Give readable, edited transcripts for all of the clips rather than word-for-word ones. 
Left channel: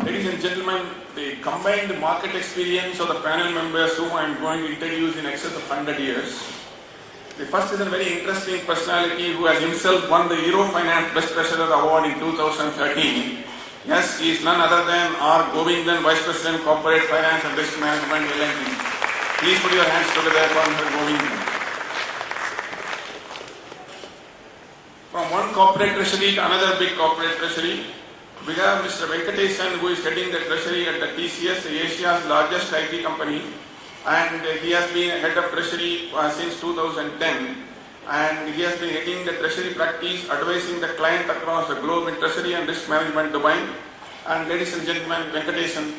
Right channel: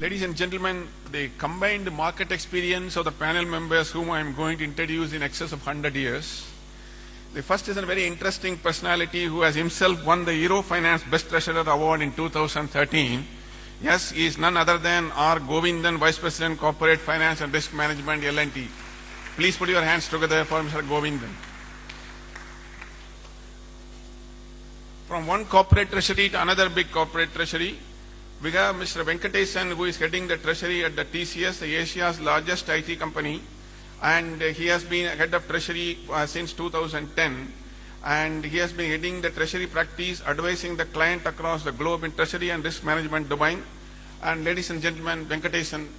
Ladies and gentlemen, the combined market experience of the panel members whom I am going to introduce in excess of 100 years. The first is a very interesting personality who has himself won the Eurofinance Best Treasurer Award in 2013. Yes, he is none other than R. Govindan, Vice President, Corporate Finance and Risk Management, L&T. Please put your hands together for Mr. Govindan. From one corporate treasury to another big corporate treasury, we have Mr. Venkatesan, who is heading the treasury at the TCS, Asia's largest IT company, and he has been head of treasury since 2010, and he has been heading the treasury practice, advising the client across the globe in treasury and risk management domain. And ladies and gentlemen, Venkatesan.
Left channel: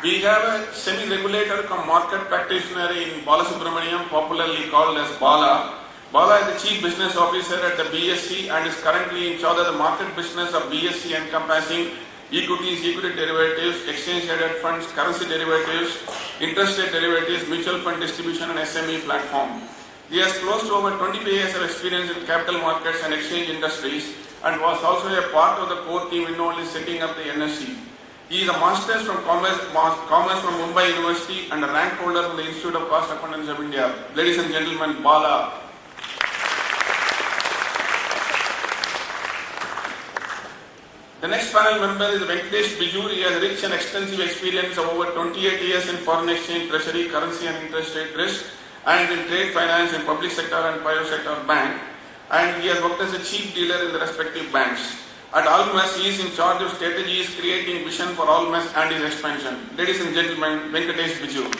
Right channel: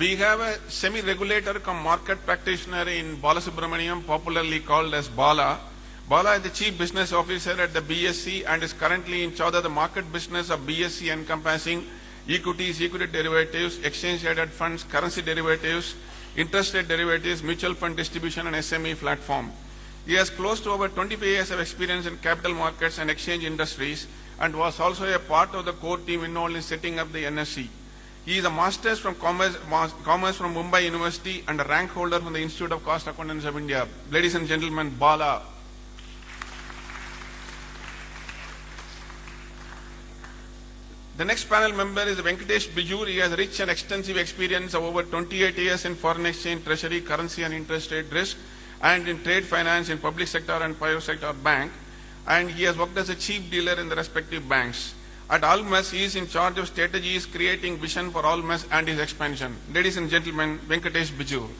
We have a semi-regulator come market practitioner in Balasubramaniam, popularly called as Bala. Bala is the Chief Business Officer at the BSE and is currently in charge of the market business of BSE, encompassing equities, equity derivatives, exchange-traded funds, currency derivatives, interest rate derivatives, mutual fund distribution and SME platform. He has close to over 22 years of experience in capital markets and exchange industries and was also a part of the core team involved in setting up the NSE. He is a Master's from Commerce from Mumbai University and a rank holder from the Institute of Cost Accountants of India. Ladies and gentlemen, Bala. The next panel member is Venkatesh Bijur. He has rich and extensive experience of over 28 years in foreign exchange, treasury, currency and interest rate risk, and in trade finance in public sector and private sector bank. And he has worked as a chief dealer in the respective banks. At Almas, he is in charge of strategies, creating vision for Almas and its expansion. Ladies and gentlemen, Venkatesh Bijur.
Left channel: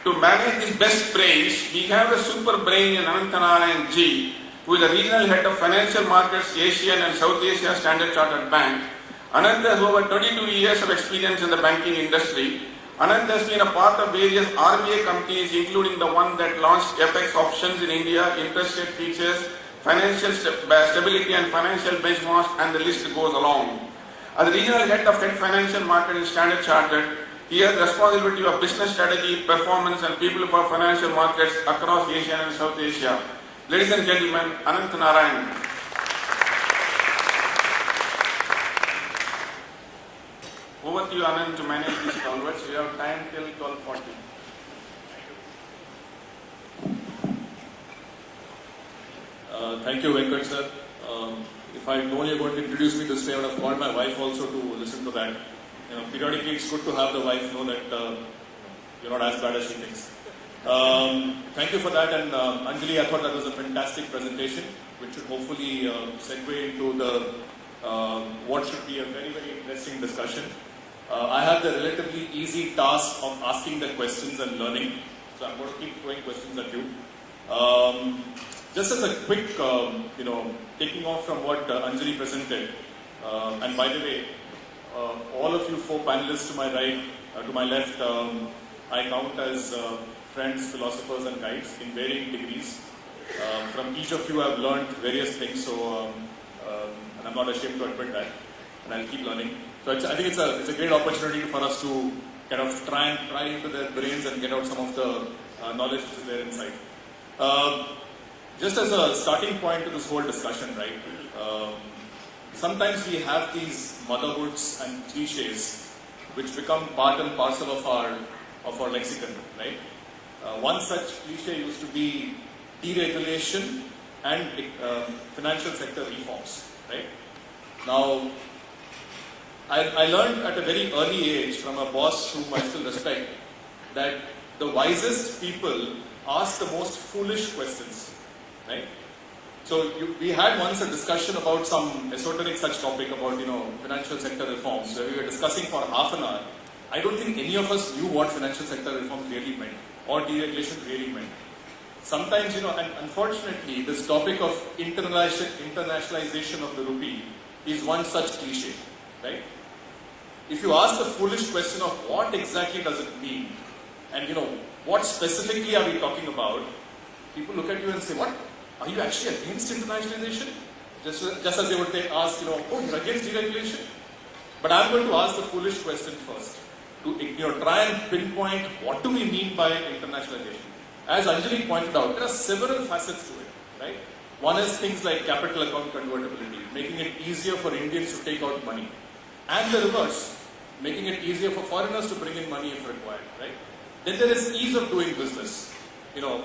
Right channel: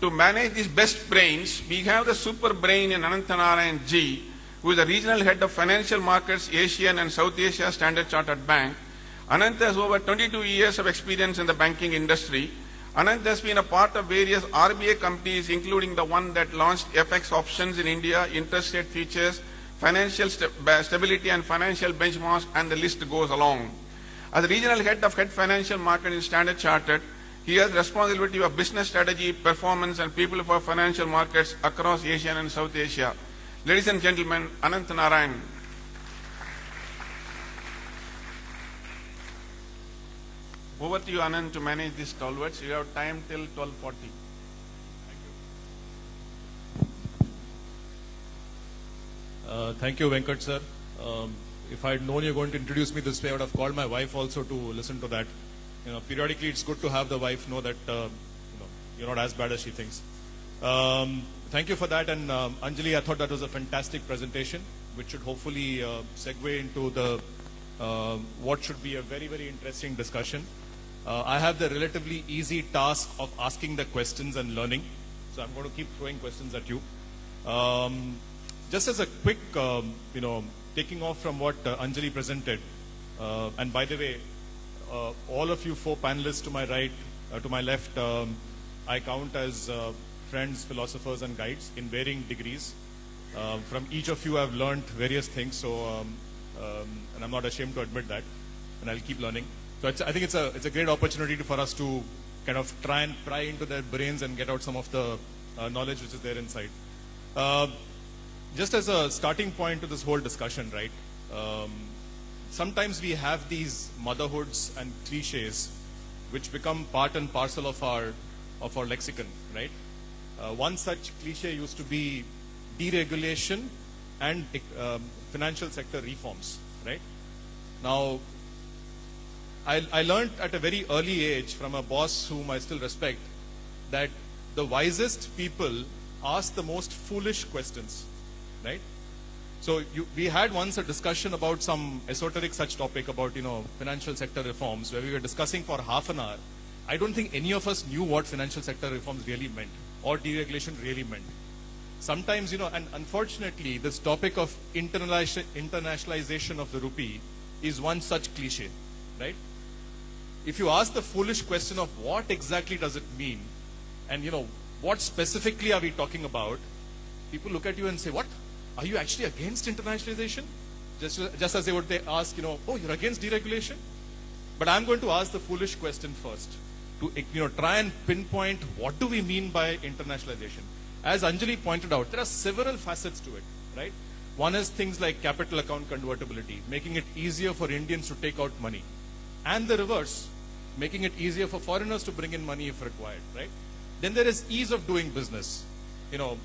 To manage his best brains, we have a super brain in Ananthanarayan G, who is the regional head of financial markets, Asian and South Asia Standard Chartered Bank. Anant has over 22 years of experience in the banking industry. Anant has been a part of various RBI companies, including the one that launched FX options in India, interest rate features, financial stability and financial benchmarks, and the list goes along. As regional head of financial market in Standard Chartered, he has responsibility of business strategy, performance, and people for financial markets across Asia and South Asia. Ladies and gentlemen, Anant Narayan. Over to you, Anant, to manage these converts. You have time till 12:40. Thank you, Venkat sir. If I know you're going to introduce me this day, I would have called my wife also to listen to that. Periodically, it's good to have the wife know that you're not as bad as she thinks. Thank you for that, and Anjali, I thought that was a fantastic presentation, which should hopefully segue into the what should be a very, very interesting discussion. I have the relatively easy task of asking the questions and learning, so I'm going to keep throwing questions at you. Just as a quick, taking off from what Anjali presented, and by the way, all of you four panelists to my right, to my left, I count as friends, philosophers and guides in varying degrees. From each of you I've learned various things, so and I'm not ashamed to admit that, and I'll keep learning. So I think it's a great opportunity for us to kind of try into their brains and get out some of the knowledge which is there inside. Just as a starting point to this whole discussion, right? Sometimes we have these motherhoods and cliches which become part and parcel of our lexicon, right? One such cliche used to be deregulation and financial sector reforms, right? Now, I learned at a very early age from a boss whom I still respect that the wisest people ask the most foolish questions, right? So we had once a discussion about some esoteric such topic about, financial sector reforms, where we were discussing for half an hour. I don't think any of us knew what financial sector reforms really meant or deregulation really meant. Sometimes, and unfortunately, this topic of internationalization of the rupee is one such cliche, right? If you ask the foolish question of what exactly does it mean, and what specifically are we talking about, people look at you and say, what? Are you actually against internationalization? Just as they would ask, oh, you're against deregulation? But I'm going to ask the foolish question first, to try and pinpoint what do we mean by internationalization. As Anjali pointed out, there are several facets to it, right? One is things like capital account convertibility, making it easier for Indians to take out money. And the reverse, making it easier for foreigners to bring in money if required, right? Then there is ease of doing business. You know,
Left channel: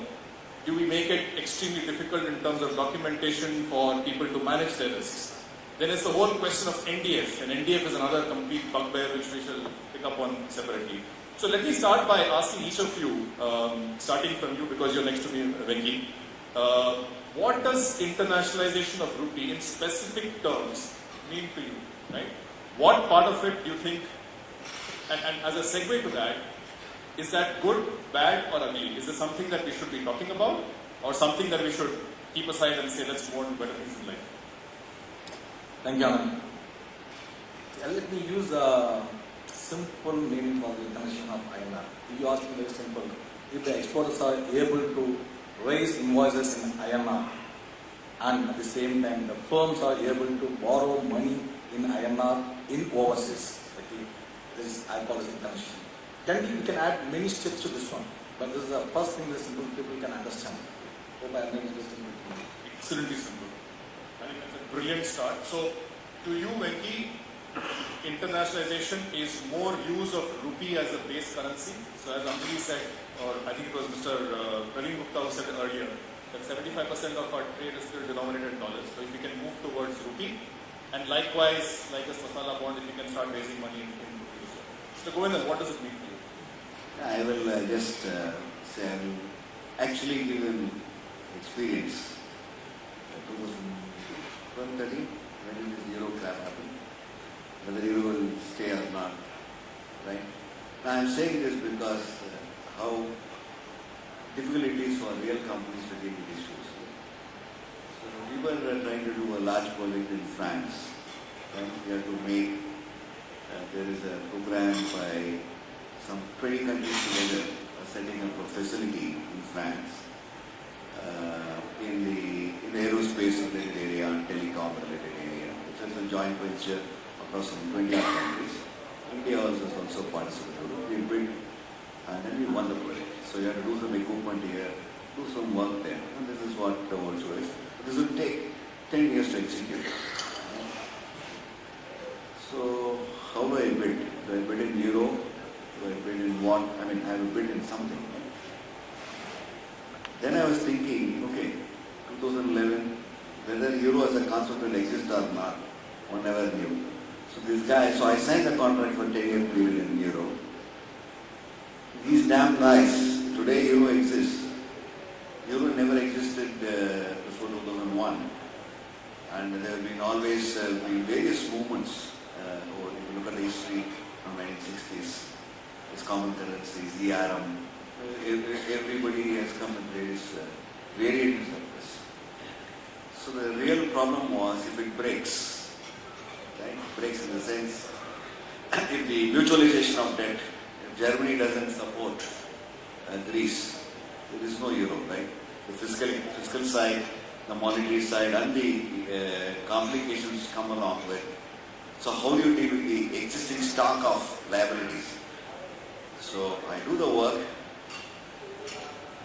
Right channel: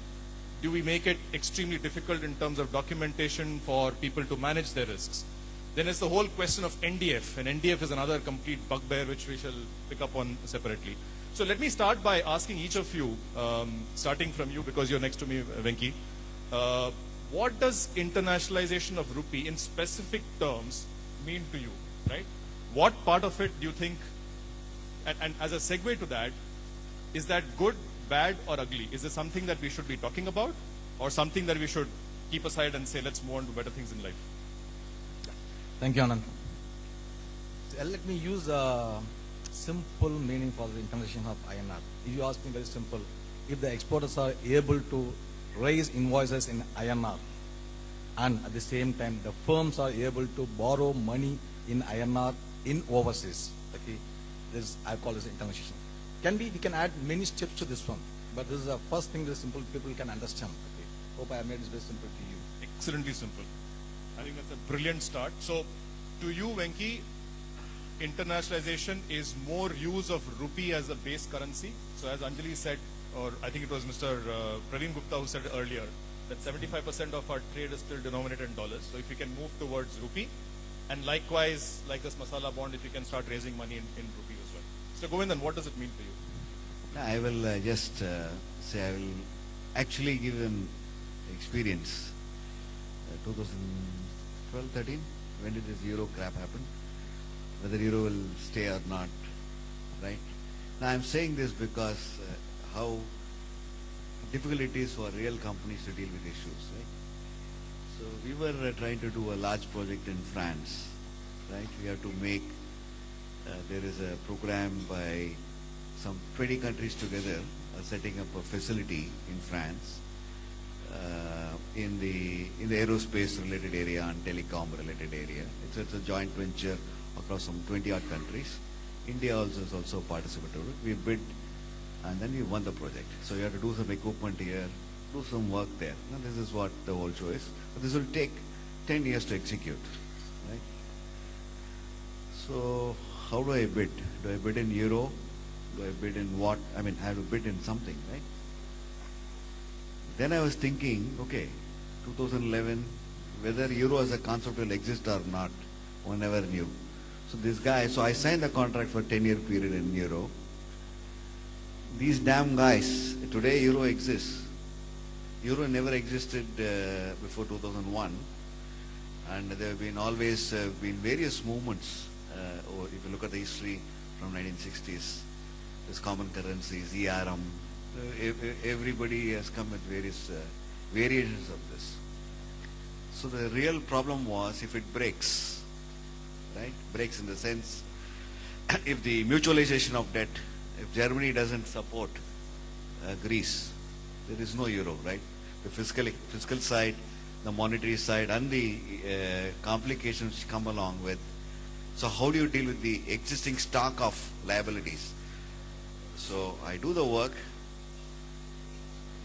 do we make it extremely difficult in terms of documentation for people to manage their risks? Then there's the whole question of NDF, and NDF is another complete bugbear which we shall pick up on separately. So let me start by asking each of you, starting from you because you're next to me, Renki. What does internationalization of rupee in specific terms mean to you, right? What part of it do you think, and as a segue to that, is that good, bad, or ugly? Is this something that we should be talking about, or something that we should keep aside and say that's more better things in life? Thank you, Anand. Let me use a simple meaning for the definition of INR. You asked me very simple. If the exporters are able to raise invoices in INR and at the same time the firms are able to borrow money in INR in overseas, this is I call this definition. We can add many steps to this one, but this is the first thing that simple people can understand. Hope I made this simple. Absolutely simple. I think it's a brilliant start. So, to you, Venki, internationalization is more use of rupee as a base currency. So, as Ambili said, or I think it was Mr. Praveen Gupta said earlier, that 75% of our trade is still denominated in dollars. So, if you can move towards rupee, and likewise, like this masala bond, if you can start raising money in rupee. So, Govindan, what does it mean for you? I will just say I will actually give an experience. 2012-13, when did the euro crash happen? Whether the euro will stay or not, right? Now I am saying this because how difficult it is for real companies to deal with issues. So we were trying to do a large project in France. Right? We had to make, there is a program by some 20 countries together setting up a facility in France in the aerospace related area and telecom related area. It's a joint venture across some 20 other countries. India also participated. We built and then we won the project. So we have to do some equipment here, do some work there. This is what the whole show is. This will take 10 years to execute. Right? So how do I bid? Do I bid in euro? Do I bid in what? I mean, I have bid in something. Right? Then I was thinking, okay, 2011, whether euro as a concept will exist or not, one never knew. So this guy, so I signed the contract for 10-year period in euro. These damn guys, today euro exists. Euro never existed before 2001. And there have been always been various movements, or if you look at the history from 1960s, this common currencies, ERM, everybody has come with various variations of this. So the real problem was if it breaks, right? Breaks in the sense, if the mutualization of debt, if Germany doesn't support Greece, there is no euro, right? The fiscal side, the monetary side, and the complications come along with. So how do you deal with the existing stock of liabilities? So I do the work,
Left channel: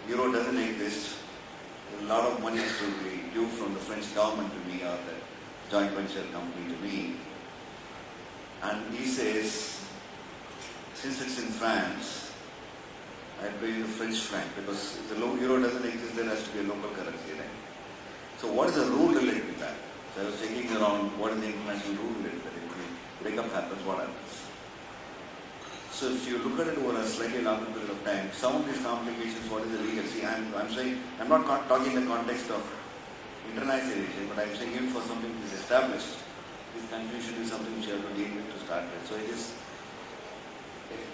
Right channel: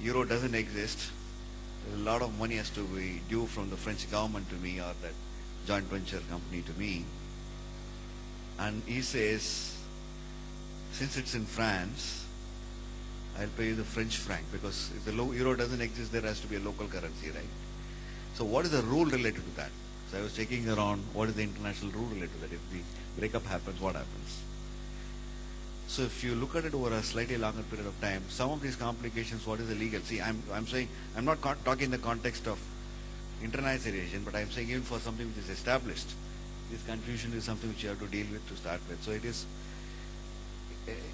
euro doesn't exist, a lot of money has to be due from the French government to me or the joint venture company to me. And he says, since it's in France, I pay the French franc because if the euro doesn't exist, there has to be a local currency, right? So what is the rule related to that? So I was checking around what is the international rule related to that. If the breakup happens, what happens? So if you look at it over a slightly longer period of time, some of these complications, what is the legal? See, I'm saying, I'm not talking in the context of internationalization, but I'm saying even for something that is established, this confusion is something which you have to deal with to start with. So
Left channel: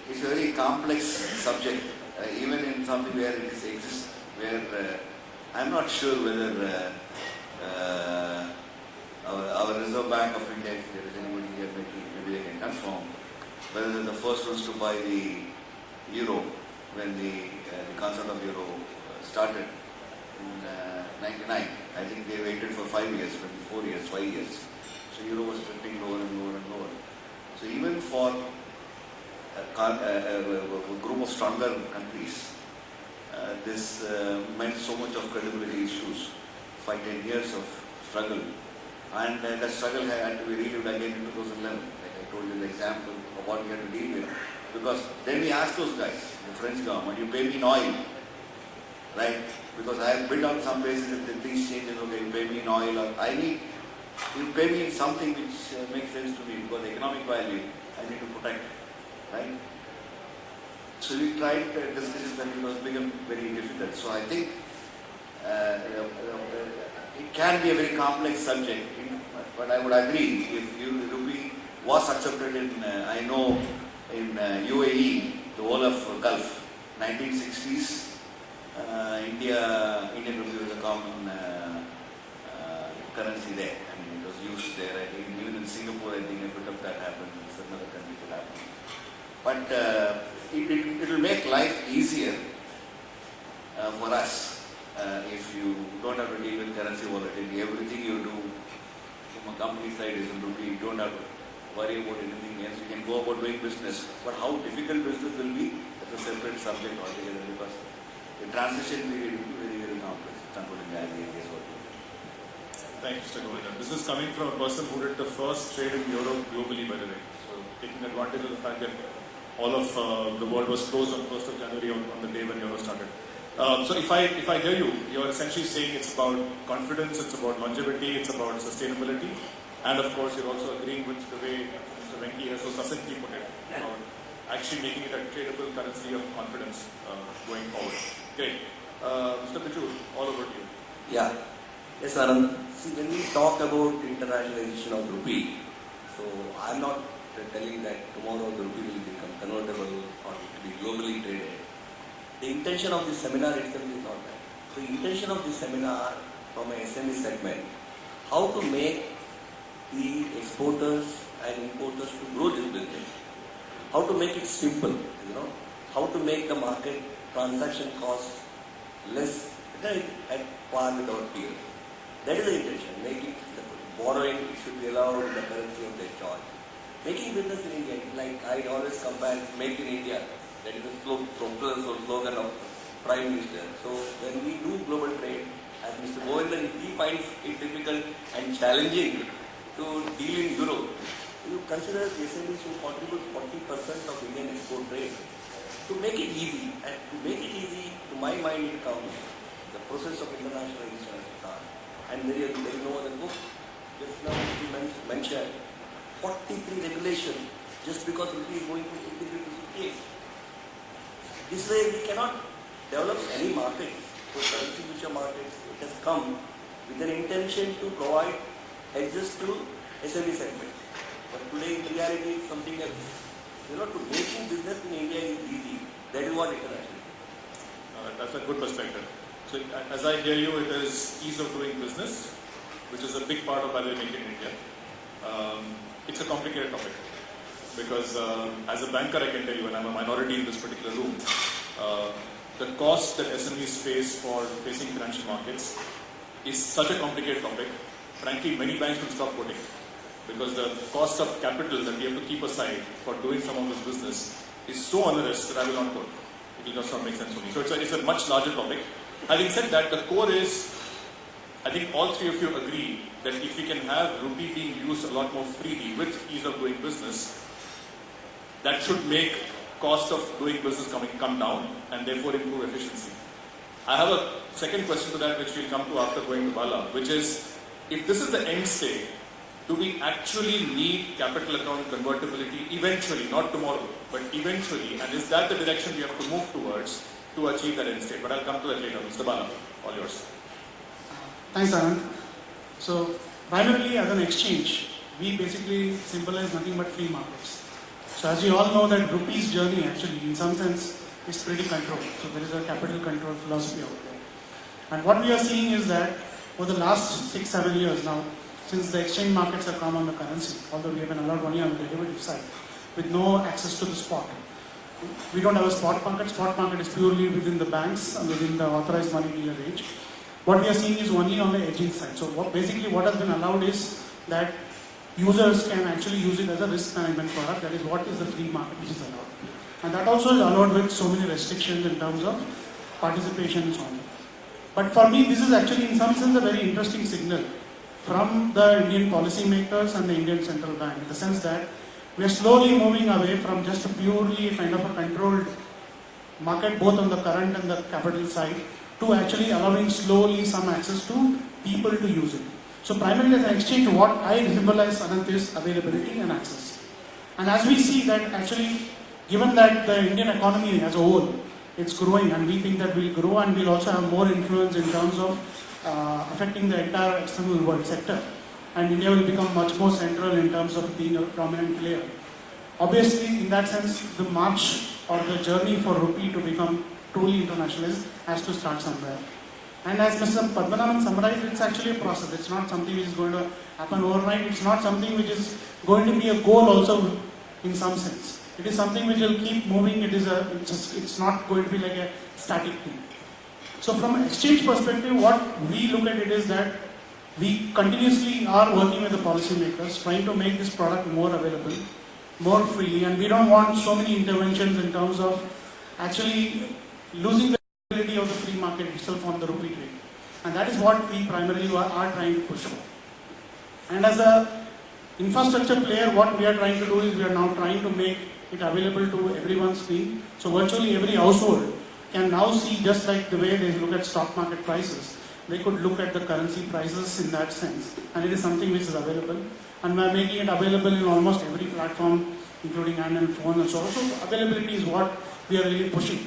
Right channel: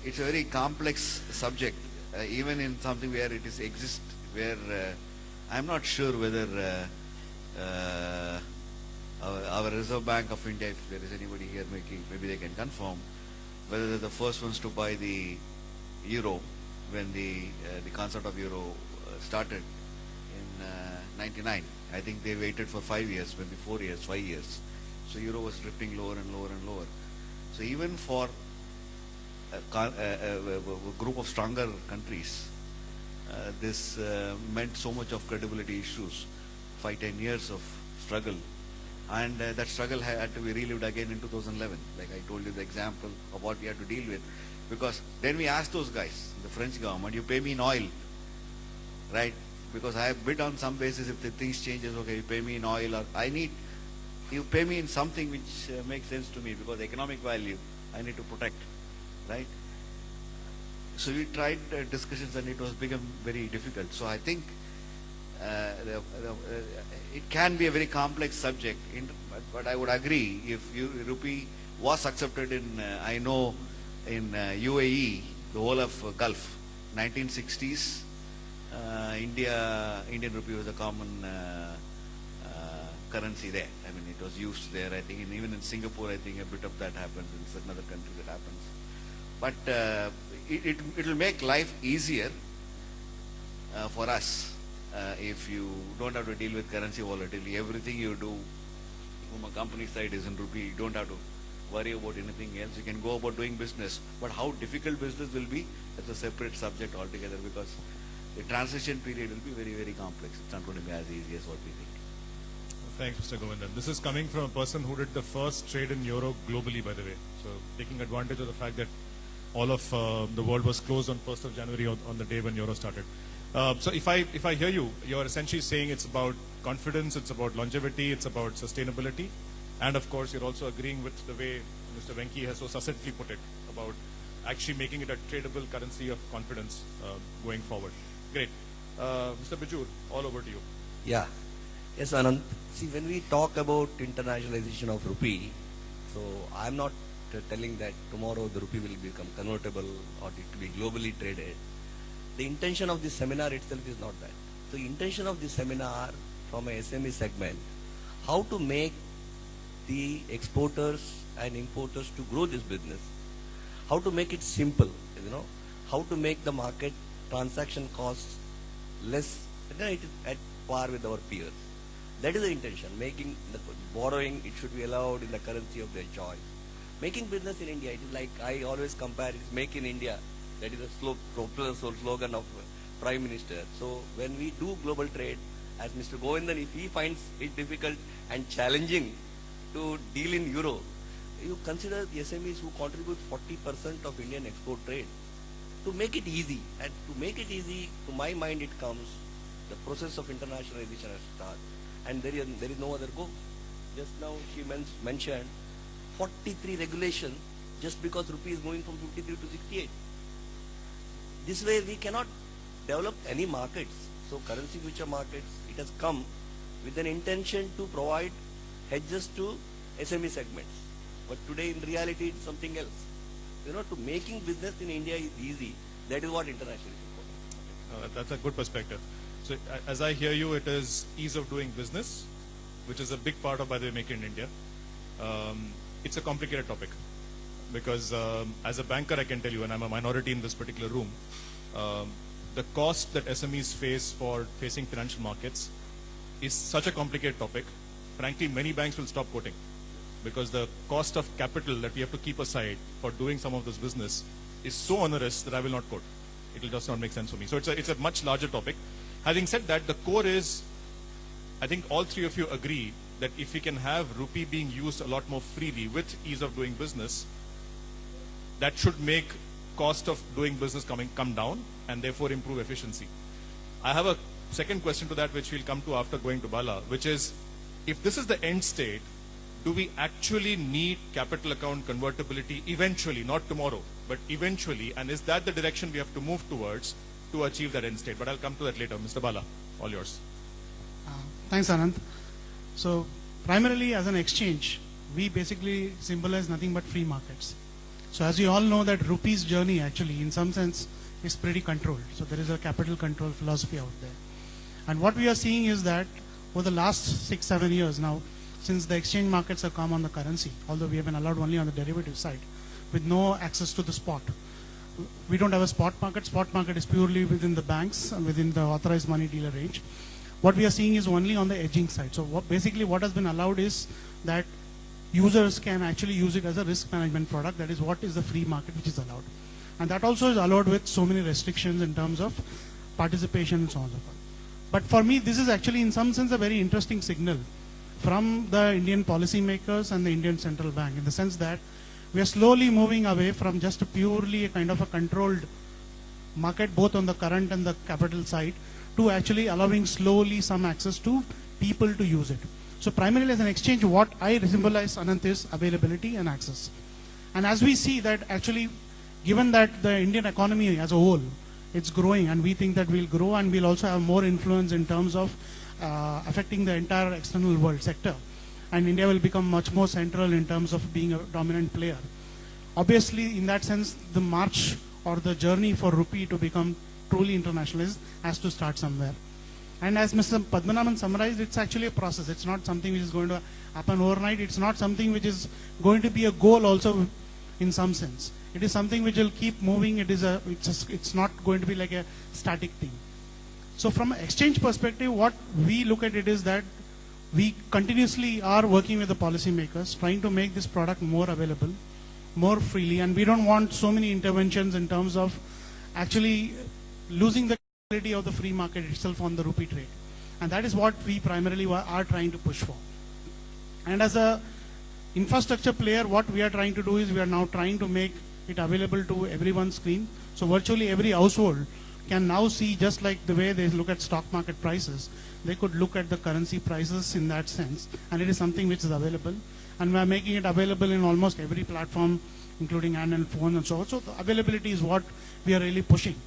it's a very complex subject, even in something where it exists, where I'm not sure whether our Reserve Bank of India, if there is anybody here, maybe they can confirm, whether the first ones to buy the euro when the concept of euro started in 99. I think they waited for 5 years, 4 years, 5 years. So euro was drifting lower and lower and lower. So even for a group of stronger countries, this meant so much of credibility issues. 5-10 years of struggle. And that struggle had to be relived again in 2011. Like I told you the example of what we had to deal with. Because then we asked those guys, the French government, you pay me in oil, right? Because I have bid on some basis if the things changes, okay, you pay me in oil, or I need, you pay me in something which makes sense to me because economic value I need to protect, right? So we tried discussions and it was become very difficult. So I think it can be a very complex subject, but I would agree if rupee was accepted in, I know in UAE, the whole of Gulf, 1960s, Indian rupee was a common currency there. I mean, it was used there. I think even in Singapore, I think a bit of that happened. In certain other countries it happened. But it will make life easier for us if you don't have to deal with currency volatility. Everything you do from a company side is in rupee. You don't have to worry about anything else. You can go about doing business. But how difficult business will be, that's a separate subject altogether because the transition period will be very, very complex. Thank you, Mr. Govindan. This is coming from a person who did the first trade in Europe globally, by the way. So taking advantage of the fact that all of the world was closed on 1st of January on the day when Euro started. So if I hear you, you're essentially saying it's about confidence, it's about longevity, it's about sustainability, and of course you're also agreeing with the way Mr. Venki has so succinctly put it, about actually making it a tradable currency of confidence going forward. Great. Mr. Biju, all over to you. Yeah. Yes, Anand. See, when we talk about internationalization of rupee, so I'm not telling that tomorrow the rupee will become convertible or to be globally traded. The intention of this seminar itself is not that. So, the intention of this seminar from a SME segment, how to make the exporters and importers to grow this business, how to make it simple, how to make the market transaction costs less at par with our peers. That is the intention. Making the borrowing, it should be allowed in the currency of their choice. Making business in India, like I always compare, make in India. That is the slogan of Prime Minister. So when we do global trade, as Mr. Govindan, if he finds it difficult and challenging to deal in Europe, you consider SMEs to contribute 40% of Indian export trade. To make it easy, and to make it easy, to my mind it comes, the process of internationalization has started. And there is no other book. Just now you mentioned 43 regulation just because rupee is moving from 53 to 58. This way we cannot develop any markets. So currency future markets, it has come with an intention to provide hedges to SME segments. But today in reality it's something else. To making business in India is easy. That is what international is. That's a good perspective. So as I hear you, it is ease of doing business, which is a big part of why they make in India. It's a complicated topic because as a banker I can tell you, and I'm a minority in this particular room, the cost that SMEs face for facing financial markets is such a complicated topic. Frankly, many banks will stop quoting because the cost of capital that we have to keep aside for doing some of this business is so onerous that I will not quote. It does not make sense to me. So it's a much larger topic. Having said that, the core is, I think all three of you agree that if we can have rupee being used a lot more freely with ease of doing business, that should make cost of doing business come down and therefore improve efficiency. I have a second question to that which we'll come to after going to Bala, which is, if this is the end state, do we actually need capital account convertibility eventually, not tomorrow, but eventually, and is that the direction we have to move towards to achieve that end state? But I'll come to that later. Mr. Bala, all yours. Thanks, Anand. So, primarily as an exchange, we basically symbolize nothing but free markets. So, as you all know, that rupee's journey actually, in some sense, is pretty controlled. So, there is a capital control philosophy out there. And what we are seeing is that over the last 6-7 years now, since the exchange markets have come on the currency, although we have been allowed only on the derivative side, with no access to the spot. We don't have a spot market. Spot market is purely within the banks and within the authorized money dealer range. What we are seeing is only on the hedging side. So basically what has been allowed is that users can actually use it as a risk management product. That is what is the free market which is allowed. And that also is allowed with so many restrictions in terms of participation and so on. But for me, this is actually in some sense a very interesting signal from the Indian policymakers and the Indian Central Bank, in the sense that we are slowly moving away from just purely kind of a controlled market, both on the current and the capital side, to actually allowing slowly some access to people to use it. So primarily as an exchange, what I symbolize, Anant, is availability and access. And as we see that actually, given that the Indian economy as a whole, it's growing, and we think that we'll grow and we'll also have more influence in terms of affecting the entire external world sector. And India will become much more central in terms of being a dominant player. Obviously, in that sense, the march or the journey for rupee to become truly internationalist has to start somewhere. And as Mr. Padmanabhan summarized, it's actually a process. It's not something which is going to happen overnight. It's not something which is going to be a goal also in some sense. It is something which will keep moving. It's not going to be like a static thing. So from an exchange perspective, what we look at it is that we continuously are working with the policymakers, trying to make this product more available, more freely, and we don't want so many interventions in terms of actually losing the ability of the free market itself on the rupee trade. And that is what we primarily are trying to push for. And as a infrastructure player, what we are trying to do is we are now trying to make it available to everyone's screen. So virtually every household can now see, just like the way they look at stock market prices, they could look at the currency prices in that sense. And it is something which is available. And we are making it available in almost every platform, including Android phone and so on. So availability is what we are really pushing.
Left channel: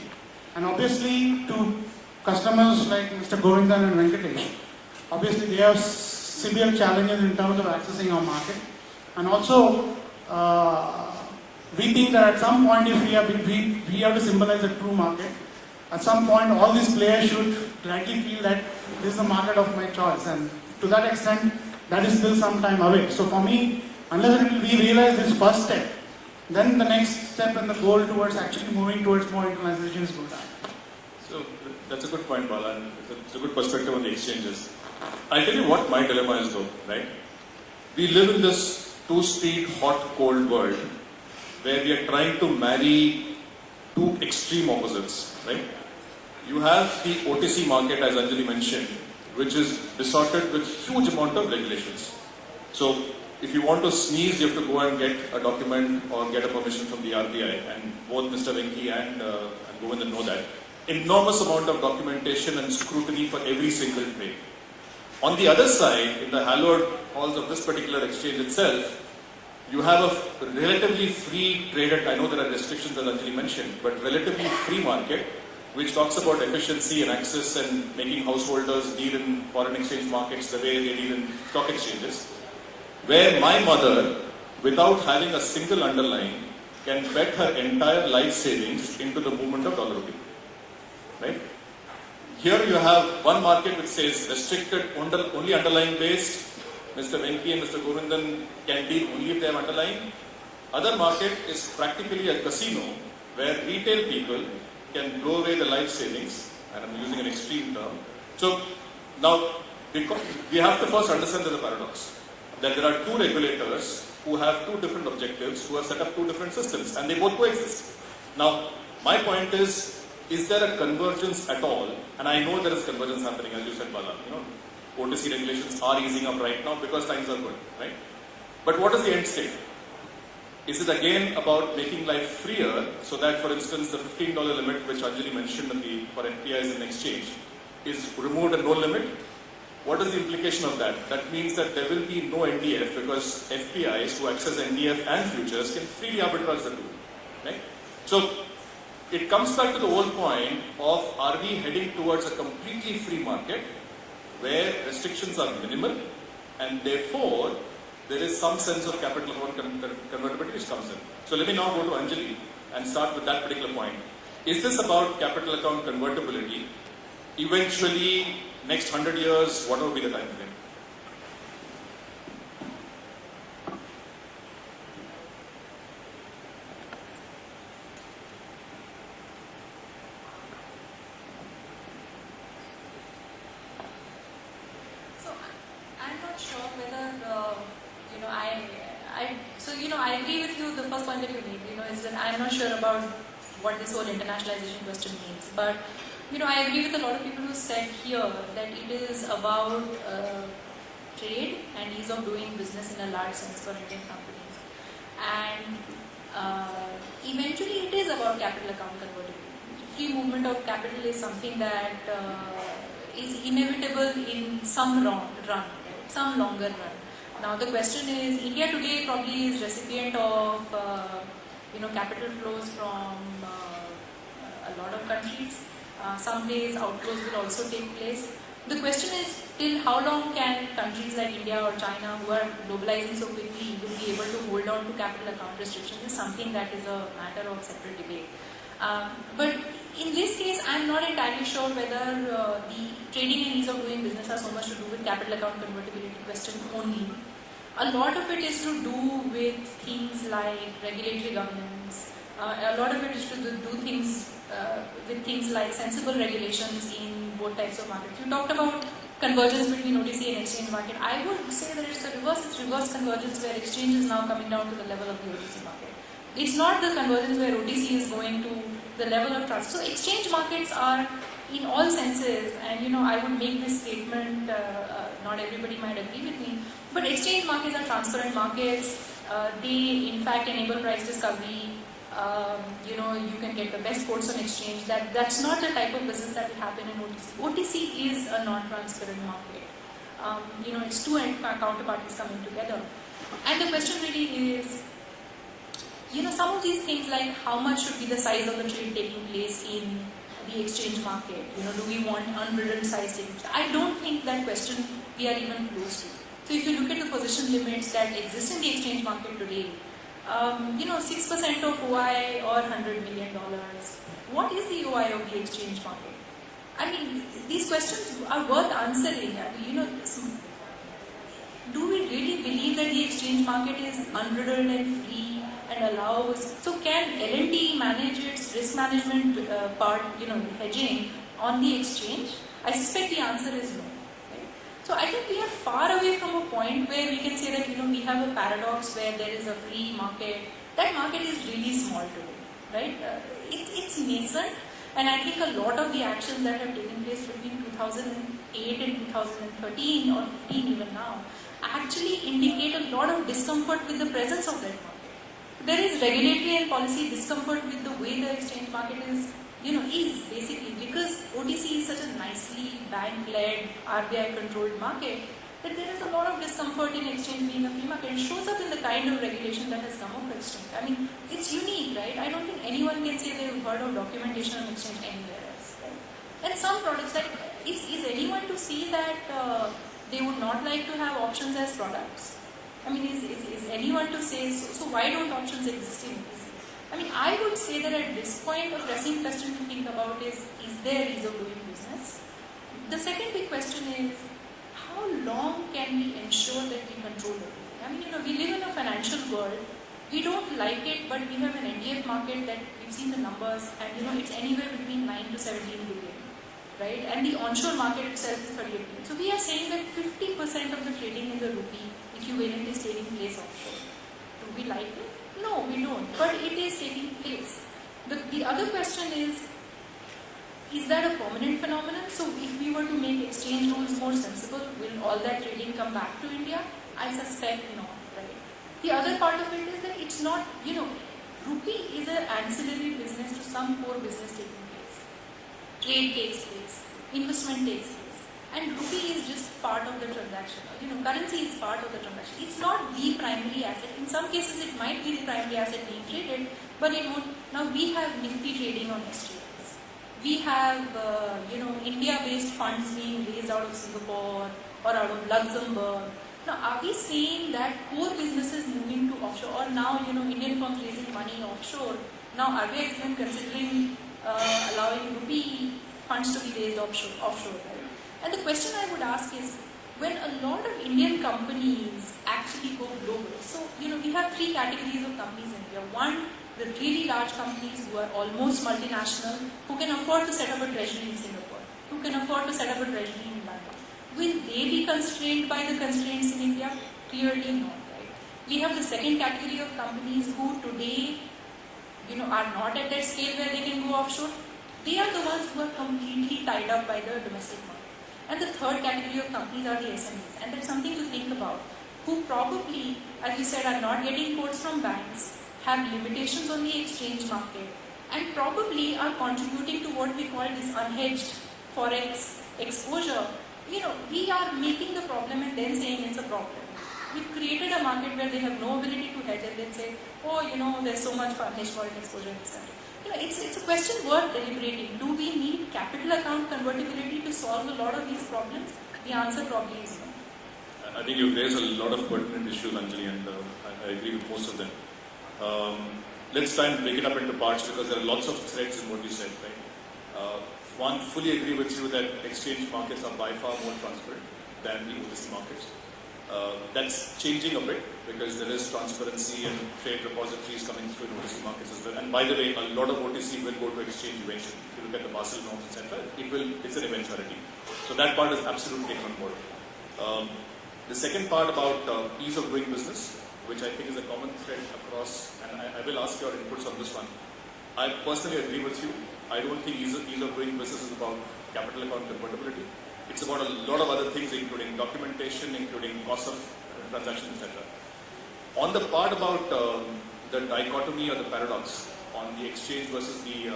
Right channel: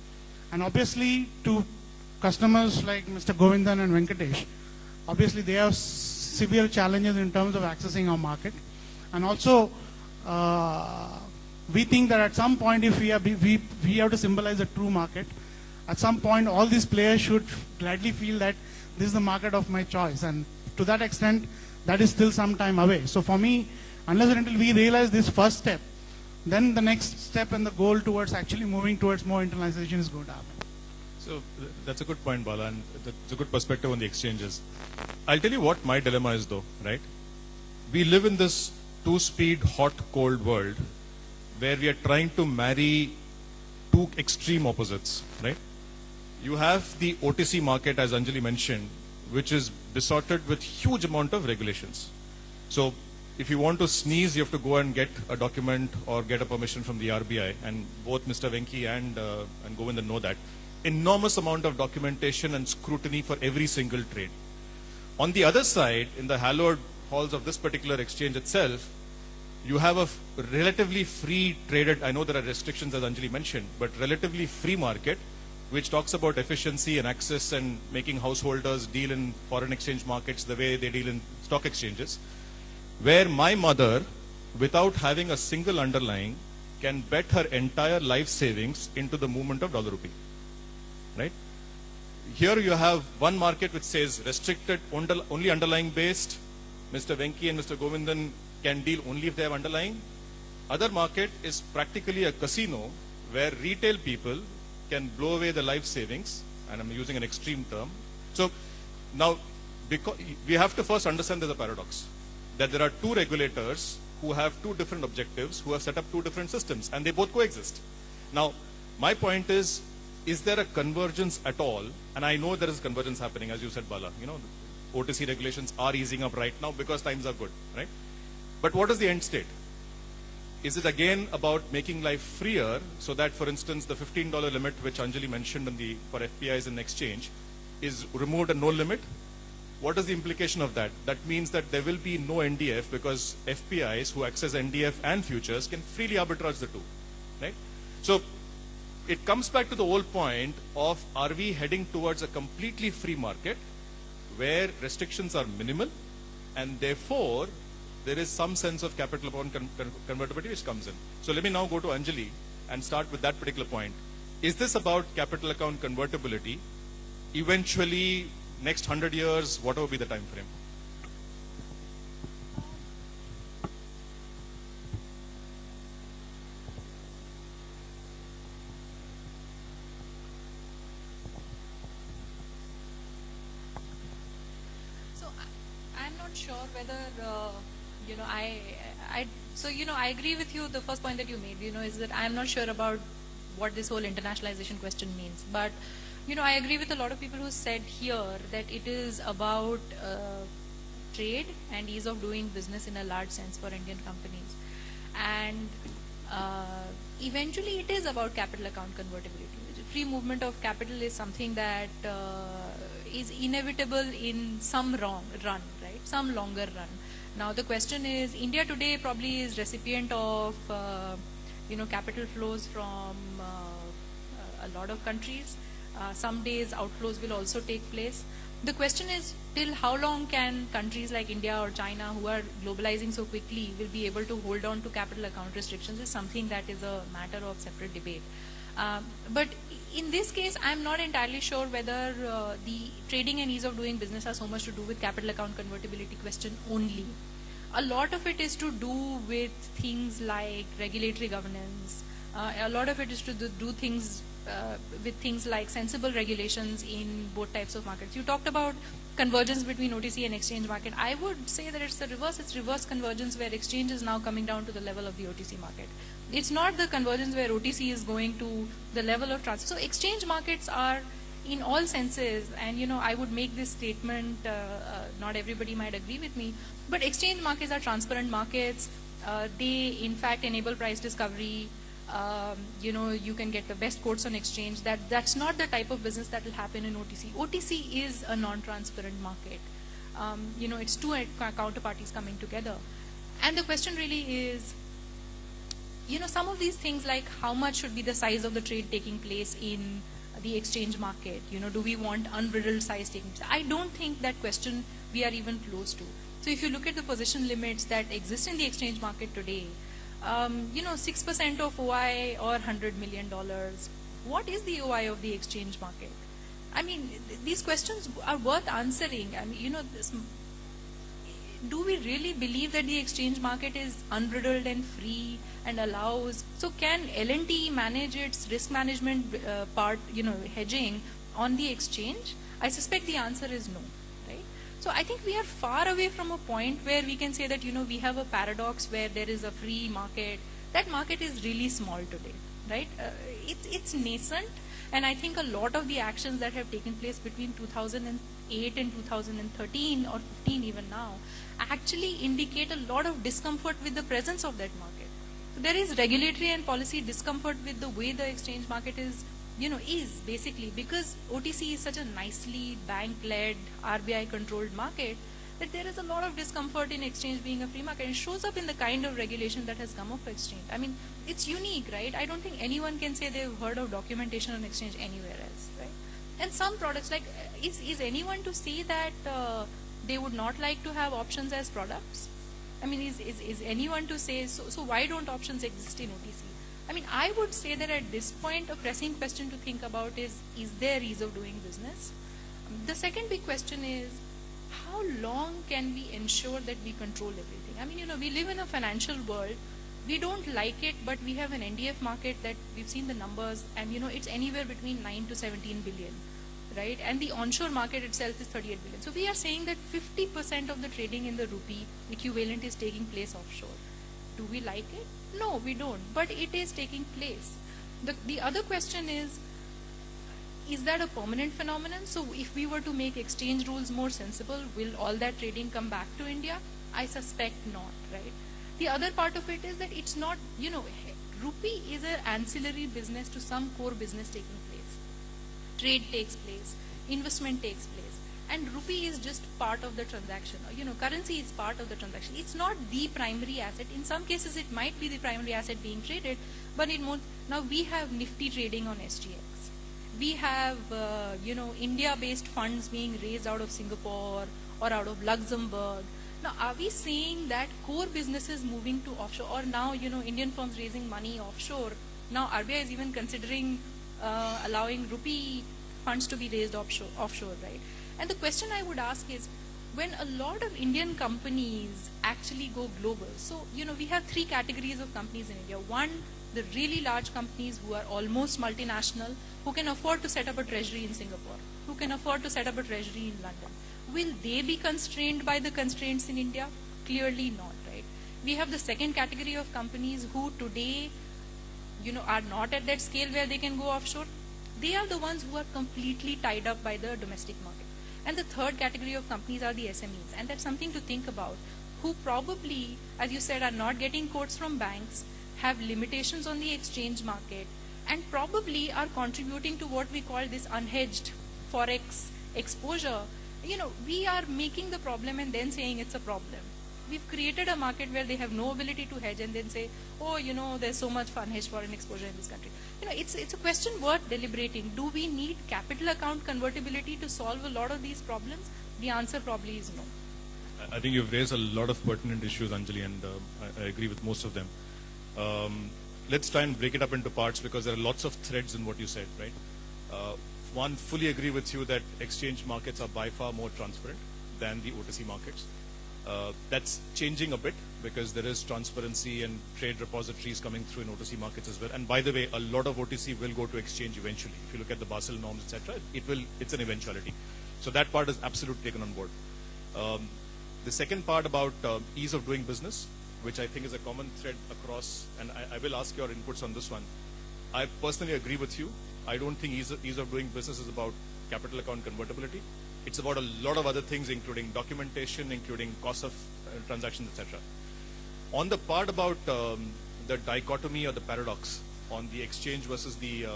And obviously to customers like Mr. Govindan and Venkatesh, obviously they have severe challenges in terms of accessing our market. And also, we think that at some point, if we have to symbolize a true market, at some point all these players should rightly feel that this is the market of my choice. And to that extent, that is still some time away. So for me, unless we realize this first step, then the next step and the goal towards actually moving towards more internationalization is good. So that's a good point, Bala, and it's a good perspective on the exchanges. I'll tell you what my dilemma is though, right? We live in this two-speed, hot, cold world where we are trying to marry two extreme opposites, right? You have the OTC market, as Anjali mentioned, which is distorted with huge amount of regulations. So if you want to sneeze, you have to go and get a document or get a permission from the RBI, and both Mr. Venki and Govindan know that. Enormous amount of documentation and scrutiny for every single trade. On the other side, in the hallowed halls of this particular exchange itself, you have a relatively free traded, I know there are restrictions as Anjali mentioned, but relatively free market, which talks about efficiency and access and making householders deal in foreign exchange markets the way they deal in stock exchanges, where my mother, without having a single underlying, can bet her entire life savings into the movement of dollar rupee. Right? Here you have one market which says restricted, only underlying based. Mr. Venki and Mr. Govindan can deal only if they have underlying. Other market is practically a casino where retail people can blow away the life savings, and I'm using an extreme term. So now we have to first understand there's a paradox, that there are two regulators who have two different objectives, who have set up two different systems, and they both coexist. Now, my point is there a convergence at all? And I know there is convergence happening, as you said, Bala. OTC regulations are easing up right now because times are good, right? But what is the end state? Is it again about making life freer so that, for instance, the $15 limit which Anjali mentioned for FPIs in exchange is removed and no limit? What is the implication of that? That means that there will be no NDF because FPIs who access NDF and futures can freely arbitrage the two, right? So it comes back to the whole point of, are we heading towards a completely free market where restrictions are minimal and therefore there is some sense of capital account convertibility which comes in. So let me now go to Anjali and start with that particular point. Is this about capital account convertibility? Eventually, next 100 years, what will be the time frame? I agree with you. The first point that you made, is that I'm not sure about what this whole internationalization question means. But I agree with a lot of people who said here that it is about trade and ease of doing business in a large sense for Indian companies. And eventually it is about capital account convertibility. Free movement of capital is something that is inevitable in some run, right? Some longer run. Now the question is, India today probably is recipient of capital flows from a lot of countries. Some days outflows will also take place. The question is, till how long can countries like India or China, who are globalizing so quickly, will be able to hold on to capital account restrictions is something that is a matter of separate debate. But in this case, I'm not entirely sure whether the trading and ease of doing business has so much to do with capital account convertibility question only. A lot of it is to do with things like regulatory governance. A lot of it is to do things with things like sensible regulations in both types of markets. You talked about convergence between OTC and exchange market. I would say that it's the reverse. It's reverse convergence where exchange is now coming down to the level of the OTC market. It's not the convergence where OTC is going to the level of trust. So exchange markets are, in all senses, and I would make this statement, not everybody might agree with me, but exchange markets are transparent markets. They, in fact, enable price discovery. You can get the best quotes on exchange. That's not the type of business that will happen in OTC. OTC is a non-transparent market. It's two counterparties coming together. And the question really is, some of these things like how much should be the size of the trade taking place in the exchange market? Do we want unbridled size taking? I don't think that question we are even close to. So if you look at the position limits that exist in the exchange market today, 6% of OI or $100 million. What is the OI of the exchange market? I mean, these questions are worth answering. Do we really believe that the exchange market is unbridled and free and allows? So can L&T manage its risk management part, hedging on the exchange? I suspect the answer is no. So I think we are far away from a point where we can say that we have a paradox where there is a free market. That market is really small today, right? It's nascent, and I think a lot of the actions that have taken place between 2008 and 2013 or 15 even now actually indicate a lot of discomfort with the presence of that market. There is regulatory and policy discomfort with the way the exchange market is basically because OTC is such a nicely bank-led, RBI-controlled market that there is a lot of discomfort in exchange being a free market. It shows up in the kind of regulation that has come up with exchange. I mean, it's unique, right? I don't think anyone can say they've heard of documentation on exchange anywhere else. Right? And some products, like, is anyone to see that they would not like to have options as products? I mean, is anyone to say, so why don't options exist in OTC? I mean, I would say that at this point, a pressing question to think about is there ease of doing business? The second big question is, how long can we ensure that we control it? I mean, we live in a financial world. We don't like it, but we have an NDF market that we've seen the numbers, and it's anywhere between 9 to 17 billion, right? And the onshore market itself is 38 billion. So we are saying that 50% of the trading in the rupee equivalent is taking place offshore. Do we like it? No, we don't. But it is taking place. The other question is that a permanent phenomenon? So if we were to make exchange rules more sensible, will all that trading come back to India? I suspect not, right? The other part of it is that it's not, rupee is an ancillary business to some core business taking place. Trade takes place, investment takes place, and rupee is just part of the transaction. Currency is part of the transaction. It's not the primary asset. In some cases, it might be the primary asset being traded, but now we have Nifty trading on exchanges. We have, India-based funds being raised out of Singapore or out of Luxembourg. Now, are we saying that core businesses moving to offshore, or now, Indian firms raising money offshore? Now, RBI is even considering allowing rupee funds to be raised offshore, right? And the question I would ask is, when a lot of Indian companies actually go global, so we have three categories of companies in India. One, the really large companies who are almost multinational, who can afford to set up a treasury in Singapore, who can afford to set up a treasury in London. Will they be constrained by the constraints in India? Clearly not, right? We have the second category of companies who today, are not at that scale where they can go offshore. they are the ones who are completely tied up by the domestic market. And the third category of companies are the SMEs, and that's something to think about, who probably, as you said, are not getting quotes from banks, have limitations on the exchange market, and probably are contributing to what we call this unhedged forex exposure. We are making the problem and then saying it's a problem. We've created a market where they have no ability to hedge and then say, oh, there's so much unhedged foreign exposure, etc. It's a question worth deliberating. Do we need capital account convertibility to solve a lot of these problems? The answer probably is no. I think you've raised a lot of pertinent issues, Anjali, and I agree with most of them. Let's try and break it up into parts because there are lots of threads in what you said, right? One, fully agree with you that exchange markets are by far more transparent than the OTC markets. That's changing a bit because there is transparency and trade repositories coming through in OTC markets as well. And by the way, a lot of OTC will go to exchange eventually. If you look at the Basel norms, etc., it's an eventuality. So that part is absolutely taken on board. The second part about ease of doing business, which I think is a common thread across, and I will ask your inputs on this one. I personally agree with you. I don't think ease of doing business is about capital account convertibility. It's about a lot of other things, including documentation, including cost of transactions, etc. On the part about the dichotomy or the paradox on the exchange versus the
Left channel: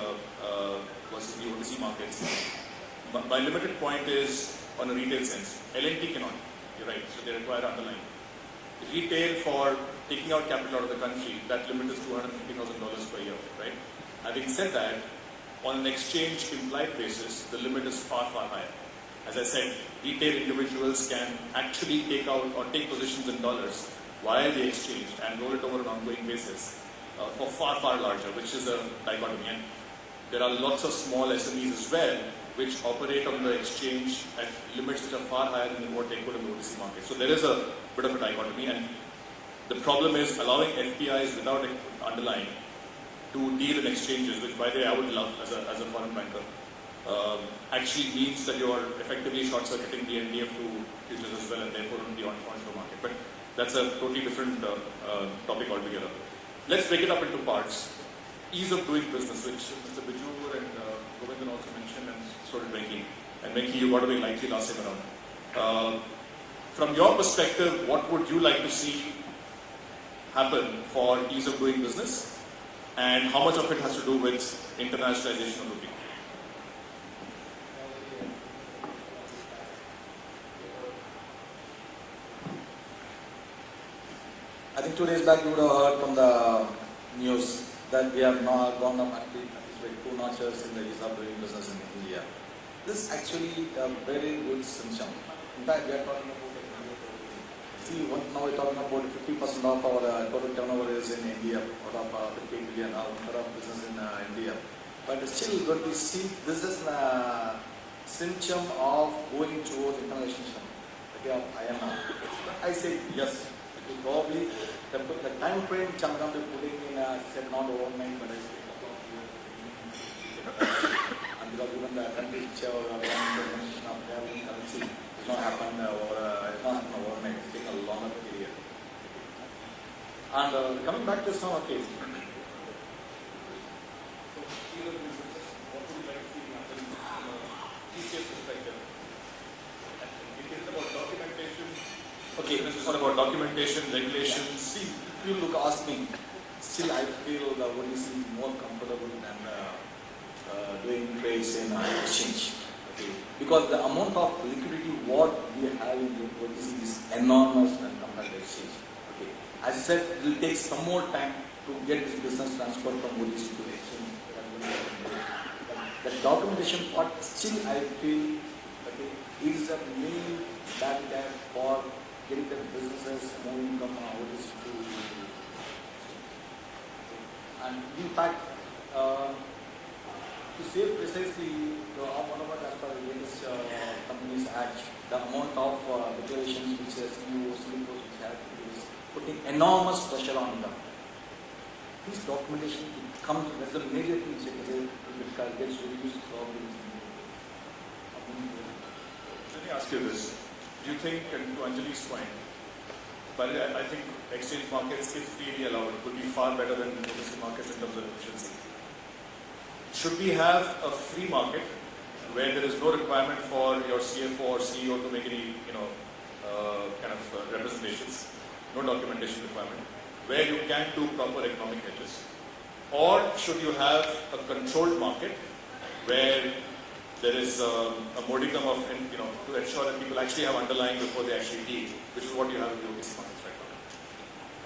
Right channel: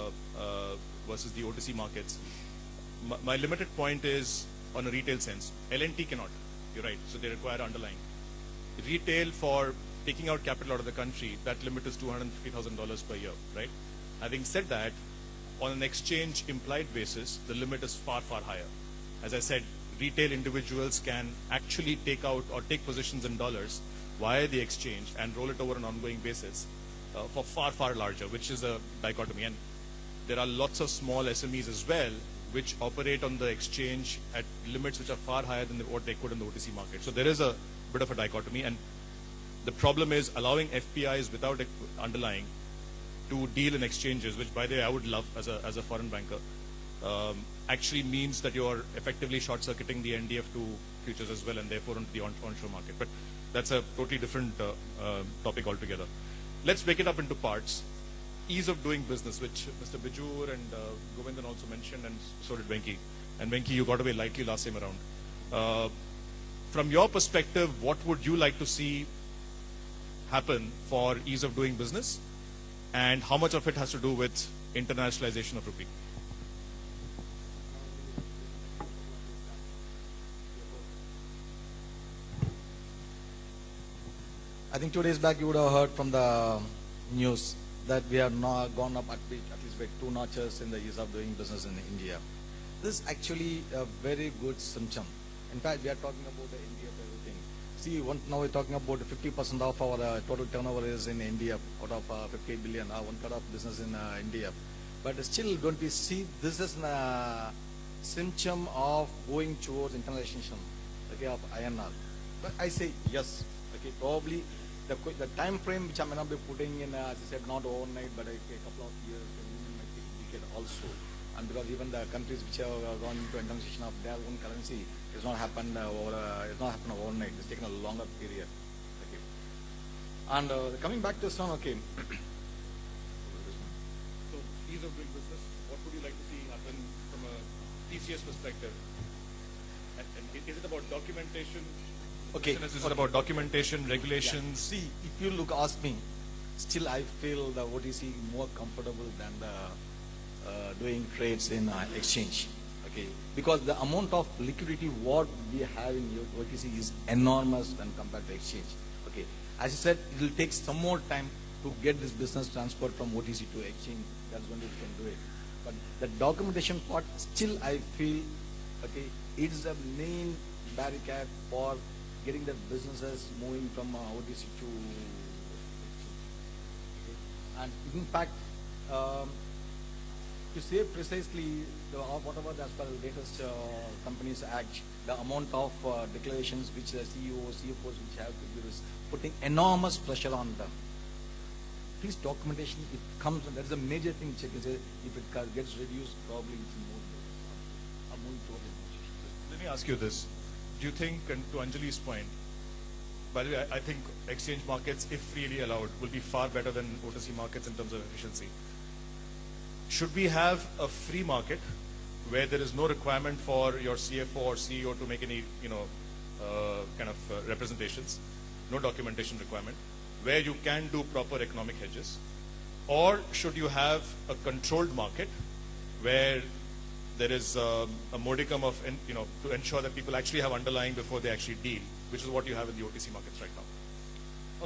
OTC markets, my limited point is on a retail sense. L&T cannot. You're right. So they require underlying. Retail, for taking out capital out of the country, that limit is $250,000 per year, right? Having said that, on an exchange implied basis, the limit is far, far higher. As I said, retail individuals can actually take out or take positions in dollars via the exchange and roll it over an ongoing basis for far, far larger, which is a dichotomy. And there are lots of small SMEs as well which operate on the exchange at limits which are far higher than what they could in the OTC market. So there is a bit of a dichotomy, and the problem is allowing FPIs without underlying to deal in exchanges, which by the way I would love as a foreign banker, actually means that you're effectively short-circuiting the NDF2 futures as well, and therefore the onshore market. But that's a totally different topic altogether. Let's break it up into parts. Ease of doing business, which Mr. Bijur and Govindan also mentioned, and so did Venki. And Venki, you got away lightly last time around. From your perspective, what would you like to see happen for ease of doing business? And how much of it has to do with internationalization of rupee? I think 2 days back you would have heard from the news that we have now gone up at least 2 notches in the ease of doing business in India. This is actually a very good symptom. In fact, we are talking about now we're talking about 50% of our total turnover is in India, out of 50 billion now of business in India. But still, when we see this is a symptom of going towards internationalization. Okay, of INR. I say yes. Probably the time frame which I'm going to be putting in, say not overnight, but it's a couple of years. And because even the countries which have one implementation of their own currency does not happen overnight. It's taking a longer period. And coming back to this one, okay. Okay, this is about documentation, regulations. See, people look ask me. Still, I feel the OTC more comfortable than doing trades in exchange. Okay, because the amount of liquidity what we have in the OTC is enormous when compared to exchange. Okay, as I said, it will take some more time to get this business transferred from OTC to exchange. The documentation part, still, I feel, okay, is the main barrier for getting the businesses moving from OTC to. And in fact, to say precisely whatever as per the latest Companies Act, the amount of regulations which the CEOs which have is putting enormous pressure on them. This documentation will come to, there's a major thing which gets reduced probably. Let me ask you this. Do you think, and to Anjali's point, but I think exchange markets, if freely allowed, would be far better than OTC markets in terms of efficiency? should we have a free market where there is no requirement for your CFO or CEO to make any, representations, no documentation requirement, where you can do proper economic hedges? Or should you have a controlled market where there is a modicum of, to ensure that people actually have underlying before they actually deal, which is what you have in the OTC markets right now?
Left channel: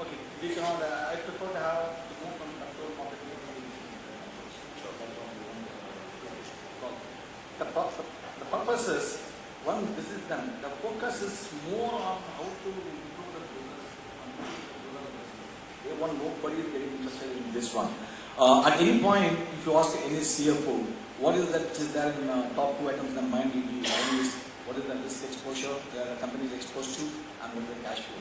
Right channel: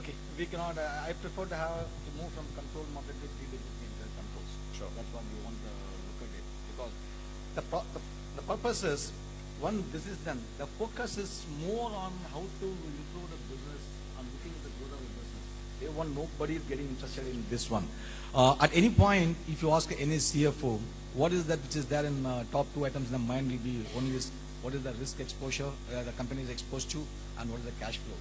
Okay, we cannot, I prefer to have more from control market to Sure. the purpose is, one, this is them. The focus is more on how to improve the business. Nobody is getting interested in this one. At any point, if you ask any CFO, what is that which is there in top 2 items in the mind will be always what is the risk exposure that the company is exposed to and what is the cash flow.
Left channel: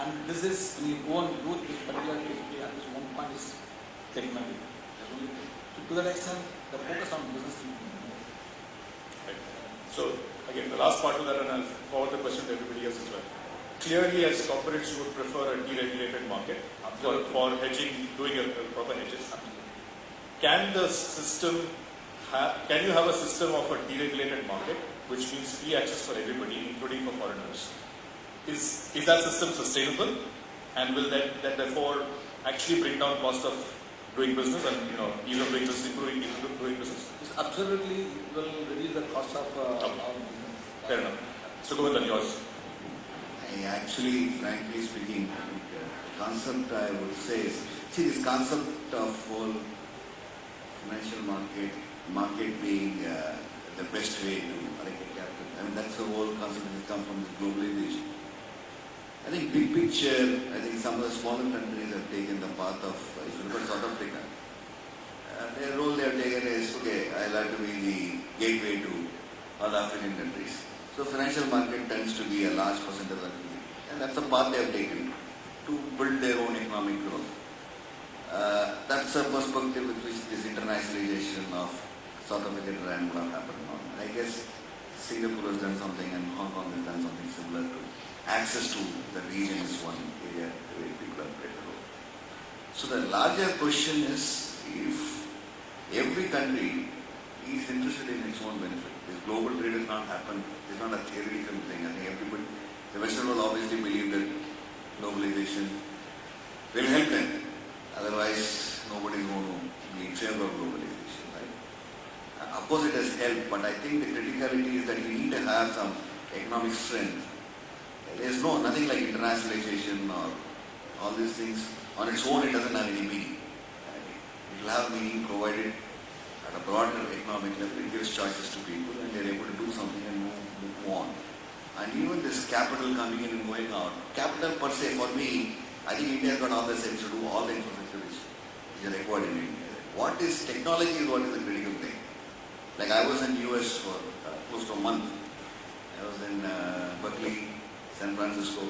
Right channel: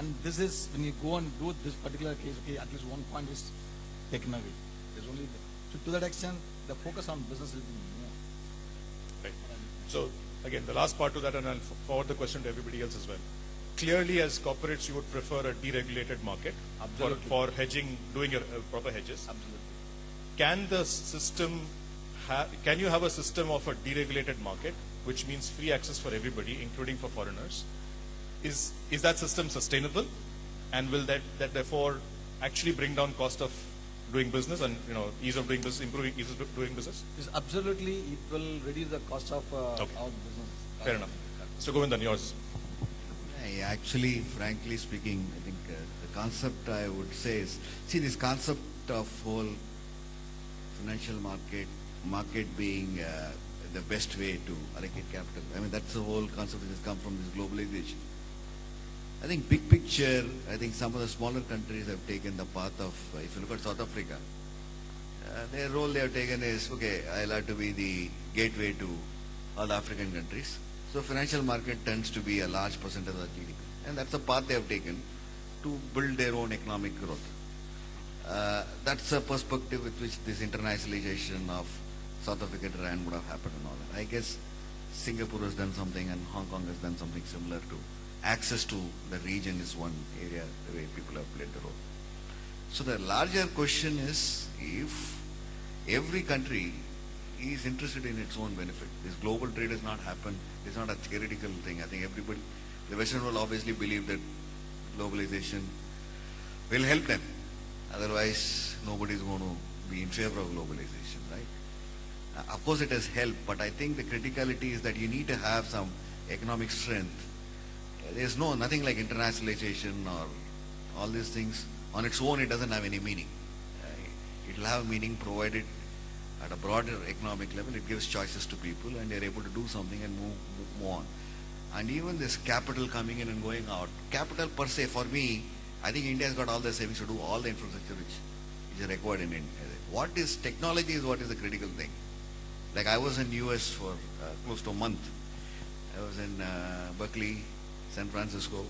And this is, when you go and do this particular case, we at least one point is technology. To that extent, the focus on business is more. Okay. So, again, the last part of that, and I'll forward the question to everybody else as well. Clearly, as corporates would prefer a deregulated market for hedging, doing a proper hedges. Can the system can you have a system of a deregulated market, which means free access for everybody, including for foreigners? Is that system sustainable, and will that therefore actually bring down cost of doing business and ease of doing business, improving ease of doing business? Absolutely, it will reduce the cost of our business. Fair enough. So go on, yours. Actually, frankly speaking, the concept I would say is, see, this concept of whole financial market being the best way to allocate capital. I mean, that's the whole concept that comes from this globalization. I think big picture, I think some of the smaller countries have taken the path of, if you look at South Africa, their role they have taken is, okay, I'll have to be the gateway to all African countries. So financial market tends to be a large percentage of the GDP. And that's the path they have taken to build their own economic growth. That's a perspective with which this internationalization of South African rand would have happened. I guess Singapore has done something and Hong Kong has done something similar to access to the region is one area where people have played a role. So the larger question is if every country is interested in its own benefit. This global trade has not happened. It's not a theoretical thing. I think everybody, the Western world obviously believe that globalization will help them. Otherwise, nobody is going to be in favor of globalization, right? Of course, it has helped, but I think the criticality is that you need to have some economic strength. There is nothing like internationalization or all these things. On its own, it doesn't have any meaning. It will have meaning provided at a broader economic level. It gives choices to people and they're able to do something and move on. And even this capital coming in and going out, capital per se for me, I think India has got all the sense to do all the infrastructure which is required in India. What is technology is what is the critical thing. Like I was in US for close to a month. I was in Berkeley, San Francisco.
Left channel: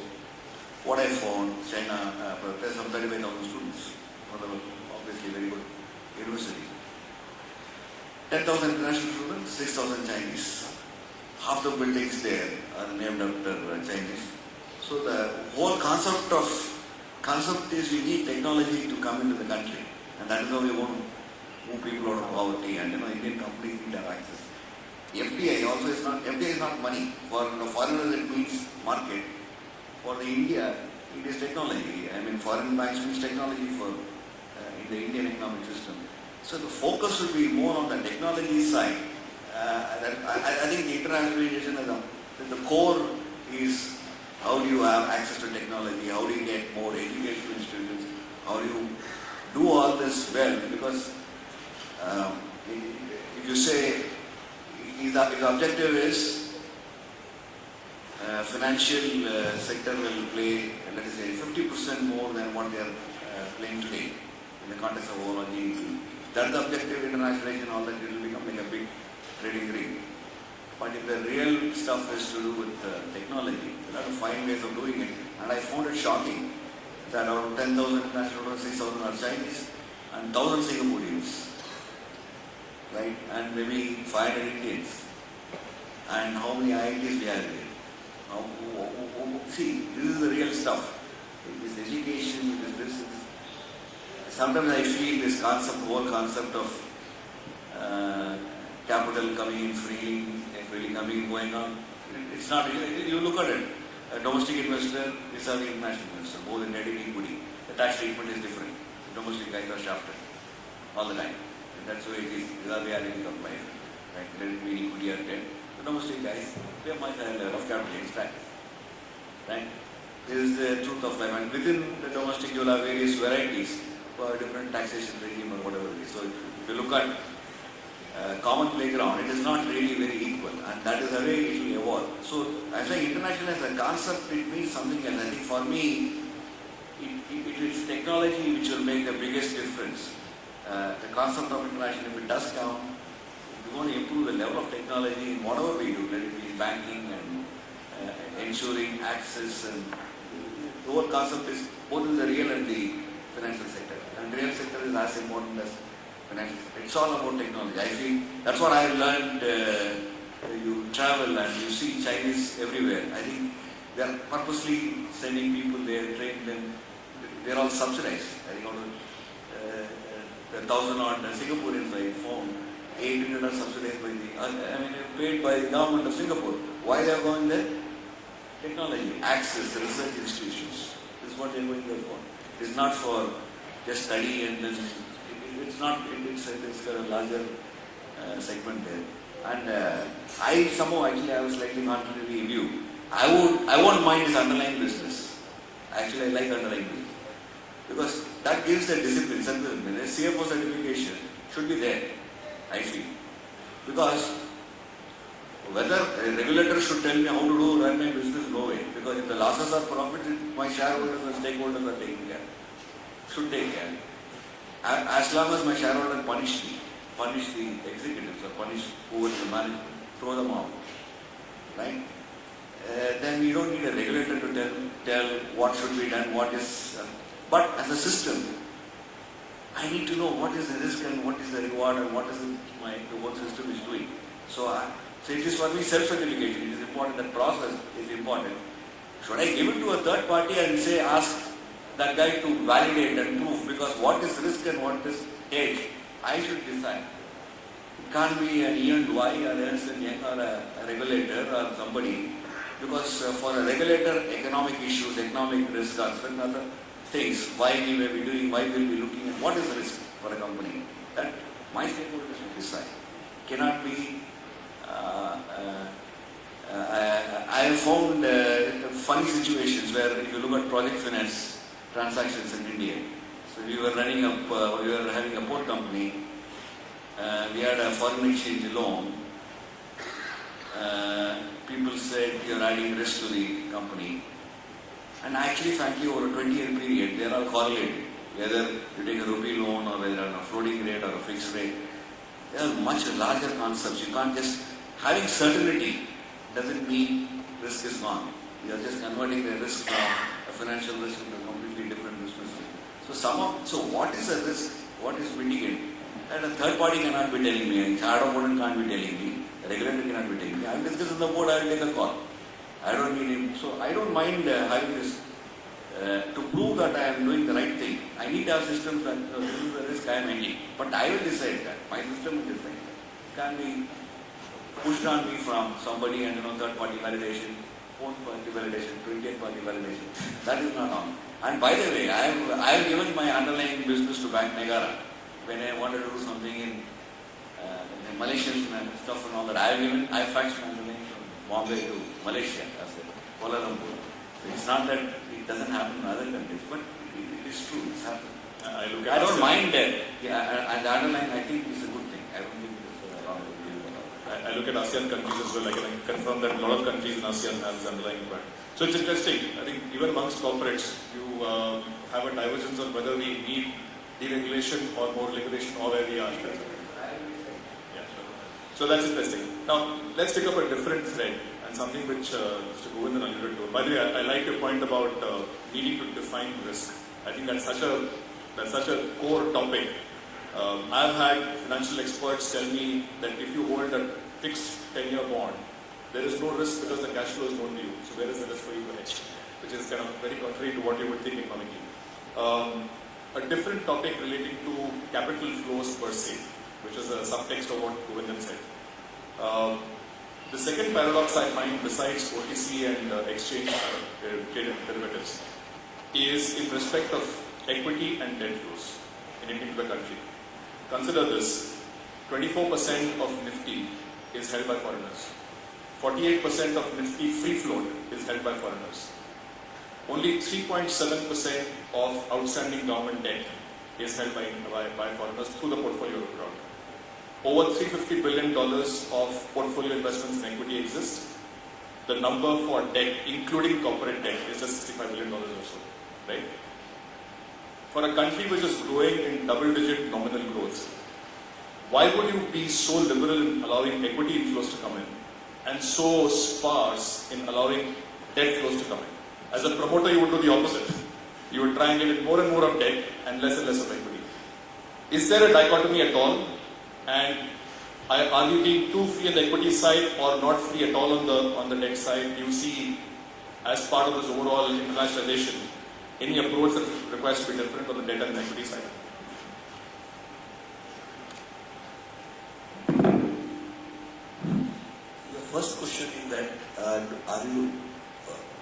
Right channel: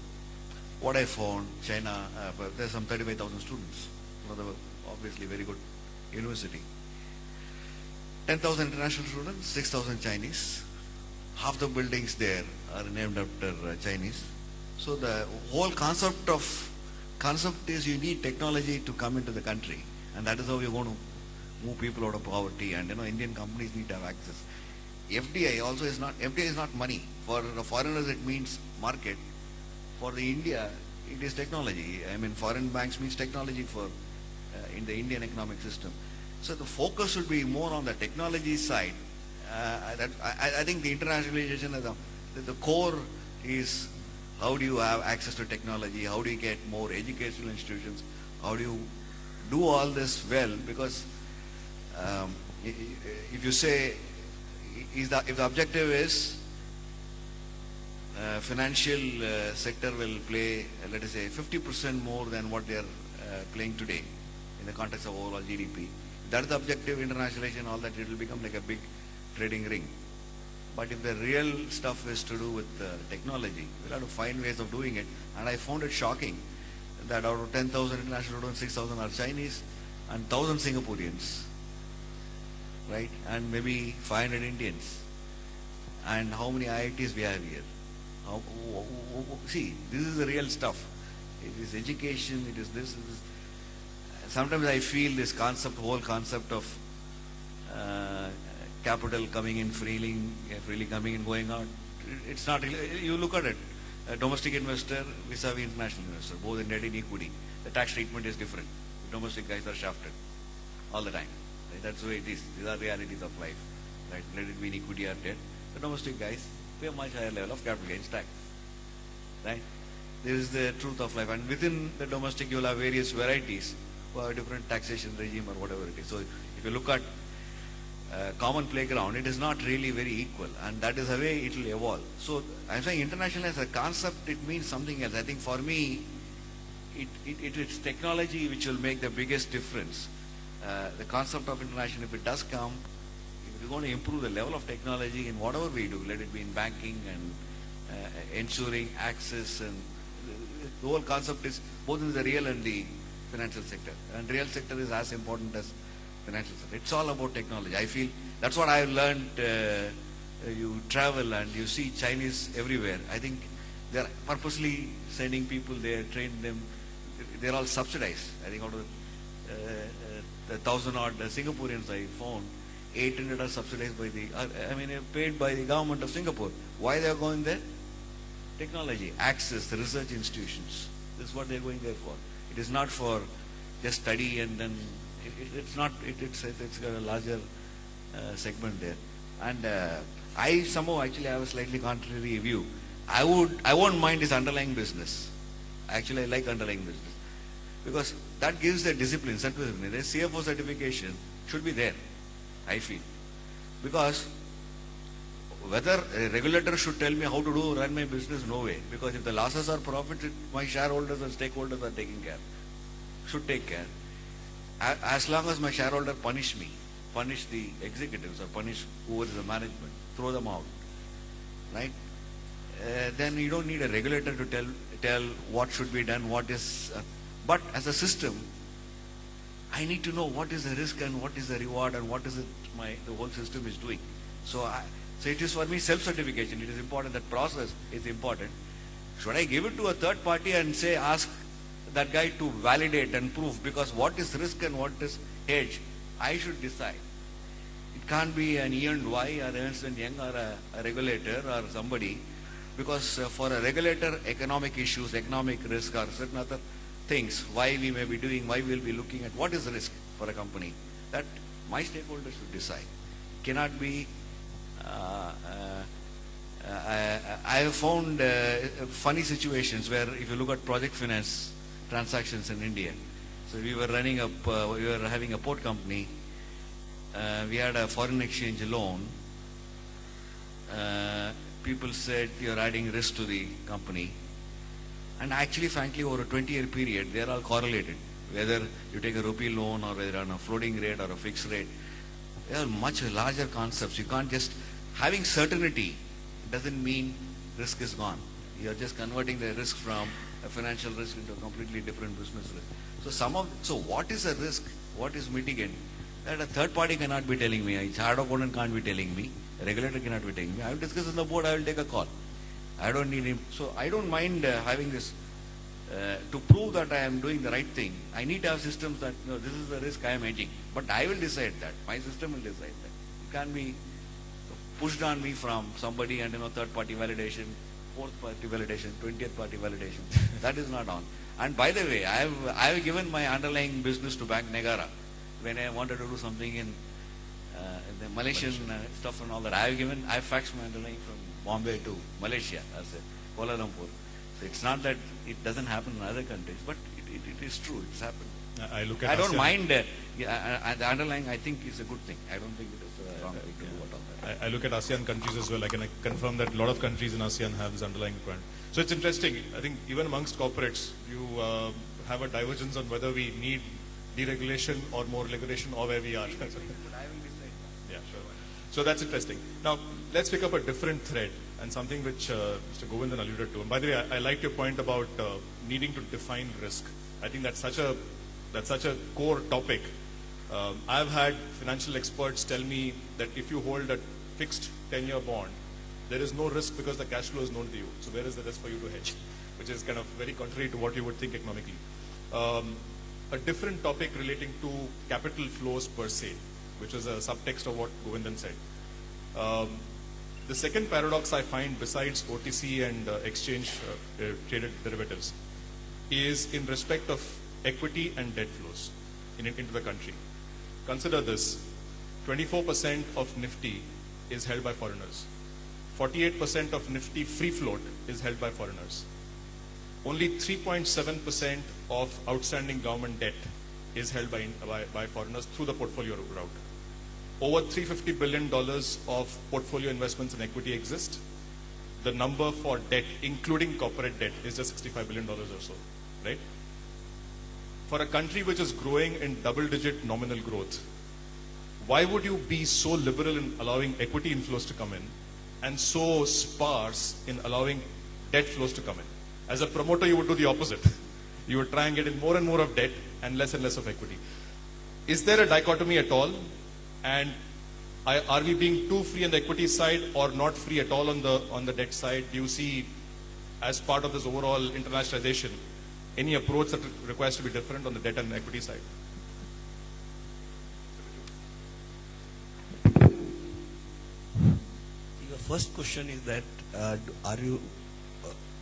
What I found, China, there's some 35,000 students. Obviously very good university. 10,000 international students, 6,000 Chinese. Half the buildings there are named after Chinese. So the whole concept is you need technology to come into the country, and that is how we want to move people out of poverty. And Indian companies need to have access. FDI also is not money. For the foreigners it means market. For the India it is technology. I mean foreign banks means technology for in the Indian economic system. So the focus will be more on the technology side. I think the internationalization at the core is how do you have access to technology, how do you get more educational institutions, how do you do all this well, because if you say, if the objective is financial sector will play, let us say, 50% more than what they are playing today in the context of overall GDP. That's the objective, internationalization, all that, it will become like a big trading ring. But if the real stuff is to do with technology, you have to find ways of doing it. And I found it shocking that out of 10,000 international students, 6,000 are Chinese and 1,000 Singaporeans, right? And maybe 500 Indians. And how many IITs we have here? See, this is the real stuff. It is education, it is this. Sometimes I feel this concept, whole concept of capital coming in freely coming in, going out. It's not, you look at it, a domestic investor vis-a-vis international investor, both in debt and equity. The tax treatment is different. Domestic guys are shafted all the time. And that's why it is. These are the reality of life. Right? Credit mean equity or debt. The domestic guys pay much higher level of capital gains tax. Right? This is the truth of life. And within the domestic, you will have various varieties for a different taxation regime or whatever it is. So if you look at common playground, it is not really very equal, and that is the way it will evolve. So, I think international as a concept, it means something else. I think for me, it is technology which will make the biggest difference. The concept of international, if it does come, it's going to improve the level of technology in whatever we do, let it be in banking and ensuring access, and the whole concept is both in the real and the financial sector. And real sector is as important as financial sector. It's all about technology. I feel that's what I have learned. You travel and you see Chinese everywhere. I think they are purposely sending people there, training them. They are all subsidized. I think the 1,000-odd Singaporeans I found, 800 are subsidized by paid by the government of Singapore. Why they are going there? Technology, access, the research institutions. This is what they are going there for. It is not for just study and then it's not. It's got a larger segment there. And I somehow actually I was slightly contrary to you. I won't mind his underlying business. Actually, I like underlying business because that gives a discipline, self-discipline. A CFO certification should be there, I feel, because whether a regulator should tell me how to run my business, no way. Because if the losses are profited, my shareholders and stakeholders are taking care. Should take care. As long as my shareholder punish the executives or punish who is the management, throw them out, right? Then you don't need a regulator to tell what should be done, what is. But as a system, I need to know what is the risk and what is the reward and what is the work system is doing. So it is for me self-certification. It is important. That process is important. Should I give it to a third party and say ask that guy to validate and prove, because what is risk and what is hedge, I should decide. It can't be an E&Y or Ernst & Young or a regulator or somebody, because for a regulator, economic issues, economic risk or certain other things, why we will be doing, why we will be looking at what is the risk for a company, that my stakeholders should decide. Cannot be. I have found funny situations where if you look at project finance transactions in India. So we were having a port company. We had a foreign exchange loan. People said you're adding risk to the company. And actually, frankly, over a 20-year period, they are all correlated. Whether you take a rupee loan or whether on a floating rate or a fixed rate, they are much larger concepts. You can't just, having certainty doesn't mean risk is gone. You are just converting the risk from a financial risk into a completely different business risk. So what is the risk? What is mitigated? And a third party cannot be telling me, a third opponent can't be telling me, the regulator cannot be telling me. I'll discuss with the board, I'll take a call. I don't need it. So I don't mind having this to prove that I am doing the right thing. I need to have systems that this is the risk I am taking. But I will decide that. My system will decide that. It can be pushed on me from somebody and third party validation, fourth party validation, 20th party validation. That is not on. And by the way, I have given my underlying business to Bank Negara when I wanted to do something in Malaysian and stuff and all that. I faxed my underlying from Bombay to Malaysia as a Kuala Lumpur. So it's not that it doesn't happen in other countries, but it is true. It's happening. I don't mind that. And the underlying, I think, is a good thing. I don't think it's wrong. I look at ASEAN countries as well. I can confirm that a lot of countries in ASEAN have underlying brand. So it's interesting. I think even amongst corporates, you have a divergence on whether we need deregulation or more regulation or where we are. Yeah, sure. So that's interesting. Now let's pick up a different thread and something which Mr. Govindan alluded to. By the way, I like your point about needing to define risk. I think that's such a core topic. I've had financial experts tell me that if you hold a fixed 10-year bond, there is no risk because the cash flow is known to you. So where is the risk for you to hedge? Which is kind of very contrary to what you would think economically. A different topic relating to capital flows per se, which which is a subtext of what Govindan said. The second paradox I find, besides OTC and exchange traded derivatives, is in respect of equity and debt flows into the country. Consider this: 24% of Nifty is held by foreigners. 48% of Nifty free float is held by foreigners. Only 3.7% of outstanding government debt is held by foreigners through the portfolio route. Over $350 billion of portfolio investments in equity exist. The number for debt, including corporate debt, is just $65 billion or so, right? For a country which is growing in double-digit nominal growth, why would you be so liberal in allowing equity inflows to come in and so sparse in allowing debt flows to come in? As a promoter, you would do the opposite. You would try and get in more and more of debt and less of equity. Is there a dichotomy at all? And are we being too free on the equity side or not free at all on the debt side? Do you see, as part of this overall internationalization, any approach that requires to be different on the debt and equity side? The first question is that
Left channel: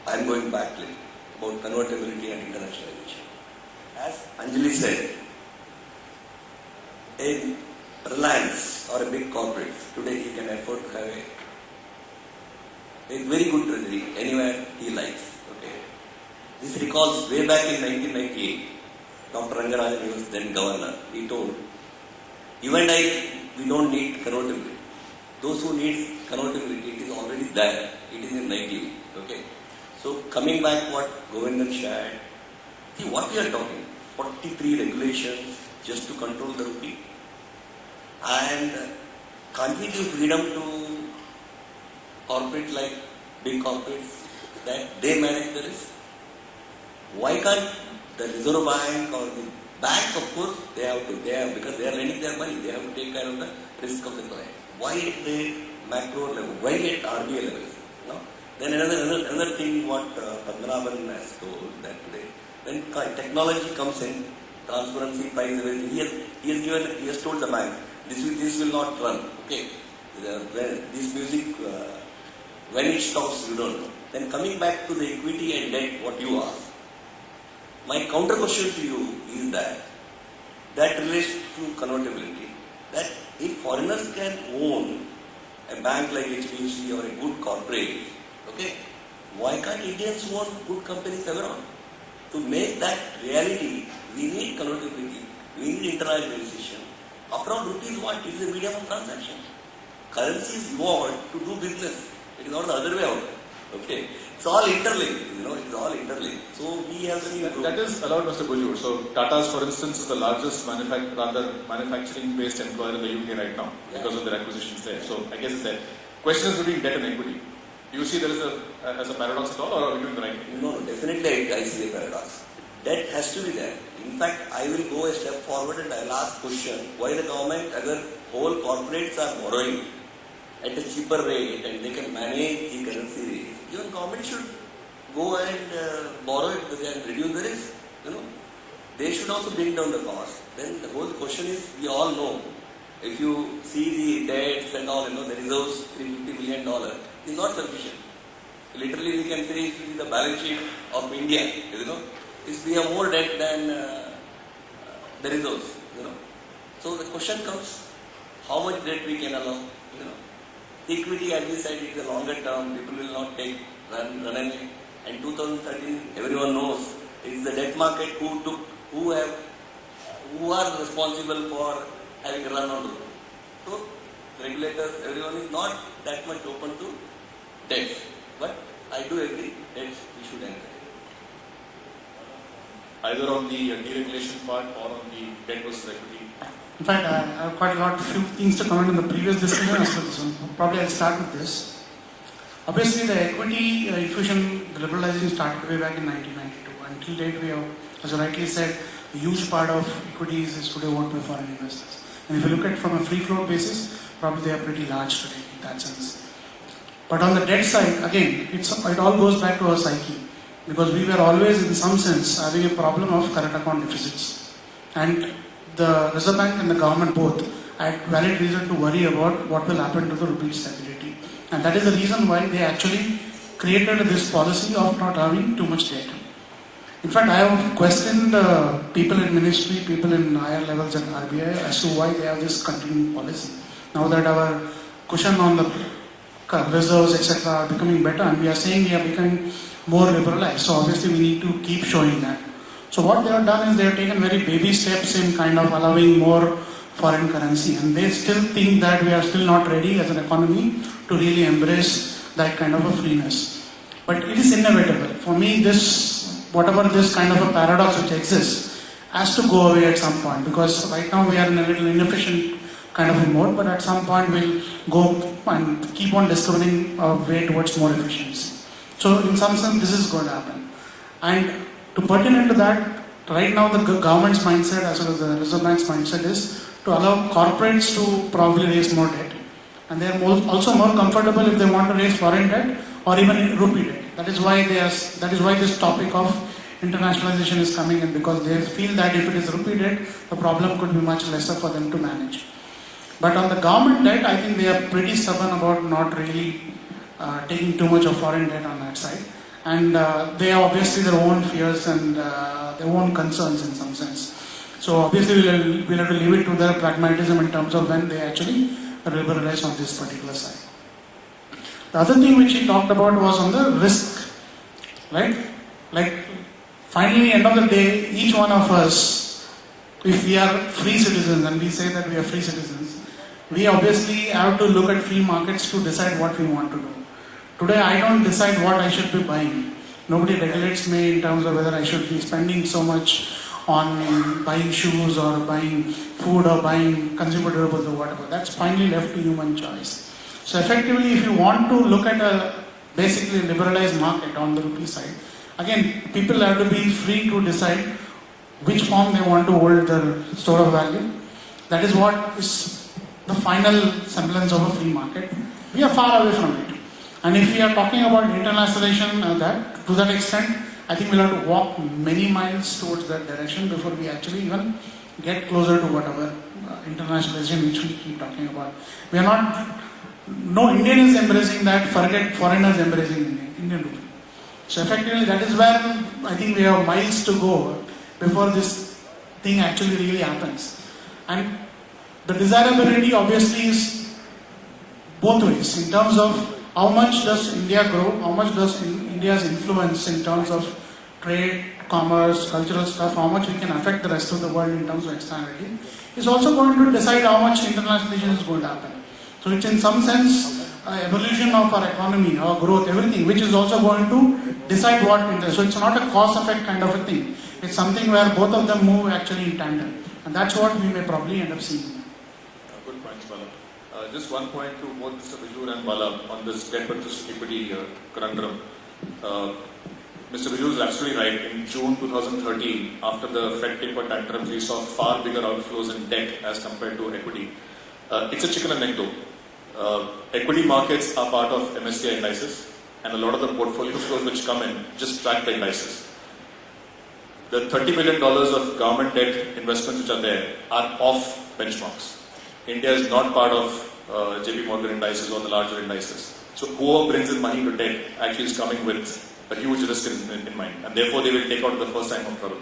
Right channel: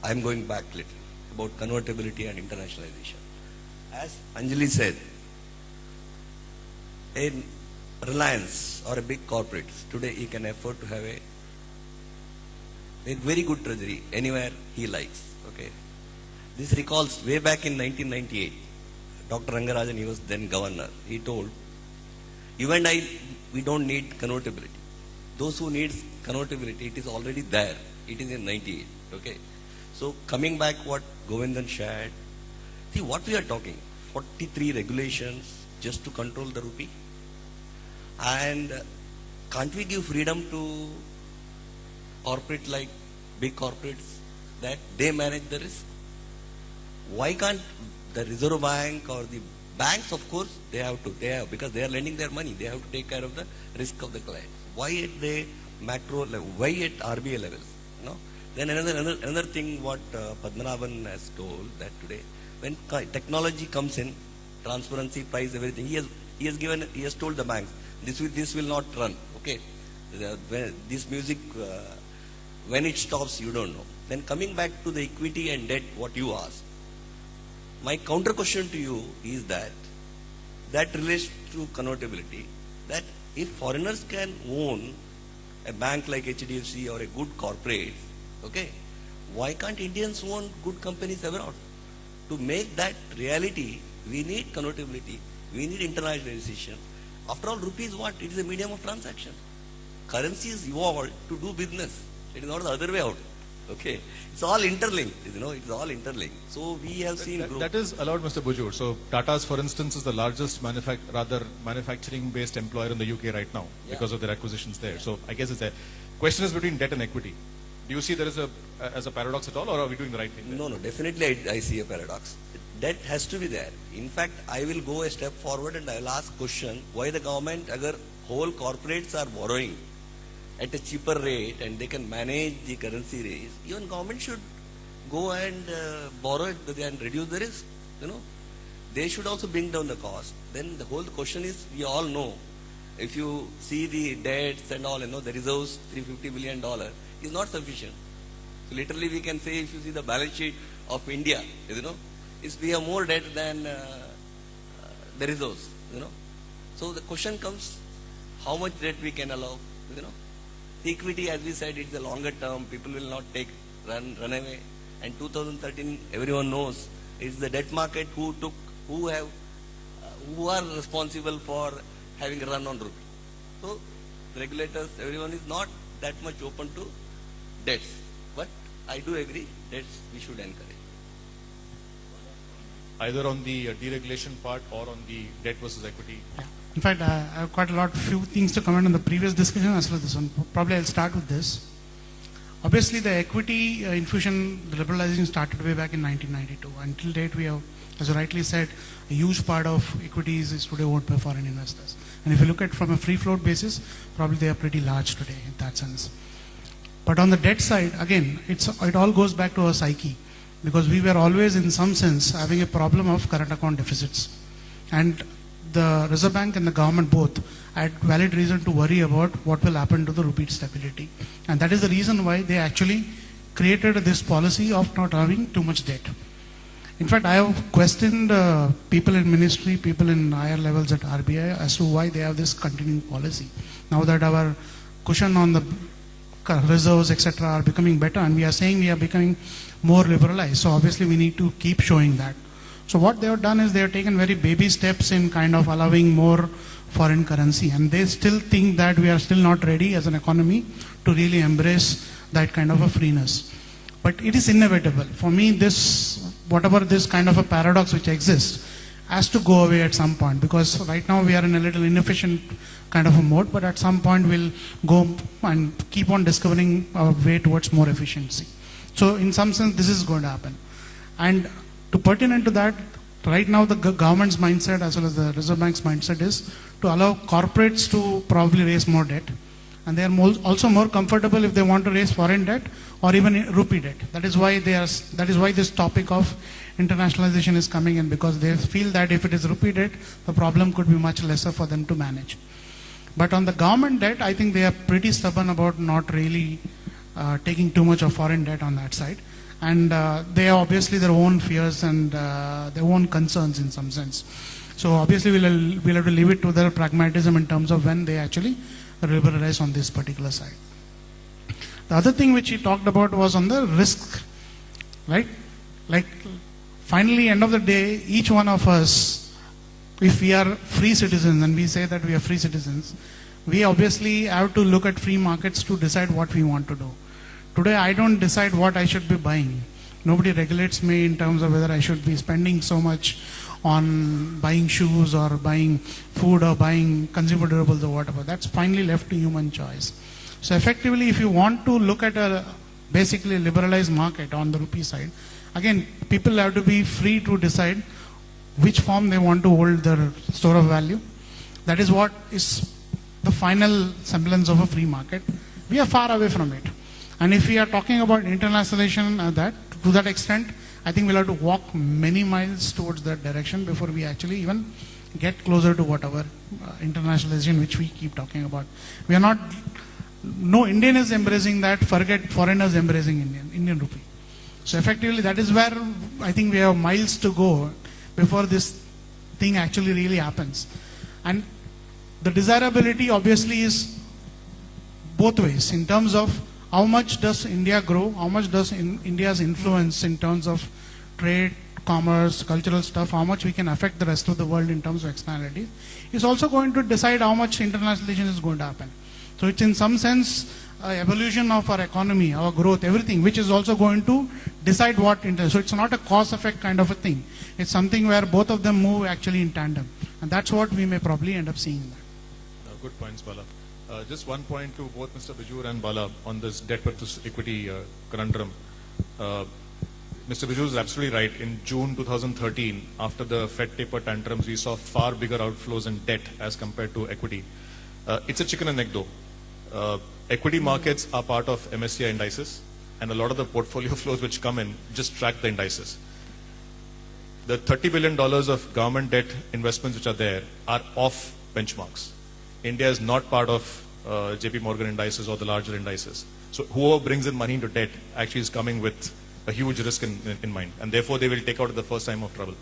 I'm going back a little about convertibility and internationalization. As Anjali said, in Reliance or a big corporate, today he can afford to have a very good treasury anywhere he likes. Okay. This recalls way back in 1998, Dr. Rangarajan was then governor. He told, you and I, we don't need convertibility. Those who need convertibility, it is already there. It is in 98. Okay. So coming back what Govindan shared, see what we are talking, 43 regulations just to control the rupee. And can't we give freedom to corporate like big corporates that they manage the risk? Why can't the Reserve Bank or the bank, of course, because they are lending their money, they have to take care of the risk of the client. Why at macro level? Why at RBI level? No? Then another thing what Padmanabhan has told that today, when technology comes in, transparency, price, everything, he has told the bank, this will not run. Okay, this music, when it stops, you don't know. Then coming back to the equity and debt, what you asked, my counter question to you is that relates to convertibility. That if foreigners can own a bank like HDFC or a good corporate, okay, why can't Indians own good companies around? To make that reality, we need convertibility, we need internationalization. After all, rupee is what? It is a medium of transaction. Currency is evolved to do business. It is not the other way out. Okay. It's all interlinked. It's all interlinked. So we have seen that is allowed, Mr. Bujur. So Tata's, for instance, is the largest manufacturing-based employer in the UK right now because of their acquisitions there. So I guess it's a question is between debt and equity. Do you see there as a paradox at all, or are we doing right? No, definitely I see a paradox. Debt has to be there. In fact, I will go a step forward and I will ask question, why the government, other whole corporates are borrowing at a cheaper rate and they can manage the currency rate. Even government should go and borrow it and reduce the risk. They should also bring down the cost. Then the whole question is, we all know, if you see the debts and all, the reserves, $350 million is not sufficient. Literally, we can say in the balance sheet of India, we have more debt than the reserves. So the question comes, how much debt we can allow? The equity, as we said, is the longer term. People will not run away. And 2013, everyone knows, it is the debt market who are responsible for having run on. So regulators, everyone is not that much open to debts. But I do agree, debts we should end. Either on the deregulation part or on the debt versus equity. In fact, I have quite a few things to comment on the previous discussion as well. So probably I'll start with this. Obviously, the equity infusion liberalizing started way back in 1992. Until date, we have, as you rightly said, a huge part of equities is today owned by foreign investors. And if you look at it from a free float basis, probably they are pretty large today in that sense. But on the debt side, again, it all goes back to our psyche. Because we were always, in some sense, having a problem of current account deficits. And the Reserve Bank and the government both had valid reason to worry about what will happen to the rupee stability. And that is the reason why they actually created this policy of not having too much debt. In fact, I have questioned people in ministry, people in higher levels at RBI as to why they have this continuing policy. Now that our cushion on the reserves, etc., are becoming better, and we are saying we are becoming more liberalized, so obviously we need to keep showing that. So what they have done is they have taken very baby steps in kind of allowing more foreign currency, and they still think that we are still not ready as an economy to really embrace that kind of a freeness. But it is inevitable. For me, whatever this kind of a paradox which exists has to go away at some point, because right now we are in a little inefficient kind of a mode, but at some point we'll go and keep on discovering a way towards more efficiency. So in some sense this is going to happen. And to pertain to that, right now the government's mindset as well as the Reserve Bank's mindset is to allow corporates to probably raise more debt. And they are also more comfortable if they want to raise foreign debt or even rupee debt. That is why this topic of internationalization is coming in, because they feel that if it is rupee debt, the problem could be much lesser for them to manage. But on the government debt, I think they are pretty stubborn about not really taking too much of foreign debt on that side. And they have obviously their own fears and their own concerns in some sense. So obviously we'll have to leave it to their pragmatism in terms of when they actually liberalize on this particular side. The other thing which he talked about was on the risk, right? Like finally, end of the day, each one of us, if we are free citizens and we say that we are free citizens, we obviously have to look at free markets to decide what we want to do. Today, I don't decide what I should be buying. Nobody regulates me in terms of whether I should be spending so much on buying shoes or buying food or buying consumer durables or whatever. That's finally left to human choice. So effectively, if you want to look at a basically liberalized market on the rupee side, again, people have to be free to decide which form they want to hold their store of value. That is what is the final semblance of a free market. We are far away from it. And if we are talking about internationalization and that, to that extent, I think we'll have to walk many miles towards that direction before we actually even get closer to whatever internationalization which we keep talking about. We are not, no Indian is embracing that, forget foreigners embracing Indian rupee. So effectively that is where I think we have miles to go before this thing actually really happens. And the desirability obviously is both ways in terms of how much does India grow, how much does India's influence in terms of trade, commerce, cultural stuff, how much we can affect the rest of the world in terms of externality, is also going to decide how much internationalization is going to happen. So it's in some sense evolution of our economy, our growth, everything, which is also going to decide what India. So it's not a cause effect kind of a thing. It's something where both of them move actually in tandem. And that's what we may probably end up seeing. Good points, Bala. Just one point to both Mr. Bijur and Bala on this debt versus equity conundrum. Mr. Bijur is absolutely right. In June 2013, after the Fed taper tantrums, we saw far bigger outflows in debt as compared to equity. It's a chicken and egg though. Equity markets are part of MSCI indices, and a lot of the portfolio flows which come in just track the indices. The $30 billion of government debt investments which are there are off benchmarks. India is not part of JP Morgan indices or the larger indices. So whoever brings in money into debt actually is coming with a huge risk in mind, and therefore they will take out the first time of trouble.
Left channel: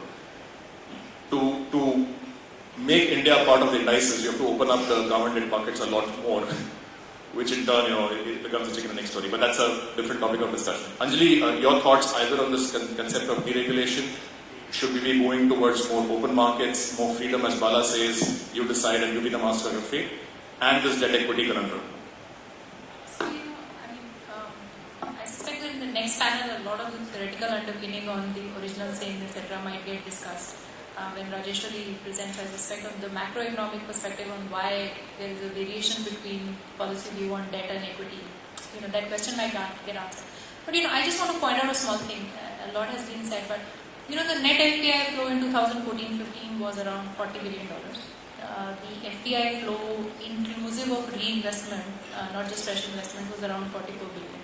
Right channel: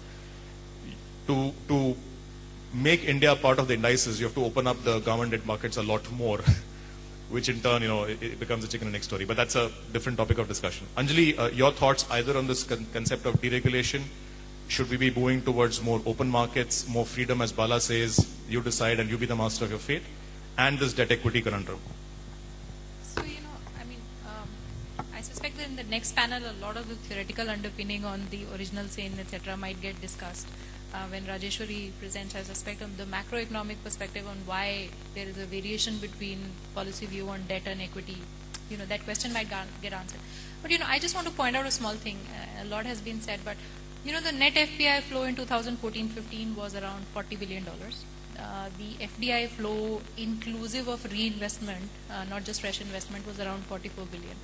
To make India part of the indices, you have to open up the government debt markets a lot more, which in turn, it becomes a chicken and egg story. But that's a different topic of discussion. Anjali, your thoughts either on this concept of deregulation? Should we be moving towards more open markets, more freedom, as Bala says, you decide and you be the master of your fate, and this debt equity conundrum? So, I suspect that in the next panel, a lot of the theoretical underpinning on the original sayings, etc., might get discussed. When Rajeshwari presents, I suspect, of the macroeconomic perspective on why there is a variation between policy view on debt and equity. That question I can't get answered. But, I just want to point out a small thing. A lot has been said, but the net FPI flow in 2014-15 was around $40 billion. The FPI flow inclusive of reinvestment, not just fresh investment, was around $44 billion.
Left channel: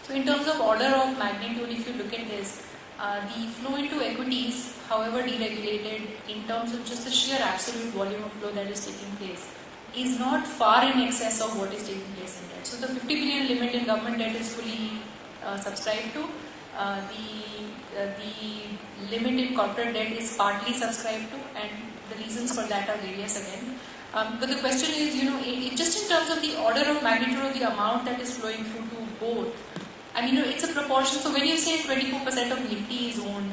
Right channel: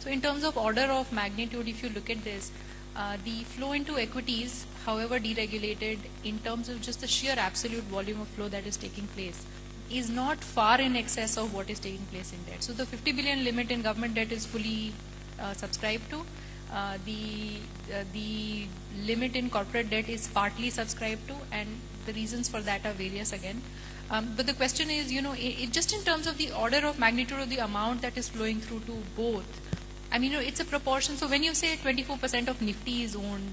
So in terms of order of magnitude, if you look at this, The flow into equities, however deregulated, in terms of just the sheer absolute volume of flow that is taking place, is not far in excess of what is taking place in debt. So the 50 billion limit in government debt is fully subscribed to. The limit in corporate debt is partly subscribed to, and the reasons for that are various again. But the question is, just in terms of the order of magnitude of the amount that is flowing through to both, and it's a proportion. So when you say 24% of Nifty is owned,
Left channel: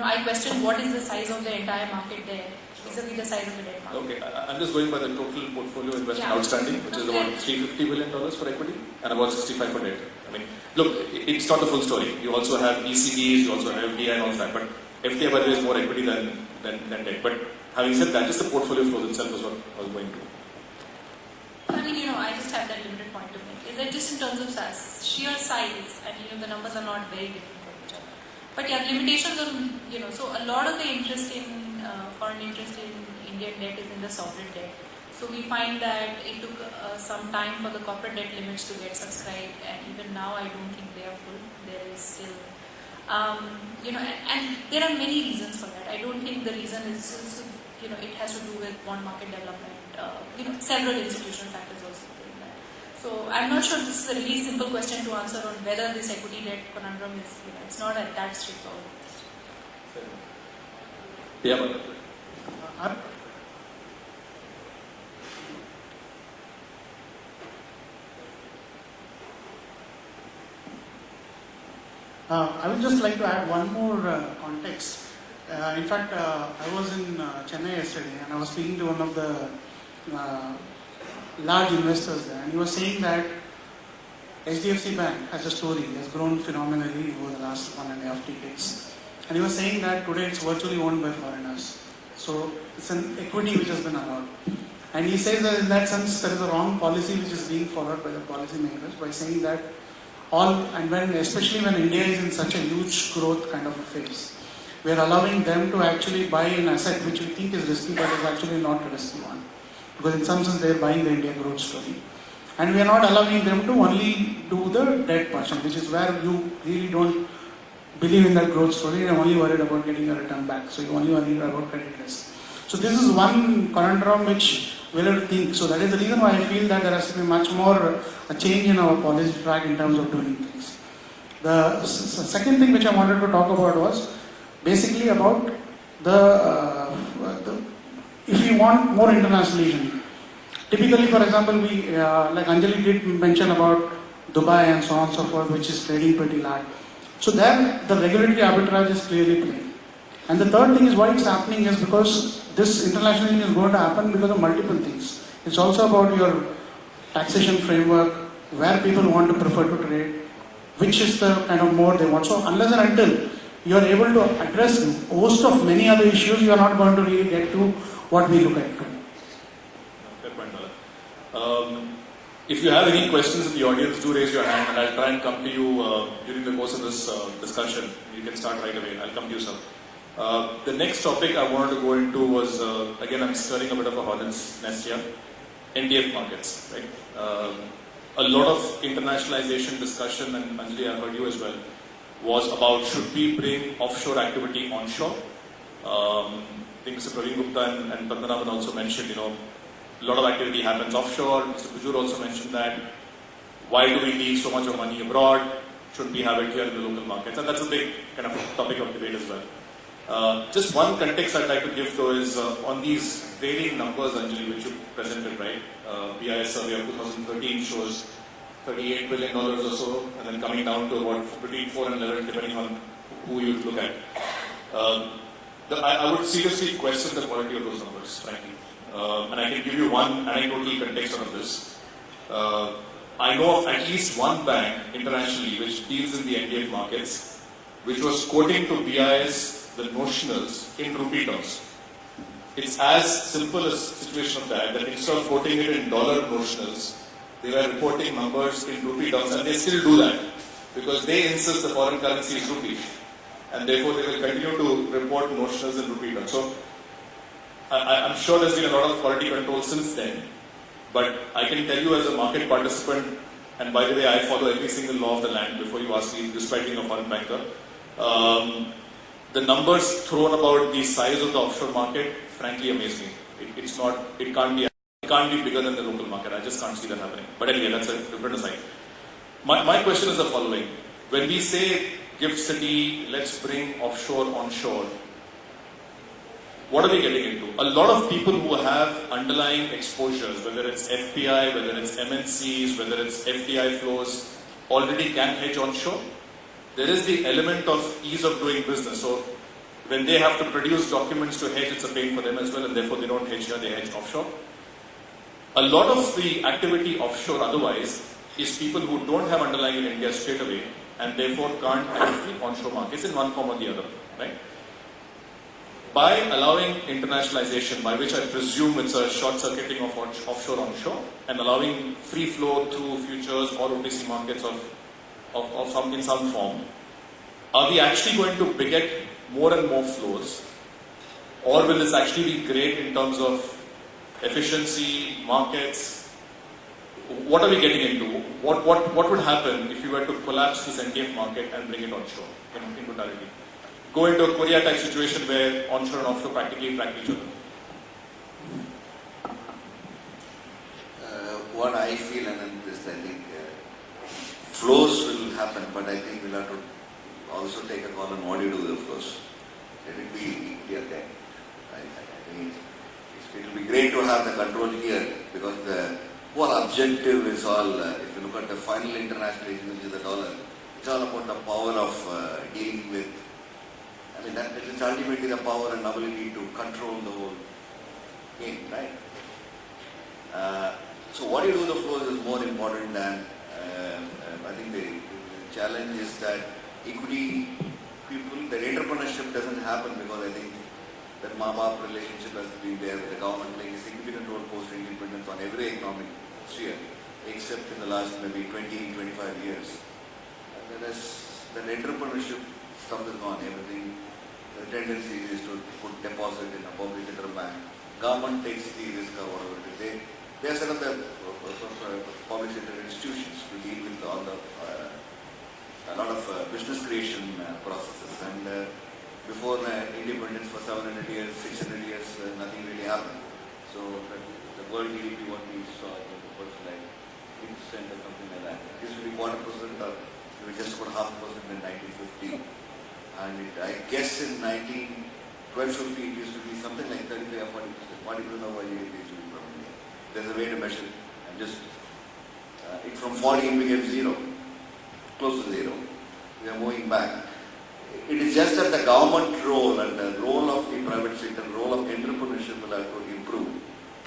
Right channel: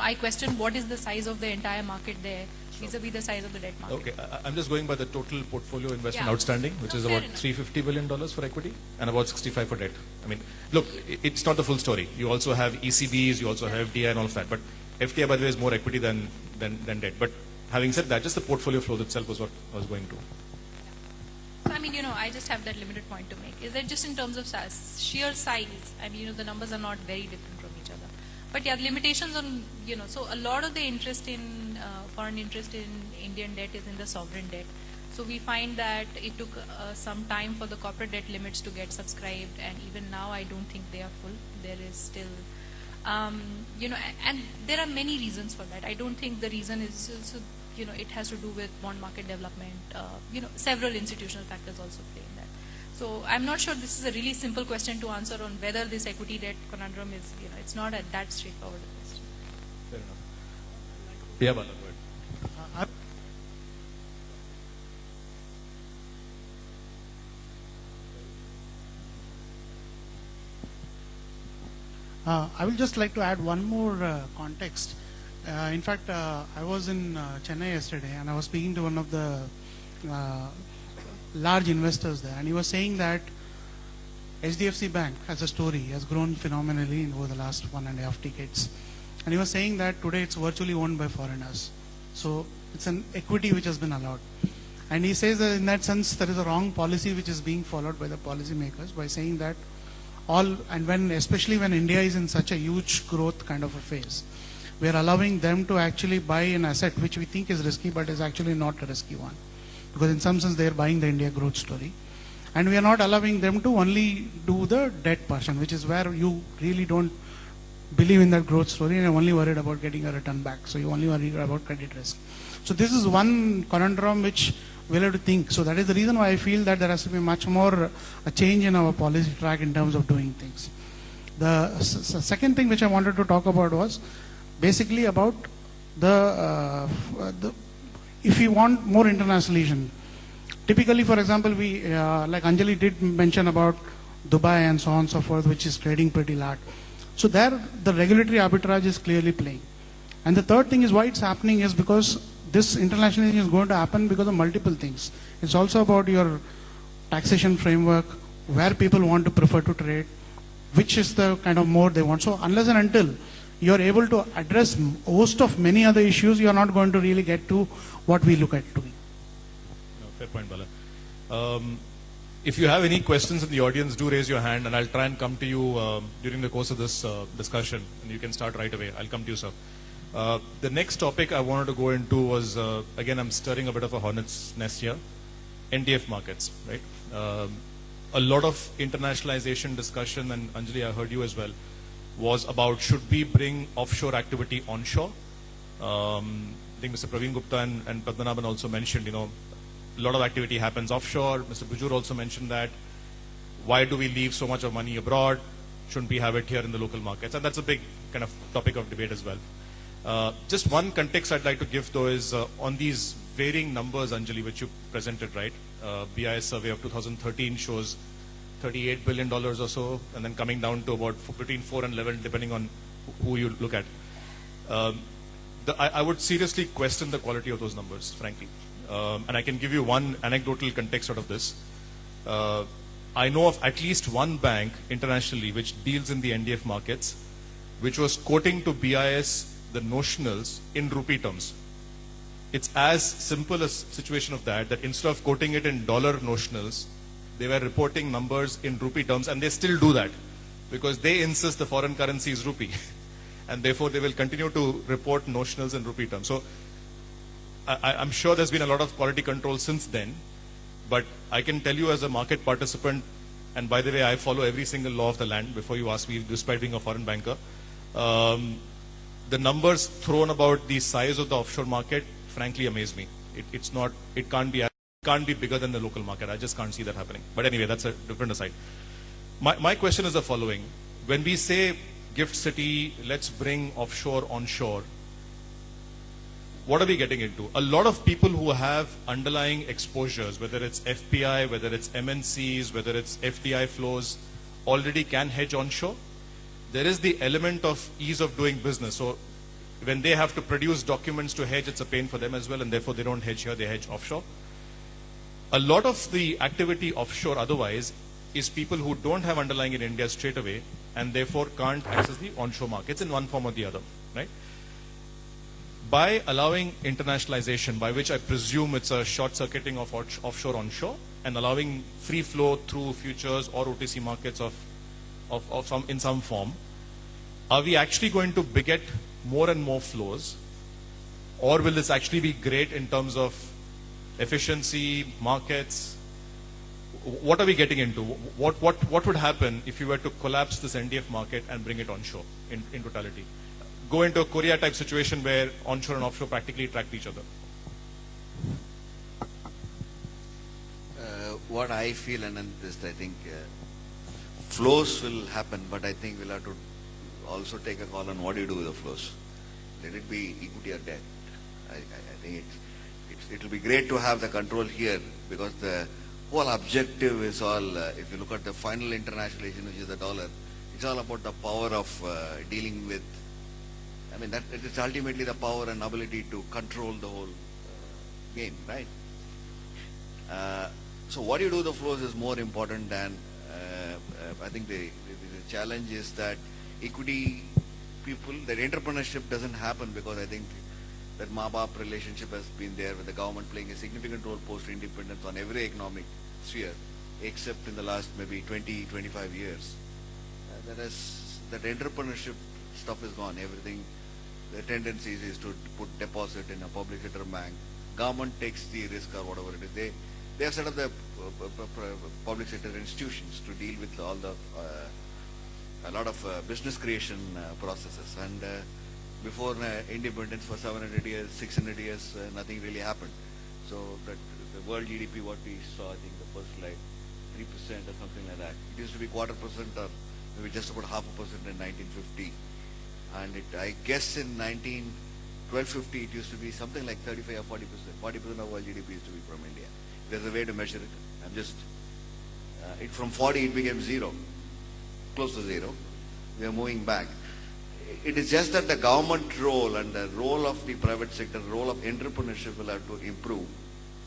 I question what is the size of the entire market there vis-a-vis the size of the debt market. Okay, I'm just going by the total portfolio investment outstanding, which is about $350 billion for equity and about 65 for debt. I mean, look, it's not the full story. You also have ECBs, you also have FDI and all that, but FDI by the way is more equity than debt. But having said that, just the portfolio flows itself was what I was going to. I mean, I just have that limited point to make. Is that just in terms of sheer size? I mean, the numbers are not very different from each other. But yeah, limitations on, so a lot of the interest in, foreign interest in Indian debt is in the sovereign debt. So we find that it took some time for the corporate debt limits to get subscribed, and even now I don't think they are full. There is still, and there are many reasons for that. I don't think the reason is, it has to do with one market development. Several institutional factors also in that. So I'm not sure this is a really simple question to answer on whether this equity debt conundrum is. It's not that straightforward. Yeah. I would just like to add one more context. In fact, I was in Chennai yesterday and I was speaking to one of the large investors there, and he was saying that HDFC Bank as a story has grown phenomenally over the last 1.5 decades. And he was saying that today it's virtually owned by foreigners. So it's an equity which has been allowed. And he says that in that sense there is a wrong policy which is being followed by the policymakers by saying that especially when India is in such a huge growth kind of a phase, we are allowing them to actually buy an asset which we think is risky but is actually not a risky one. Because in some sense they are buying the India growth story. And we are not allowing them to only do the debt portion, which is where you really don't believe in that growth story and are only worried about getting a return back. So you only worry about credit risk. So this is one conundrum which we'll have to think. So that is the reason why I feel that there has to be much more a change in our policy track in terms of doing things. The second thing which I wanted to talk about was basically about if you want more internationalization. Typically, for example, we like Anjali did mention about Dubai and so on and so forth, which is trading pretty large. So there, the regulatory arbitrage is clearly playing. And the third thing is why it's happening is because this internationalization is going to happen because of multiple things. It's also about your taxation framework, where people want to prefer to trade, which is the kind of mode they want. So unless and until you are able to address a host of many other issues, you are not going to really get to what we look at. Fair point, if you have any questions in the audience, do raise your hand and I'll try and come to you during the course of this discussion. You can start right away. I'll come to you, sir. The next topic I wanted to go into was, again, I'm stirring a bit of a hornet's nest here, NDF markets, right? A lot of internationalization discussion, and Anjali, I heard you as well, was about should we bring offshore activity onshore? I think Mr. Praveen Gupta and Padmanabhan also mentioned, a lot of activity happens offshore. Mr. Kujur also mentioned that. Why do we need so much of money abroad? Should we have it here in the local markets? And that's a big kind of topic of debate as well. Just one context I'd like to give though is on these varying numbers, Anjali, which you presented, right? BIS survey of 2013 shows $38 billion or so, and then coming down to about between 4 and 11, depending on who you look at. I would seriously question the quality of those numbers, frankly. And I can give you one anecdotal context out of this. I know of at least one bank internationally which deals in the NDF markets, which was quoting to BIS the notionals in rupee terms. It's as simple a situation of that instead of quoting it in dollar notionals, they were reporting numbers in rupee terms, and they still do that because they insist the foreign currency is rupee, and therefore they will continue to report notionals in rupee terms. So I'm sure there's been a lot of quality control since then, but I can tell you as a market participant, and by the way, I follow every single law of the land before you ask me, despite being a foreign banker, the numbers thrown about the size of the offshore market, frankly, amaze me. It can't be bigger than the local market. I just can't see that happening. But anyway, that's a different aside. My question is the following. When we say Gift City, let's bring offshore onshore, what are we getting into? A lot of people who have underlying exposures, whether it's FPI, whether it's MNCs, whether it's FDI flows, already can hedge onshore. There is the element of ease of doing business. So when they have to produce documents to hedge, it's a pain for them as well, and therefore they don't hedge here, they hedge offshore. A lot of the activity offshore otherwise is people who don't have underlying in India straight away, and therefore can't hedge the onshore markets in one form or the other, right? By allowing internationalization, by which I presume it's a short-circuiting of offshore onshore, and allowing free flow through futures or OTC markets in some form, are we actually going to beget more and more flows, or will this actually be great in terms of efficiency, markets? What are we getting into? What would happen if you were to collapse this NDF market and bring it onshore in totality? Go into a Korea type situation where onshore and offshore practically track each other. What I feel, and I think flows will happen, but I think we'll have to also take a call on what do you do with the flows. Let it be India there. It will be great to have the control here, because the whole objective is all, if you look at the final internationalization, which is the dollar, it's all about the power of dealing with, I mean, that is ultimately the power and ability to control the whole game, right? So what you do with the flows is more important than, I think the challenge is that equity people, their entrepreneurship doesn't happen because I think that Ma-Baap relationship has been there with the government playing a significant role post-independence on every economic sphere, except in the last maybe 20, 25 years. As well as that entrepreneurship stuff is gone, everything, the tendency is to put deposit in a public central bank. Government takes the risk of whatever they are sort of the public sector institutions to deal with all the a lot of business creation processes. And before independence for 700 years, 600 years, nothing really happened. So the world GDP, what we saw was like 3% or something like that. It used to be 1%, we just put 0.5% in 1950. And I guess in 1250 it used to be something like 35 or 40%. 40% of our GDP used to be from India. There's a way to measure it. And just from 40 it became zero, close to zero. We are moving back. It is just that the government role and the role of the private sector, the role of entrepreneurship will have to improve.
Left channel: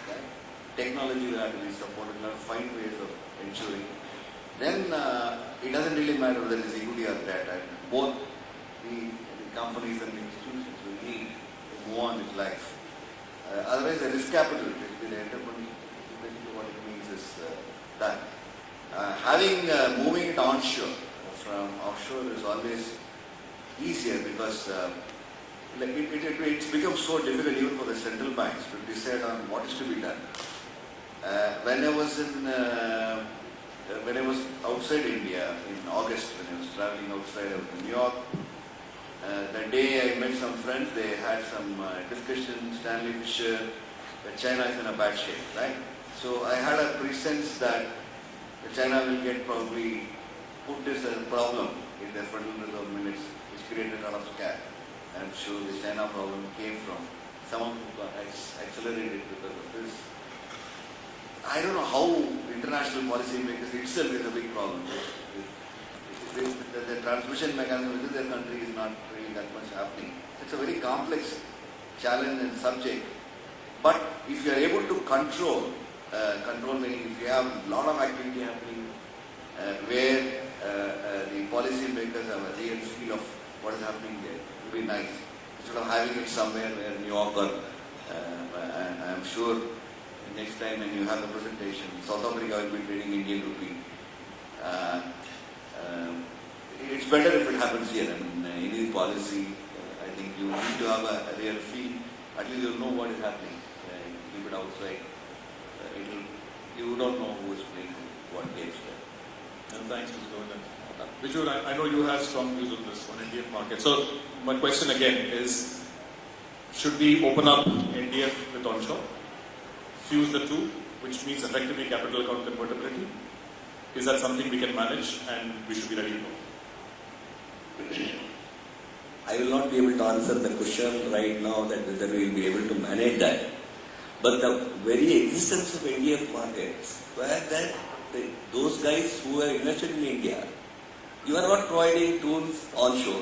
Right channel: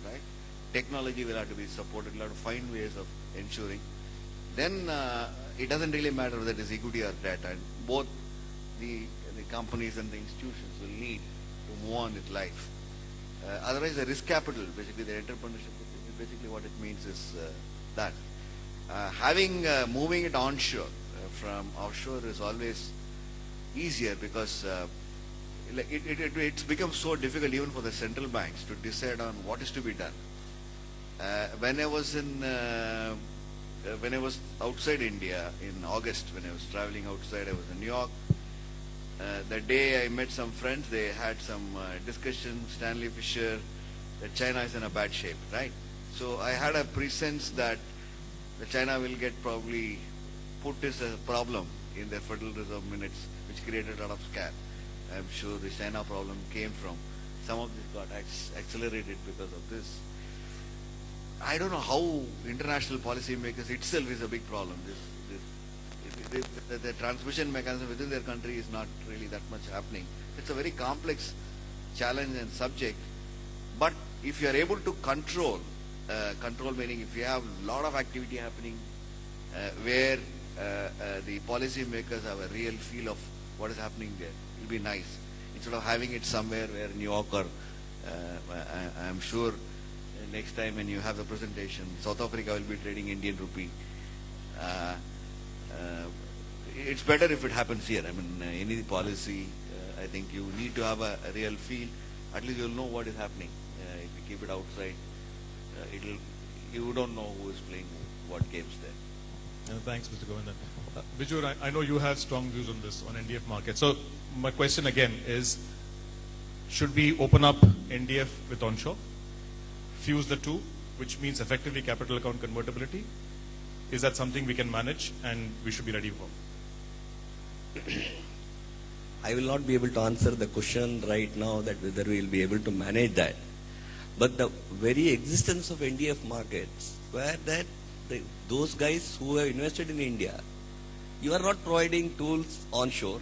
Right? Technology will have to be supported. We have to find ways of ensuring. Then it doesn't really matter whether it is equity or debt. Right? Both the companies and the institutions will need to move on with life. Otherwise, the risk capital, basically the entrepreneurship, basically what it means is that moving it onshore from offshore is always easier because it's become so difficult even for the central banks to decide on what is to be done. When I was outside India in August, when I was traveling outside, I was in New York. The day I met some friends, they had some discussions. Stanley Fischer, China is in a bad shape, right? So I had a presense that China will get probably put this as a problem in their Federal Reserve minutes, which created a lot of scare. I'm sure the China problem came from some of it got accelerated because of this. I don't know how international policy makers itself is a big problem. The transmission mechanism within their country is not really that much happening. It's a very complex challenge and subject. But if you are able to control meaning if you have a lot of activity happening where the policy makers have a real feel of what is happening there, it would be nice. Instead of having it somewhere where New York or I'm sure next time when you have a presentation, South Africa will be trading Indian rupee. It's better if it happens here. In Indian policy, I think you need to have a real feel. At least you'll know what is happening. If you keep it outside, you don't know who is playing what games there. Thanks, Mr. Governor. Viju, I know you have strong views on this, on NDF market. So my question again is, should we open up NDF with onshore, fuse the two, which means effectively capital account convertibility? Is that something we can manage and we should be ready for? I will not be able to answer the question right now that whether we will be able to manage that. But the very existence of NDF markets, where that those guys who are invested in India, you are not providing tools onshore.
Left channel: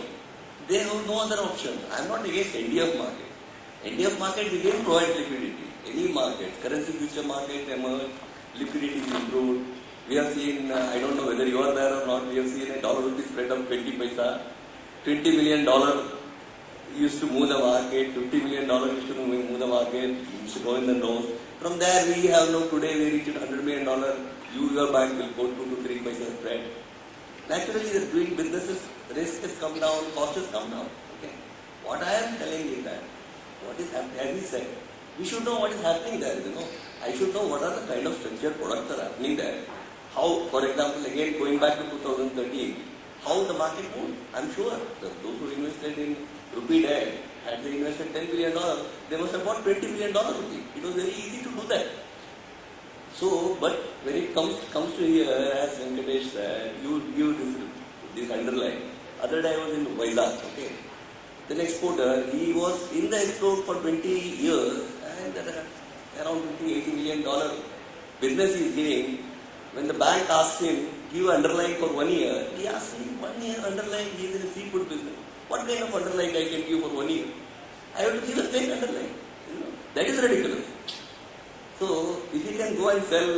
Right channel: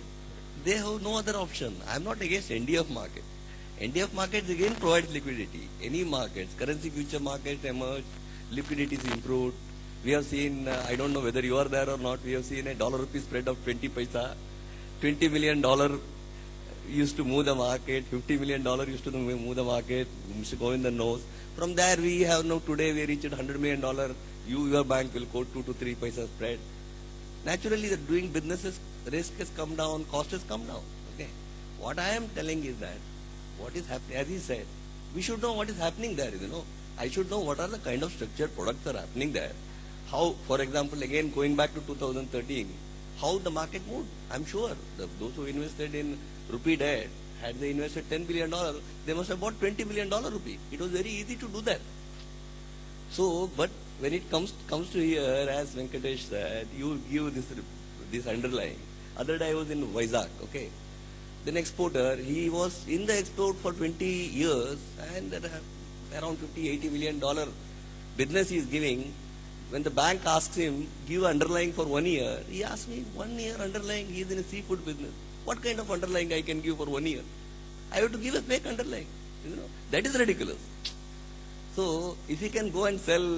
They have no other option. I am not against NDF market. NDF market again provides liquidity. Any market, currency future market emerge, liquidity is improved. We have seen, I don't know whether you are there or not, we have seen a dollar rupee spread of 20 paisa. $20 million used to move the market, $50 million used to move the market, used to go in the nose. From there we have now today we reached $100 million, your bank will go 2 to 3 paisa spread. Naturally the doing businesses, risk has come down, cost has come down. Okay. What I am telling is that, what is happening, as he said, we should know what is happening there, I should know what are the kind of structured products that are happening there. How, for example, again going back to 2013, how the market moved. I'm sure those who invested in rupee debt, had they invested $10 billion, they must have bought $20 billion rupee. It was very easy to do that. So, but when it comes to here, as Venkatesh said, you give this underline. Other day I was in Vizag, okay. The exporter, he was in the export for 20 years and around $80 million business he is giving. When the bank asked him, give underlying for 1 year, he asked me, 1 year underlying, he is a seafood business. What kind of underlying I can give for 1 year? I have to give a plain underlying. That is ridiculous. So, if he can go and sell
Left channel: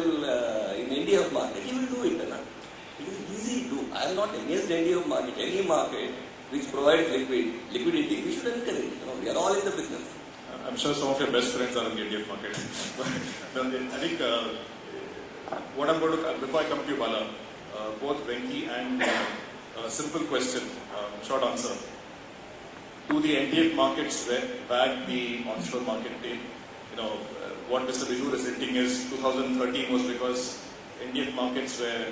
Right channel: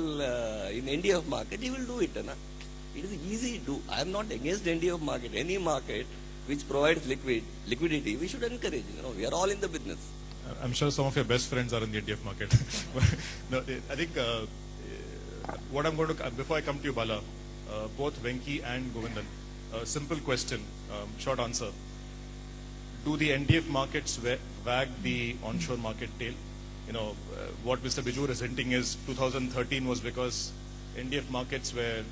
in India market, he will do it. It is easy to do. I am not against India market. Any market which provides liquidity, we should encourage. We are all in the business. I'm sure some of your best friends are in the NDF market. I think what I'm going to, before I come to you, Bala, both Venki and Mohan, a simple question, short answer. Do the NDF markets wag the onshore market tail? What Mr. Viju is hinting is 2013 was because NDF markets were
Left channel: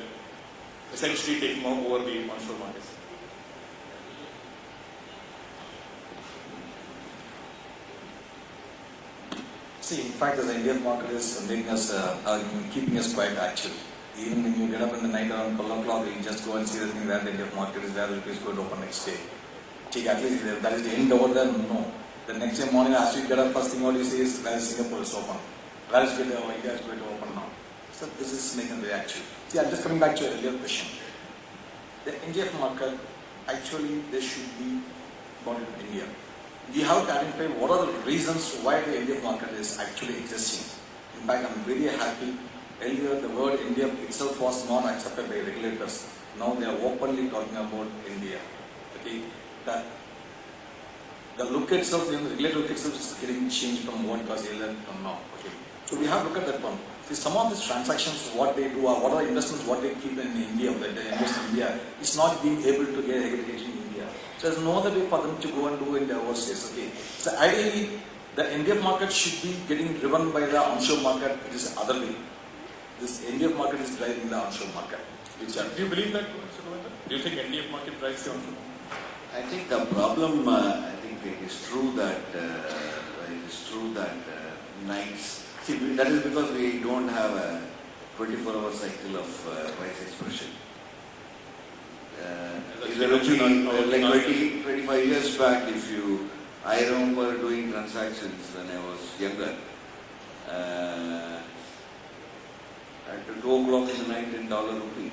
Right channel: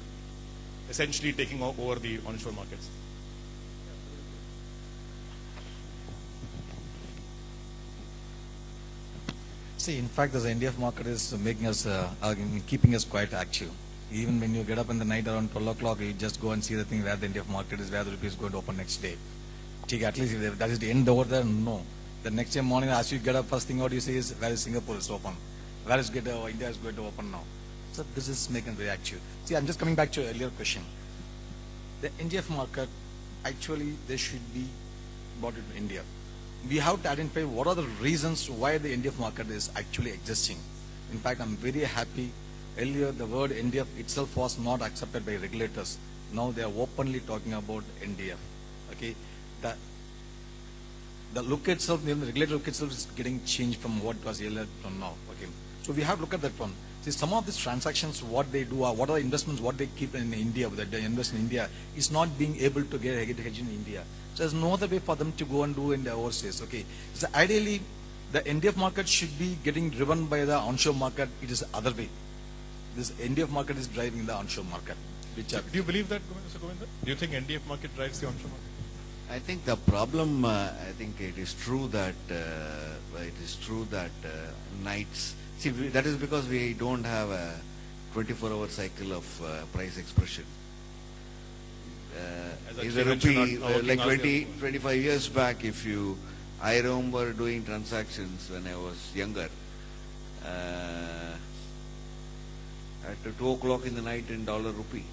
essentially taking over the onshore markets. See, in fact, the NDF market is making us, keeping us quite active. Even when you get up in the night around 12 o'clock, you just go and see the thing where the NDF market is, where it is going to open next day. At least that is the end over there, no. The next day morning, as you get up, first thing what you see is, where is Singapore is open? Where is India is going to open now? So this is making a reaction. See, I'm just coming back to your question. The NDF market, actually, there should be bought in India. We have to identify what are the reasons why the NDF market is actually existing. In fact, I'm very happy. Earlier, the word India itself was not accepted by regulators. Now they are openly talking about India. Okay, that the look itself, the regulator look itself is getting changed from what was earlier from now. Okay, so we have to look at that one. See, some of these transactions, what they do, or what are investments, what they keep in India, that they invest in India, is not being able to get a heritage in India. There's no other way for them to go and do in the overseas. Okay, so ideally, the NDF market should be getting driven by the onshore market. It is the other way. This NDF market is driving the onshore market. Do you believe that, Mr. Govinda? Do you think NDF market drives the onshore? I think the problem, I think it is true that nights. See, that is because we don't have a 24-hour cycle of price expression. Like 25 years back, I remember doing transactions when I was younger. At 2 o'clock in the night in dollar rupee.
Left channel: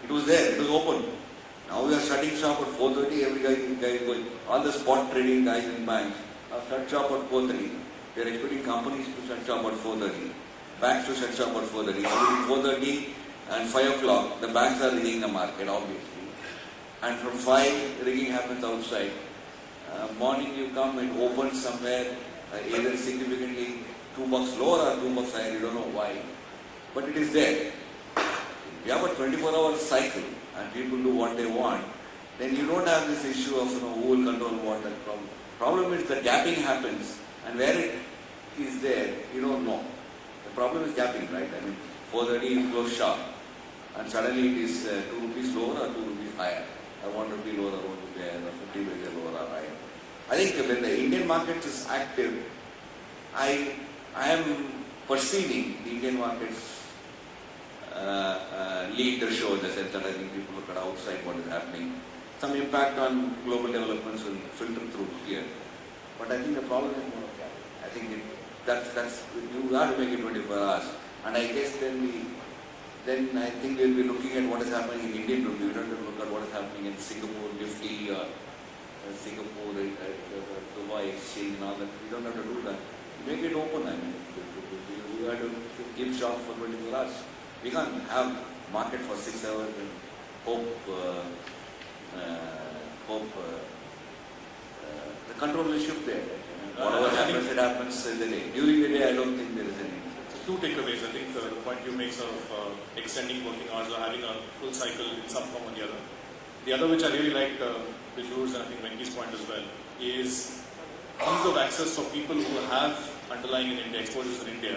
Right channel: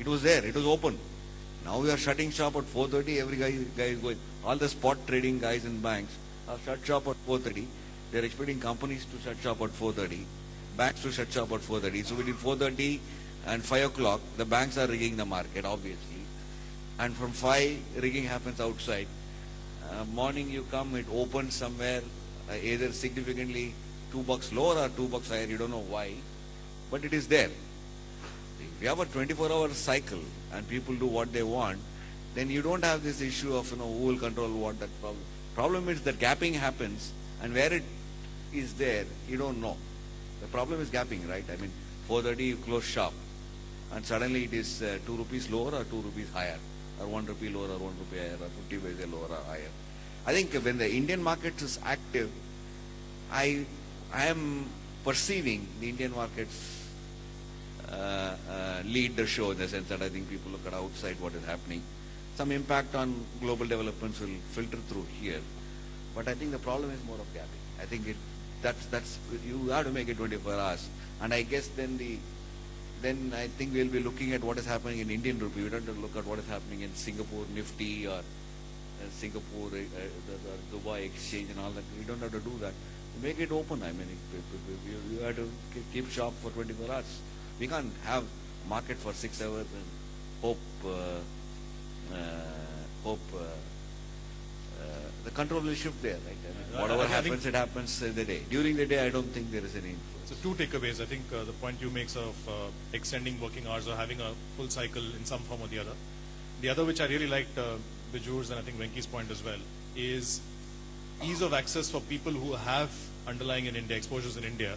It was there, it was open. Now we are shutting shop at 4:30, every guy all the spot trading guys in banks are shut shop at 4:30. They are expecting companies to shut shop at 4:30. Banks to shut shop at 4:30. So between 4:30 and 5 o'clock, the banks are rigging the market, obviously. And from 5, rigging happens outside. Morning you come, it opens somewhere, either significantly $2 lower or $2 higher, you don't know why. But it is there. If you have a 24-hour cycle and people do what they want, then you don't have this issue of who will control what and problem. Problem is the gapping happens, and where it is there, you don't know. The problem is gapping, right? I mean, 4:30 you close shop, and suddenly it is 2 rupees lower or 2 rupees higher, or 1 rupee lower, or 1 rupee higher, or 50 rupee lower or higher. I think when the Indian market is active, I am perceiving the Indian markets lead the show in the sense that I think people look at outside what is happening. Some impact on global developments will filter through here. But I think the problem is more, I think that's you got to make it 24 hours. And I guess then I think we'll be looking at what is happening in Indian rupee. You don't have to look at what is happening in Singapore, Nifty, Singapore, Dubai exchange and all that. We don't have to do that. Make it open. I mean, you have to keep shop for 24 hours. We can't have market for 6 hours and hope the control will shift there. Whatever happens, it happens in the day. During the day, I don't think there is any. Two takeaways. I think the point you make of extending working hours or having a full cycle in some form or the other. The other, which I really liked, which Jules and I think Ranky's point as well, is ease of access for people who have underlying in India, exposures in India,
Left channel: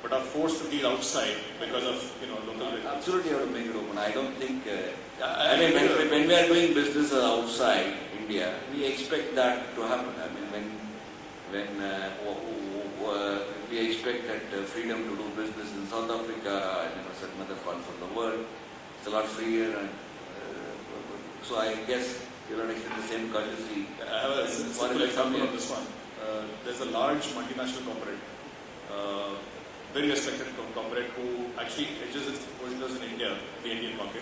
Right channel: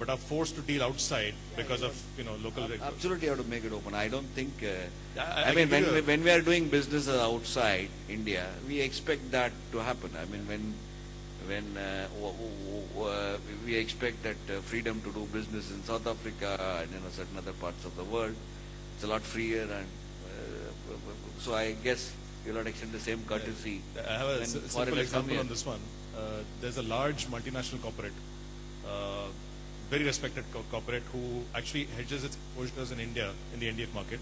but are forced to deal outside because of local. Absolutely, I would make it open. I don't think. When we are doing business outside India, we expect that to happen. I mean, when we expect that freedom to do business in South Africa and certain other parts of the world, it's a lot freer, and so I guess we don't expect the same courtesy. I have a simple example on this one. There's a large multinational corporate, very respected corporate, who actually hedges its exposures in India, in the Indian market.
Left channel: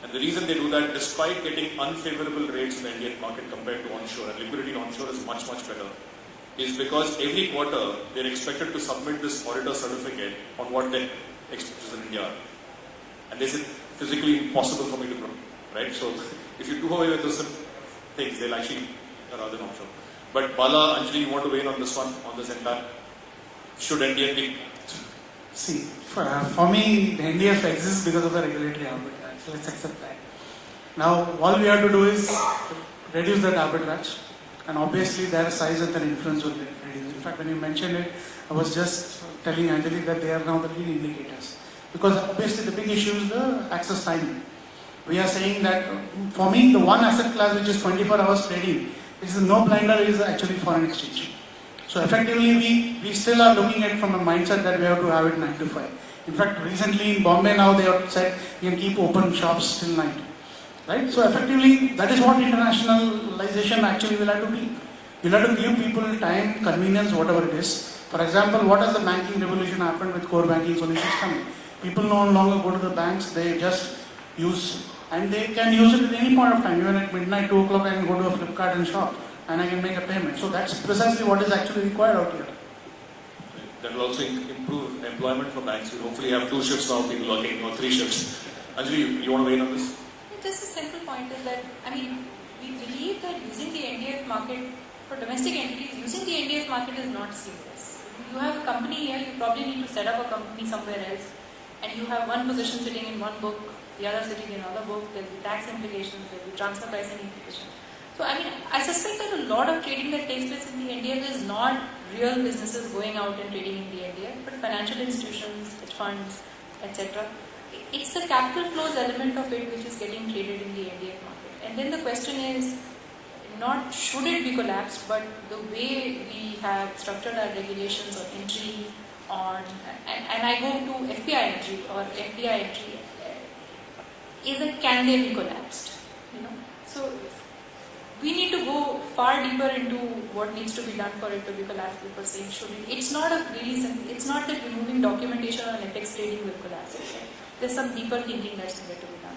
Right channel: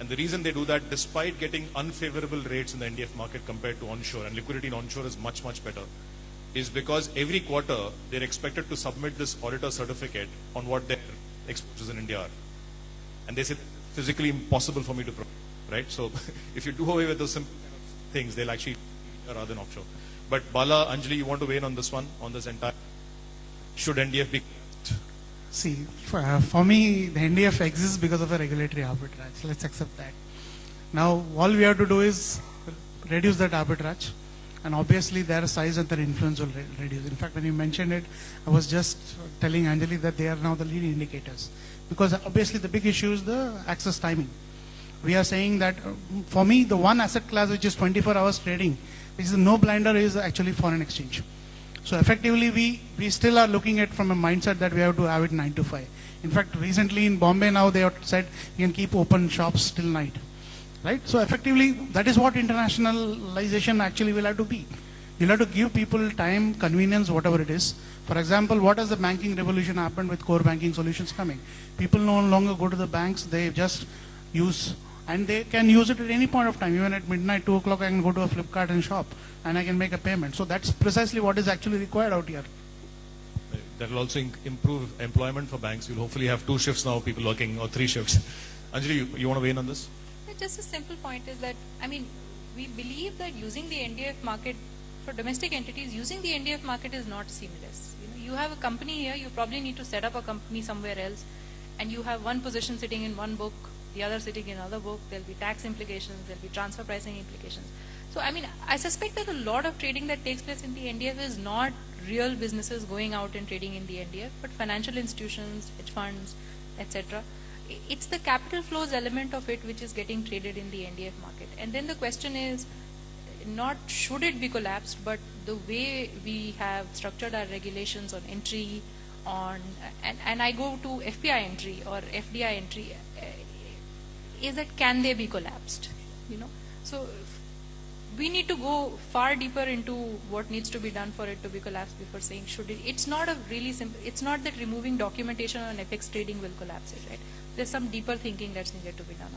And the reason they do that, despite getting unfavorable rates in the Indian market compared to onshore, and liquidity onshore is much, much better, is because every quarter they're expected to submit this auditor certificate on what their exposures in India are. And they said, physically impossible for me to prove, right? So if you do away with those things, they'll actually allow them offshore. But Bala, Anjali, you want to weigh on this one, on this entire? Should NDF be? See, for me, the NDF exists because of the regulatory arbitrage. Let's accept that. Now, all we have to do is reduce that arbitrage, and obviously their size and their influence will reduce. In fact, when you mentioned it, I was just telling Anjali that they are now the lead indicators. Because obviously the big issue is the access timing. We are saying that, for me, the one asset class which is 24 hours trading is the no blinder is actually foreign exchange. So effectively, we still are looking at it from a mindset that we have to have it 9 to 5. In fact, recently in Bombay now they have said you can keep open shops till night. Right? So effectively, that is what internationalization actually will have to be. You'll have to give people time, convenience, whatever it is. For example, what has the banking revolution happened with core banking solutions coming? People no longer go to the banks, they just use, and they can use it at any point of time. Even at midnight, 2 o'clock, I can go to a Flipkart and shop, and I can make a payment. So that's precisely what is actually required out here. That will also improve employment for banks. We'll hopefully have 2 shifts now, people working, or 3 shifts. Anjali, you want to weigh in on this? Just a simple point is that, we believe that using the NDF market for domestic entities, using the NDF market is not serious. You have a company here, you probably need to set up a company somewhere else, and you have one position sitting in one book, the other sitting in another book, there will be tax implications, there will be transfer pricing implications. So, I suspect that a lot of trading that takes place in the NDF is not real businesses going out and trading in the NDF, but financial institutions, hedge funds, etc. It's the capital flows element of it which is getting traded in the NDF market. And then the question is not should it be collapsed, but the way we have structured our regulations on entry, and I go to FPI entry or FDI entry, is that can they be collapsed? So we need to go far deeper into what needs to be done for it to be collapsed before saying should it. It's not a really simple, it's not that removing documentation on FX trading will collapse it. There's some deeper thinking that's needed to be done.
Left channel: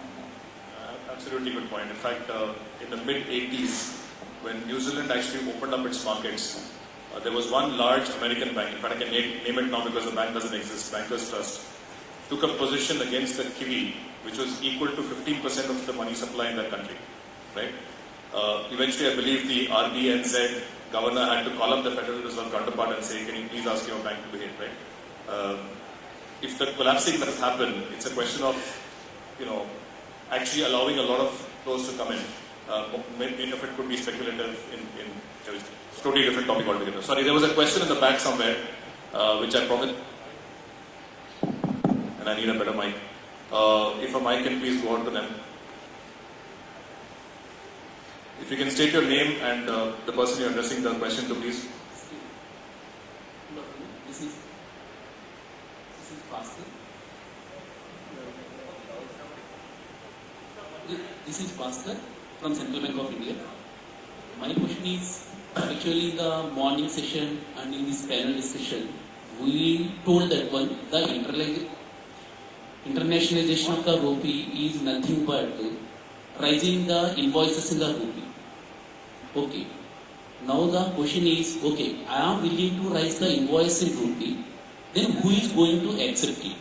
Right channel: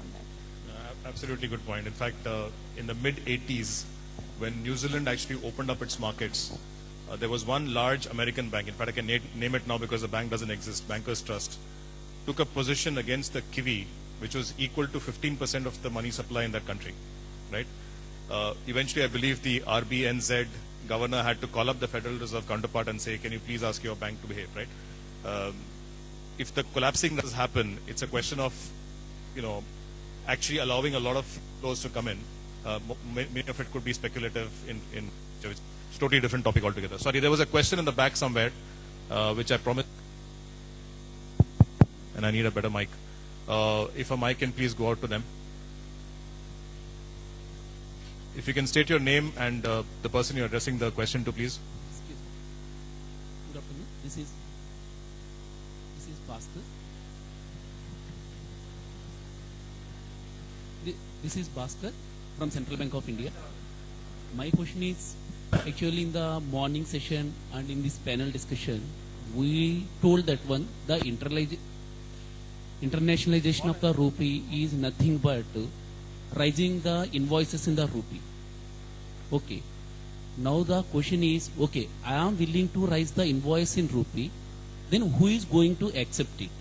Absolutely good point. In fact, in the mid-80s, when New Zealand actually opened up its markets, there was one large American bank, in fact I can name it now because the bank doesn't exist, Bankers Trust, took a position against the Kiwi, which was equal to 15% of the money supply in that country. Right? Eventually, I believe the RBNZ governor had to call up the Federal Reserve counterpart and say, can you please ask your bank to behave, right? If the collapsing does happen, it's a question of, actually allowing a lot of flows to come in. Many of it could be speculative in a totally different topic altogether. Sorry, there was a question in the back somewhere, which I promised, and I need a better mic. If a mic can please go out to them. If you can state your name and the person you're addressing the question to, please. This is Bhaskar. This is Bhaskar from Central Bank of India. My question is, actually in the morning session and in this panel discussion, we told that the internationalization of the rupee is nothing but rising the invoices in the rupee. Okay. Now the question is, okay, I am willing to raise the invoice in rupee, then who is going to accept it?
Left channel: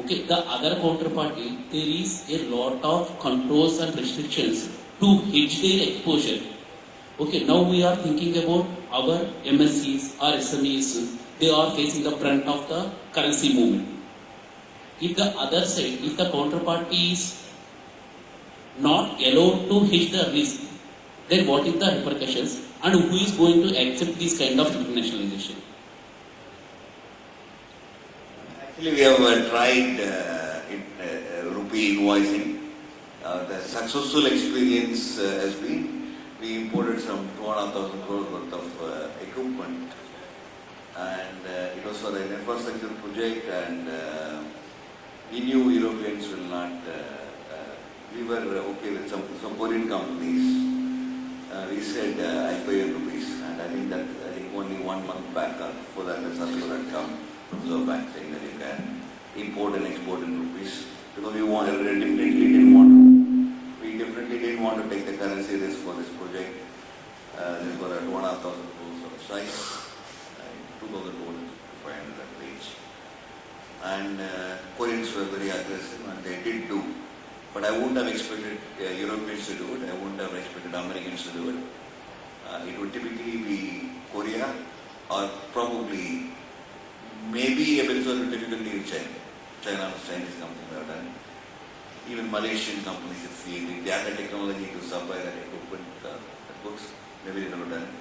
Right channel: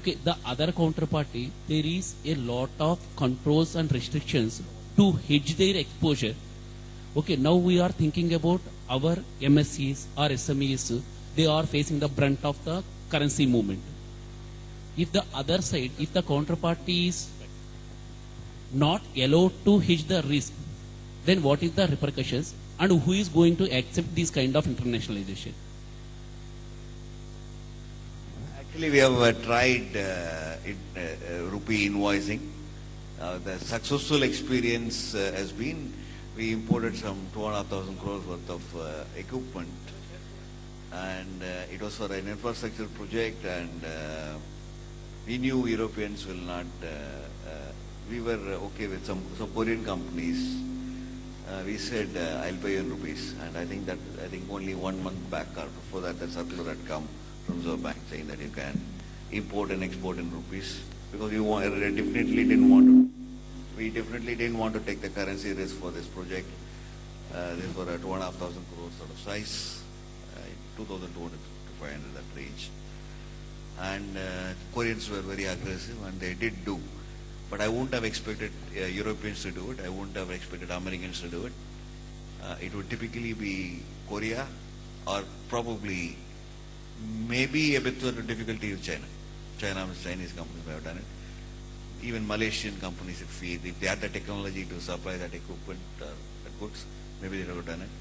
Okay, the other counterparty, there is a lot of controls and restrictions to hedge their exposure. Okay, now we are thinking about our MSCs or SMEs, they are facing the brunt of the currency movement. If the other side, if the counterparty is not allowed to hedge the risk, then what is the repercussions and who is going to accept this kind of internationalization? Actually, we have tried rupee invoicing. The successful experience has been we imported some 2,500 crores worth of equipment, and it was for an infrastructure project, and we knew Europeans will not. We were okay with some Korean companies. We said I pay in rupees, and I think only 1 month back before that the circular had come from Reserve Bank saying that you can import and export in rupees, because we definitely didn't want to take the currency risk for this project. Therefore, at 1,500 crores of size, 2,000 crores in that range. And Koreans were very aggressive, and they did do. But I wouldn't have expected Europeans to do it. I wouldn't have expected Americans to do it. It would typically be Korea, or probably maybe a bit of difficulty in China. Chinese companies have done it. Even Malaysian companies, if they had the technology to supply that equipment, goods, maybe they would have done it.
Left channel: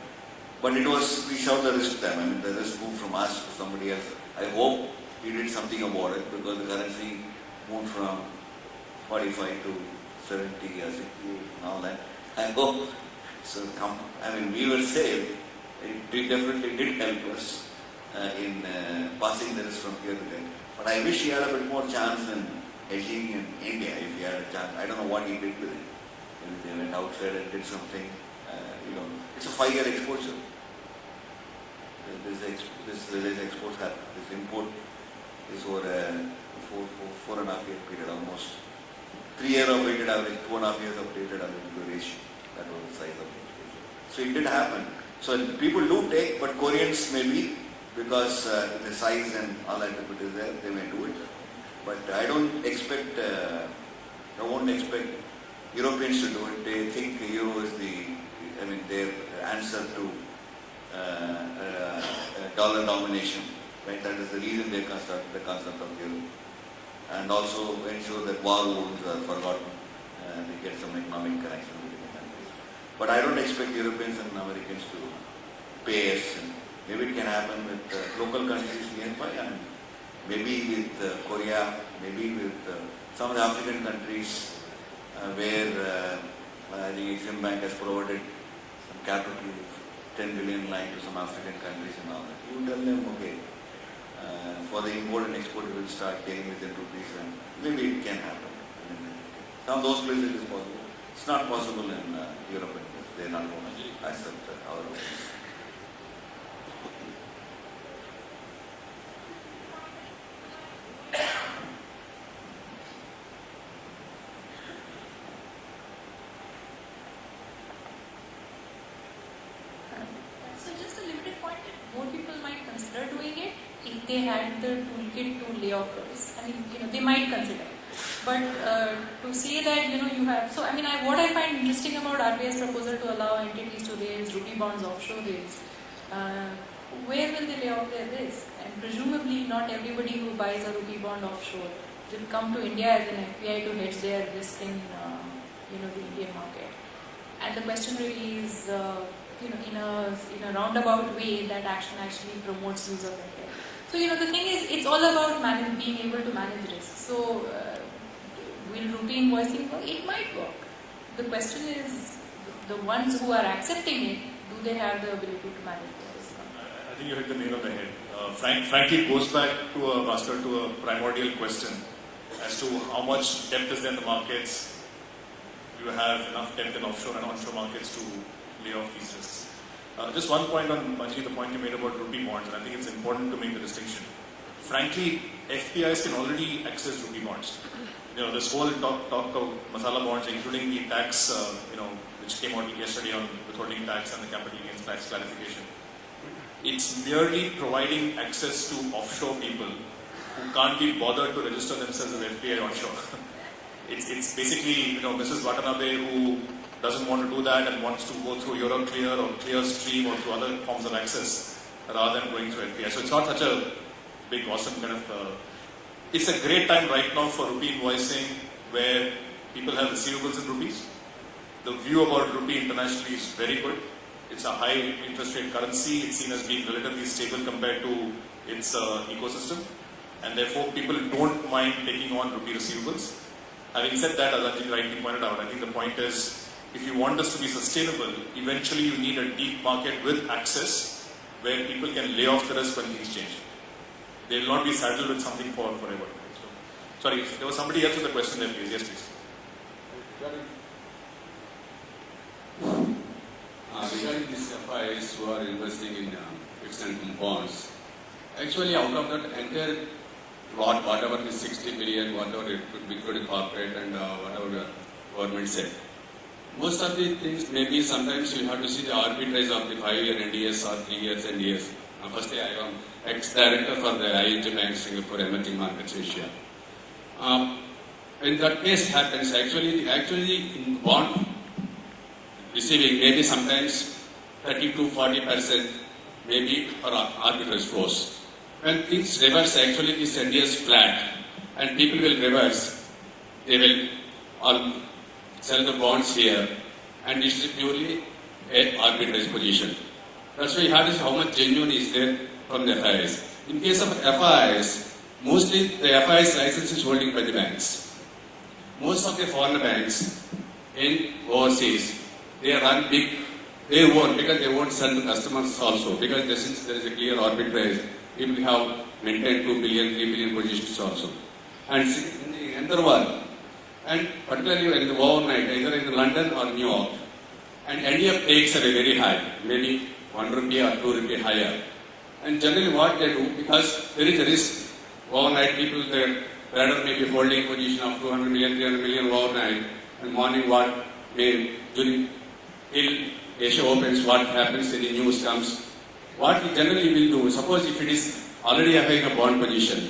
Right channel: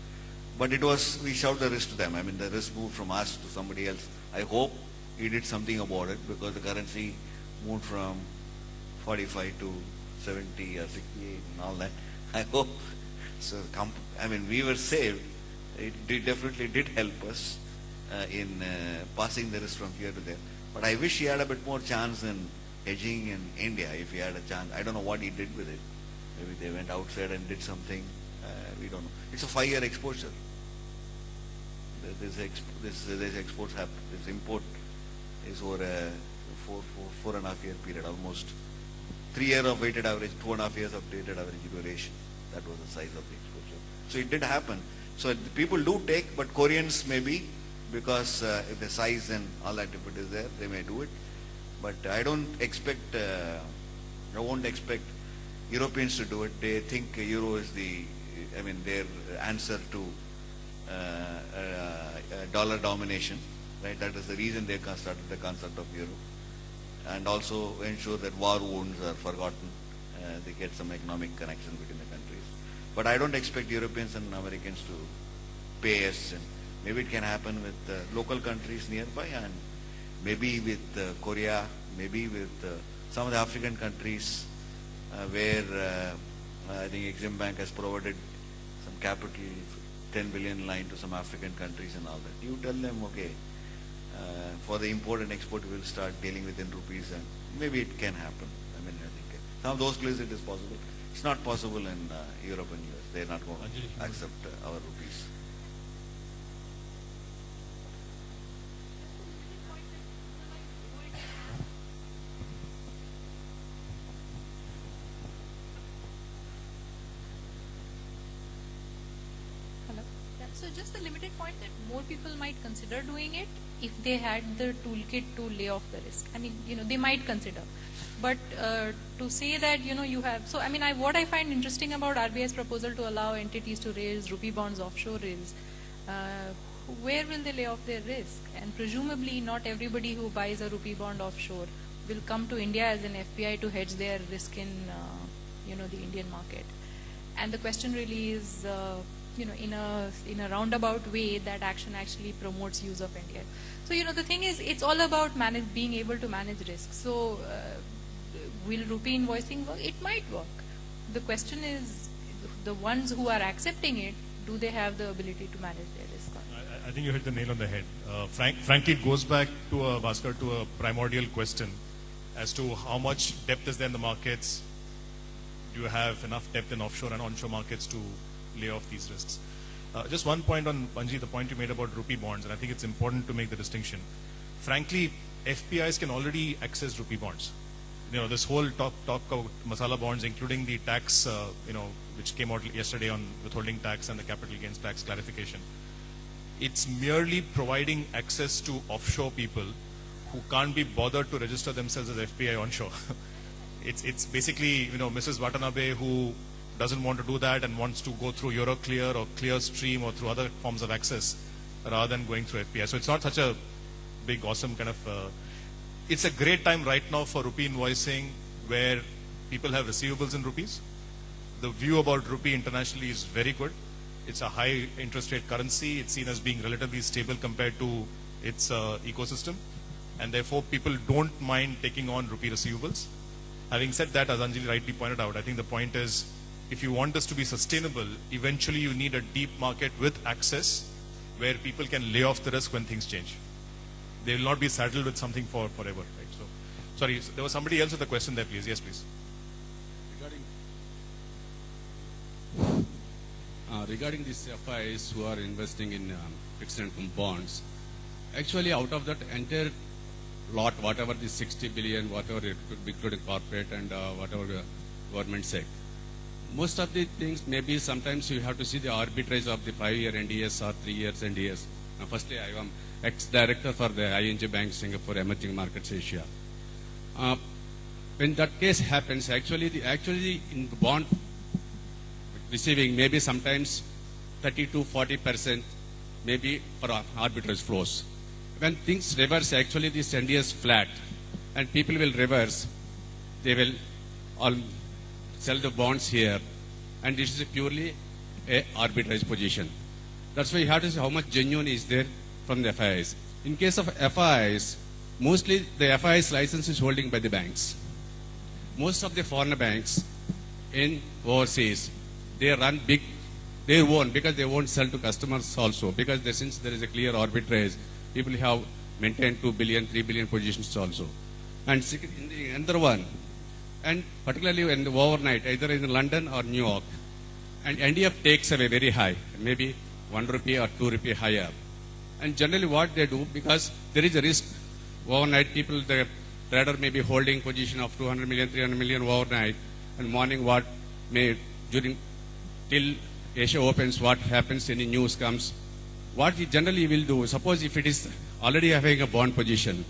But we shoved the risk to them. I mean, the risk moved from us to somebody else. I hope he did something about it, because the currency moved from 45 to 70 or 60 and all that. I hope. So, we were saved. It definitely did help us in passing this from here to there. But I wish he had a bit more chance in hedging in India, if he had a chance. I don't know what he did with it. If they went outside and did something, it's a 5-year exposure. This export, this import is over a 4.5-year period almost. 3 years of weighted average, 2.5 years of weighted average duration. That was the size of the exposure. So it did happen. So people do take, but Koreans maybe, because the size and all that is there, they may do it. But I won't expect Europeans to do it. They think euro is their answer to dollar domination. Right? That is the reason they construct the concept of euro. And also ensure that war wounds are forgotten. They get some economic connection between the countries. But I don't expect Europeans and Americans to pay us. Maybe it can happen with local countries nearby, and maybe with Korea, maybe with some of the African countries where the Exim Bank has provided some capital, 10 billion line to some African countries and all that. You tell them, okay, for the import and export we will start getting within rupees, and maybe it can happen. Some of those places it is possible. It's not possible in Europe, because they are not going to accept our rupees. They had the toolkit to lay off the risk. They might consider. But to say that, you have... So, what I find interesting about RBI's proposal to allow entities to raise rupee bonds offshore is, where will they lay off their risk? And presumably, not everybody who buys a rupee bond offshore will come to India as an FPI to hedge their risk in, the Indian market. And the question really is, in a roundabout way, that action actually promotes use of India. So, the thing is, it's all about being able to manage risk. So, will rupee invoicing work? It might work. The question is, the ones who are accepting it, do they have the ability to manage the risk? I think you hit the nail on the head. Frankly, it goes back to a primordial question as to how much depth is there in the markets. Do you have enough depth in offshore and onshore markets to lay off these risks? Just one point on Manji, the point you made about rupee bonds. I think it's important to make the distinction. Frankly, FPIs can already access rupee bonds. This whole talk of masala bonds, including the tax, which came out yesterday on withholding tax and the capital gains tax clarification. It's merely providing access to offshore people who can't be bothered to register themselves as FPI onshore. It's basically, Mrs. Watanabe who doesn't want to do that and wants to go through Euroclear or Clearstream or through other forms of access rather than going through FPI. So it's not such a big, awesome kind of... it's a great time right now for rupee invoicing where people have receivables in rupees. The view about rupee internationally is very good. It's a high interest rate currency. It's seen as being relatively stable compared to its ecosystem. And therefore, people don't mind taking on rupee receivables. Having said that, as Anjali rightly pointed out, I think the point is, if you want this to be sustainable, eventually you need a deep market with access where people can lay off the risk when things change. They will not be saddled with something forever. So, sorry, there was somebody else with a question there, please. Yes, please. Regarding these FIs who are investing in fixed income bonds, actually out of that entire lot, whatever the 60 billion, whatever it could be including corporate and whatever the government said, most of the things maybe sometimes you have to see the arbitrage of the 5-year NDS or 3 years NDS. Firstly, I am ex-director for the ING Bank Singapore Emerging Markets Asia. When that case happens, actually in bond receiving maybe sometimes 30 to 40% maybe for arbitrage flows. When things reverse, actually this NDS is flat and people will reverse. They will all sell the bonds here and it is purely a arbitrage position. That's why you have to see how much genuine is there from the FIs. In case of FIs, mostly the FIs license is holding by the banks. Most of the foreign banks in overseas, they run big, they won't, because they won't sell to customers also, because since there is a clear arbitrage, people have maintained 2 billion, 3 billion positions also. And in the other one, and particularly when the overnight, either in London or New York, and NDF takes are very high, maybe 1 rupee or 2 rupee higher. And generally what they do, because there is a risk, overnight people, the trader may be holding a position of 200 million, 300 million overnight, and morning what may, during, till Asia opens, what happens in the news comes, what he generally will do, suppose if it is already having a bond position,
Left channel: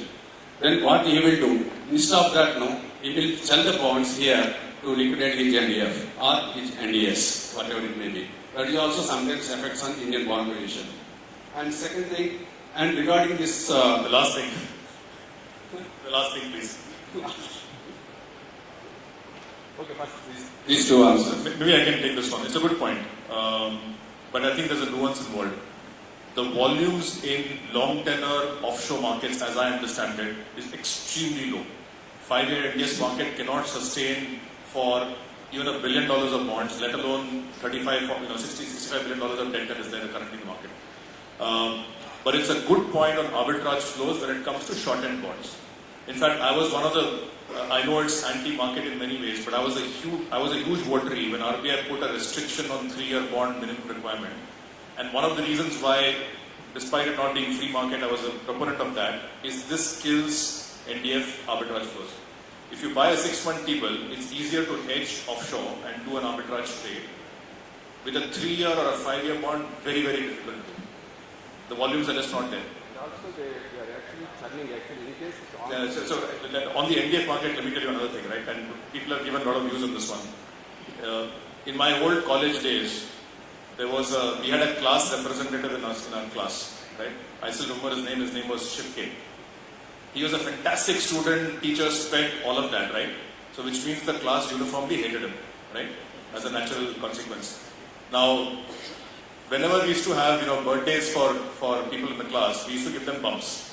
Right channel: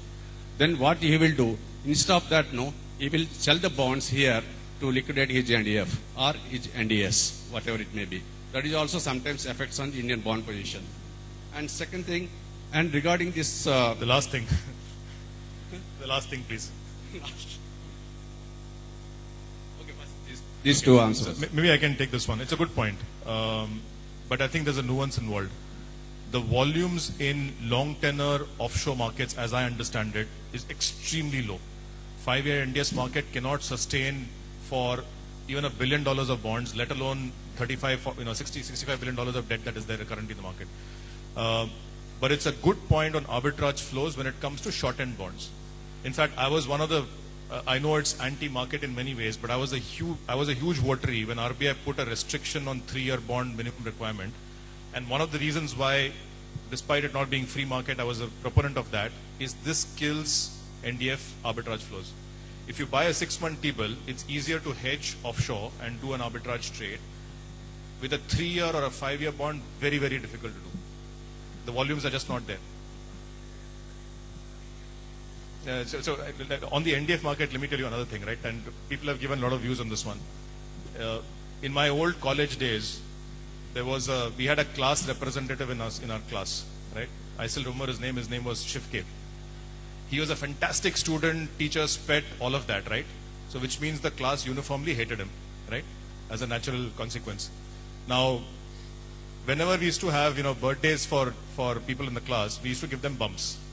then what he will do, instead of that, no, he will sell the bonds here to liquidate his NDF or his NDS, whatever it may be. That is also sometimes affects on Indian bond position. And second thing, and regarding this... the last thing. The last thing, please. Okay, first these two answers. Maybe I can take this one. It's a good point. But I think there's a nuance involved. The volumes in long tenor offshore markets, as I understand it, is extremely low. 5-year NDS market cannot sustain for even $1 billion of bonds, let alone 35, 40, 60, $65 billion of debt that is there currently in the market. But it's a good point on arbitrage flows when it comes to short-end bonds. In fact, I was one of the, I know it's anti-market in many ways, but I was a huge votary when RBI put a restriction on 3-year bond minimum requirement. And one of the reasons why, despite it not being free market, I was a proponent of that, is this kills NDF arbitrage flows. If you buy a 6-month T-bill, it's easier to hedge offshore and do an arbitrage trade. With a 3-year or a 5-year bond, very, very difficult. The volumes are just not there. So on the NDF market, let me tell you another thing, right? And people have given a lot of views on this one. In my old college days, there was we had a class representative in our class, right? I still remember his name was Shifke. He was a fantastic student, teachers fed, all of that, right? So which means the class uniformly hated him, right? As a natural consequence. Now, whenever we used to have, birthdays for people in the class, we used to give them bumps.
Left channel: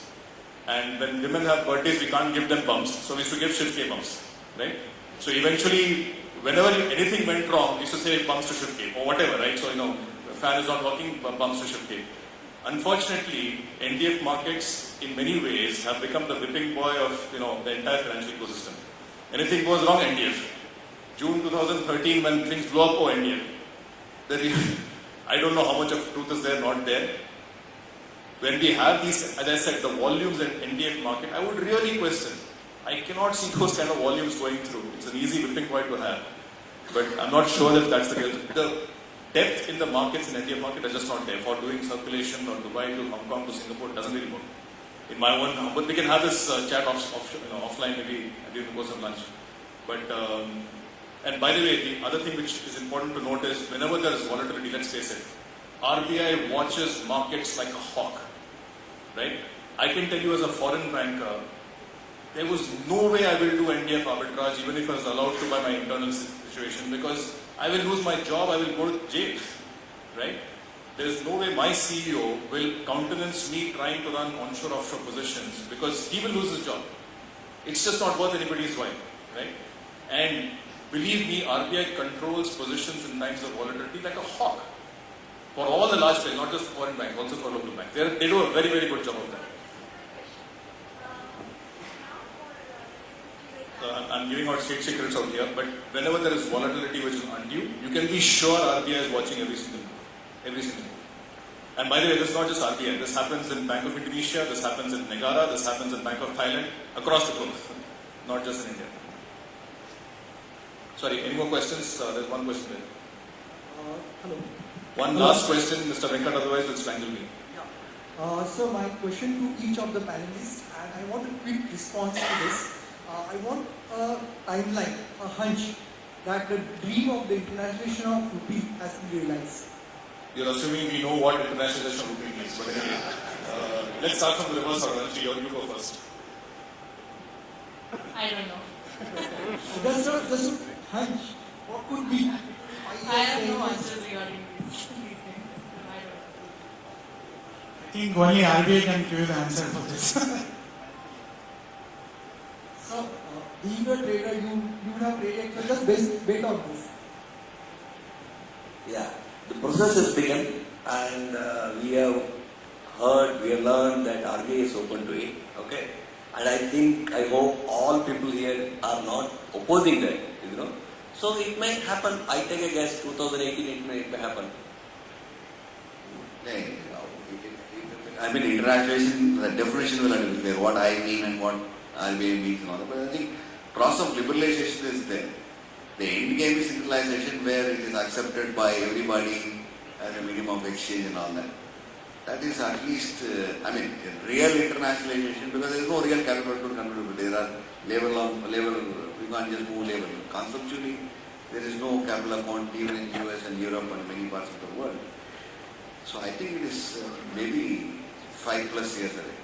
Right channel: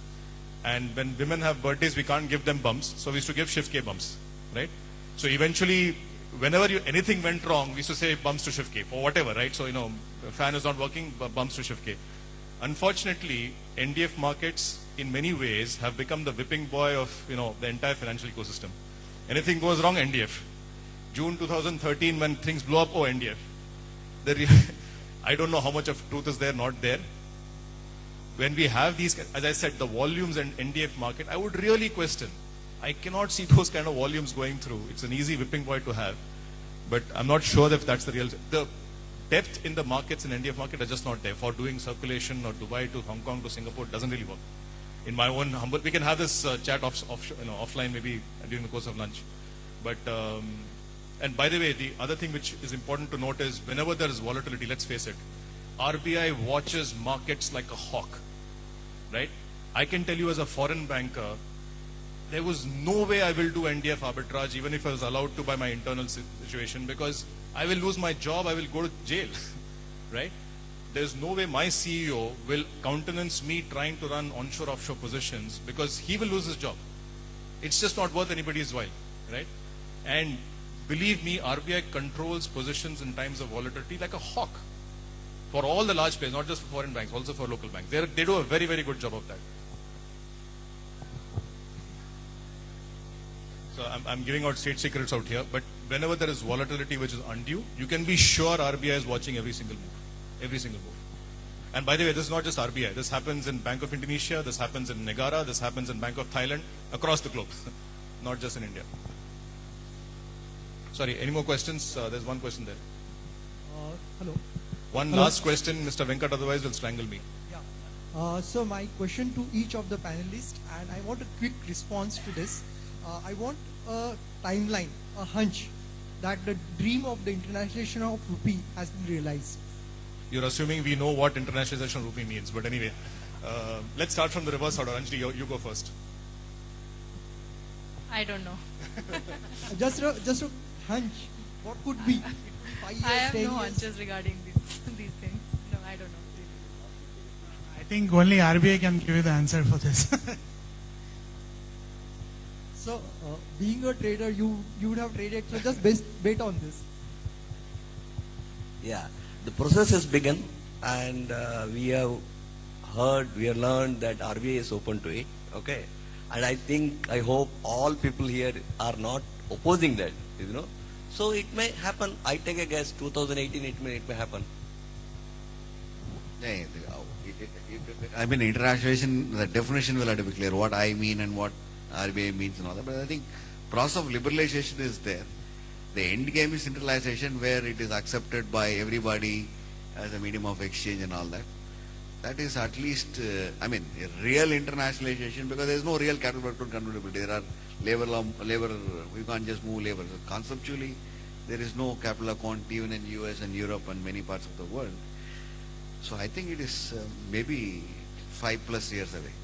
And when women have birthdays, we can't give them bumps, so we used to give Shifke bumps, right? So eventually, whenever anything went wrong, we used to say bumps to ship cake or whatever, right? So, the fan is not working, bumps to ship cake. Unfortunately, NDF markets in many ways have become the whipping boy of, the entire financial ecosystem. Anything goes wrong, NDF. June 2013 when things blew up, NDF. I don't know how much of truth is there, not there. When we have these, as I said, the volumes in NDF market, I would really question. I cannot see those kind of volumes going through. It's an easy whipping point to have. But I'm not sure that that's the real. The depth in the markets in NDF market are just not there. For doing circulation or Dubai to Hong Kong to Singapore doesn't really work. In my one humble, we can have this chat offline maybe during the course of lunch. But and by the way, the other thing which is important to note is whenever there is volatility, let's face it, RBI watches markets like a hawk, right? I can tell you as a foreign banker, there was no way I will do NDF arbitrage even if I was allowed to by my internal situation because I will lose my job, I will go to jail, right? There is no way my CEO will countenance me trying to run onshore offshore positions because he will lose his job. It's just not worth anybody's while, right? And believe me, RBI controls positions in times of volatility like a hawk. For all the large scale, not just foreign banks, also for local banks. They do a very, very good job of that. So I'm giving out state secrets out here, but whenever there is volatility which is undue, you can be sure RBI is watching every single move. And by the way, this is not just RBI. This happens in Bank of Indonesia, this happens in Negara, this happens in Bank of Thailand, across the globe, not just in India. Sorry, any more questions? There's one question there. Hello. One last question, Mr. Venkat, otherwise will strangle me. Yeah. So my question to each of the panelists, and I want a quick response to this. I want a timeline, a hunch, that the dream of the internationalization of rupee has been realized. You're assuming we know what internationalization of rupee means, but anyway, let's start from the reverse order. Actually, you go first. I don't know. Just a hunch. What could be? I have no answers regarding these things. No, I don't know. I think only RBI can give you the answer for this. So, being a trader, you have traded. Let us bet on this. Yeah, the process has begun, and we have learned that RBI is open to it. Okay, and I hope all people here are not opposing that. So it may happen. I take a guess. 2018, it may happen. I mean, internationalization, the definition will have to be clear, what I mean and what RBI means and all that. But I think process of liberalization is there. The end game is centralization where it is accepted by everybody as a medium of exchange and all that. That is at least, real internationalization because there is no real capital to contribute. There are level, you can't just move level. Conceptually, there is no capital account even in US and Europe and many parts of the world. So I think it is maybe 5+ years away.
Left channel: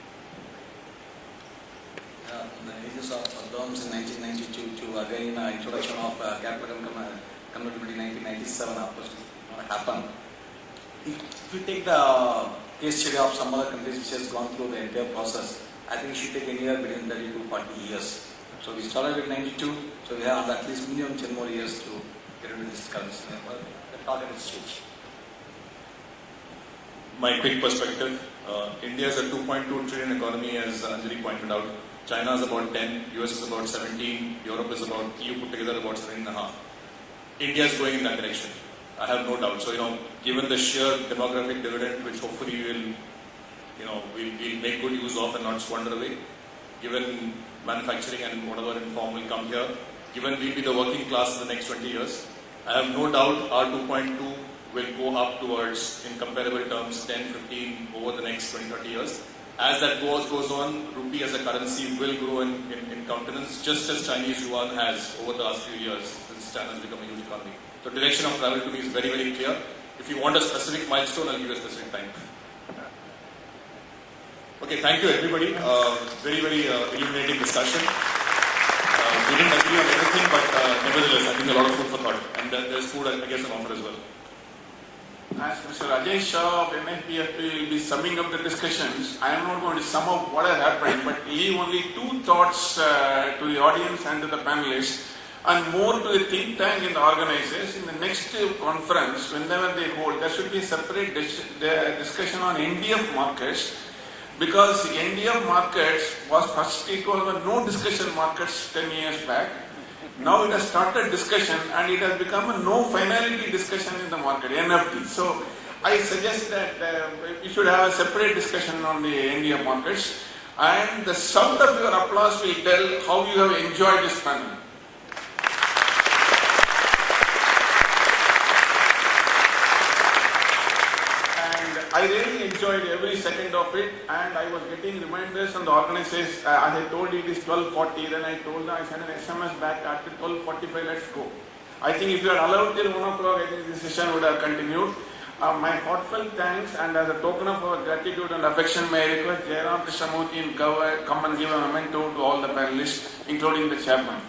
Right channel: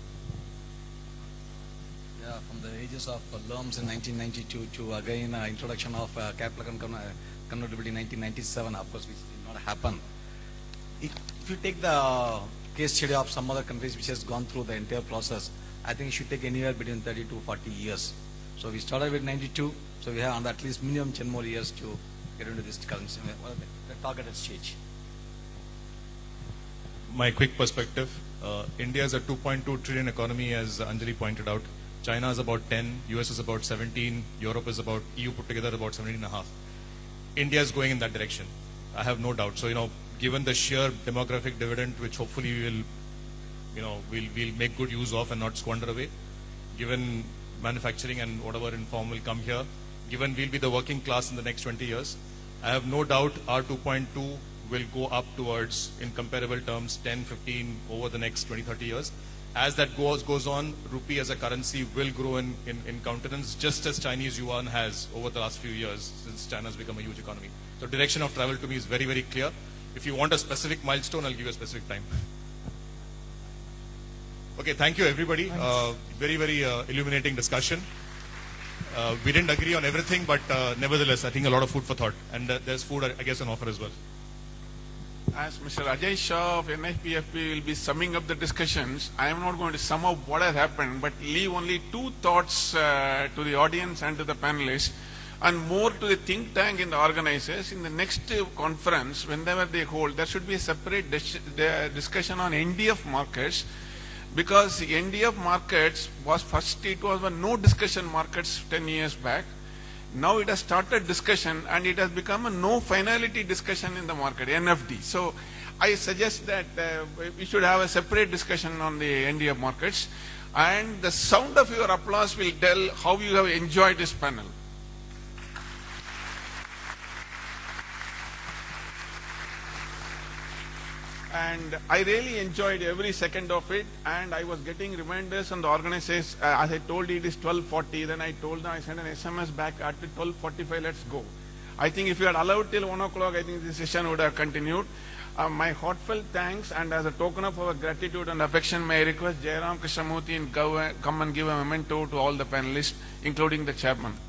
Yeah, the ages of loans in 1992 to again introduction of capital convertibility in 1997 approach happen. If you take the case study of some other countries which has gone through the entire process, I think it should take anywhere between 30 to 40 years. So we started with 92, so we have at least minimum 10 more years to get into this currency target stage. My quick perspective, India is a 2.2 trillion economy as Anjali pointed out. China is about 10, US is about 17, Europe is about, EU put together about 17.5. India is going in that direction. I have no doubt. So, given the sheer demographic dividend, which hopefully we'll make good use of and not squander away, given manufacturing and whatever inform will come here, given we'll be the working class in the next 20 years, I have no doubt our 2.2 will go up towards, in comparable terms, 10, 15 over the next 20, 30 years. As that goes on, rupee as a currency will grow in countenance, just as Chinese yuan has over the last few years, since China has become a huge economy. So direction of travel to me is very, very clear. If you want a specific milestone, I'll give you a specific time. Okay, thank you everybody. Very, very illuminating discussion. We didn't agree on everything, but nevertheless, I think a lot of food for thought. And there's food, I guess, an offer as well. As Mr. Rajesh Shah of NFPFP will be summing up the discussions, I am not going to sum up what has happened, but leave only two thoughts to the audience and to the panelists. and more to the think tank and organizers. In the next conference, whenever they hold, there should be a separate discussion on NDF markets, because the NDF markets was first, it was no discussion markets 10 years back. Now it has started discussion and it has become a no finality discussion in the market, NFD. So I suggest that we should have a separate discussion on the NDF markets, and the sound of your applause will tell how you have enjoyed this panel. I really enjoyed every second of it, and I was getting reminders from the organizers. As I told you, it is 12:40, then I told them, I sent an SMS back after 12:45, let's go. I think if you are allowed till 1 o'clock, I think the session would have continued. My heartfelt thanks, and as a token of our gratitude and affection, may I request Jairam Krishnamurthy to come and give a memento to all the panelists, including the chairman.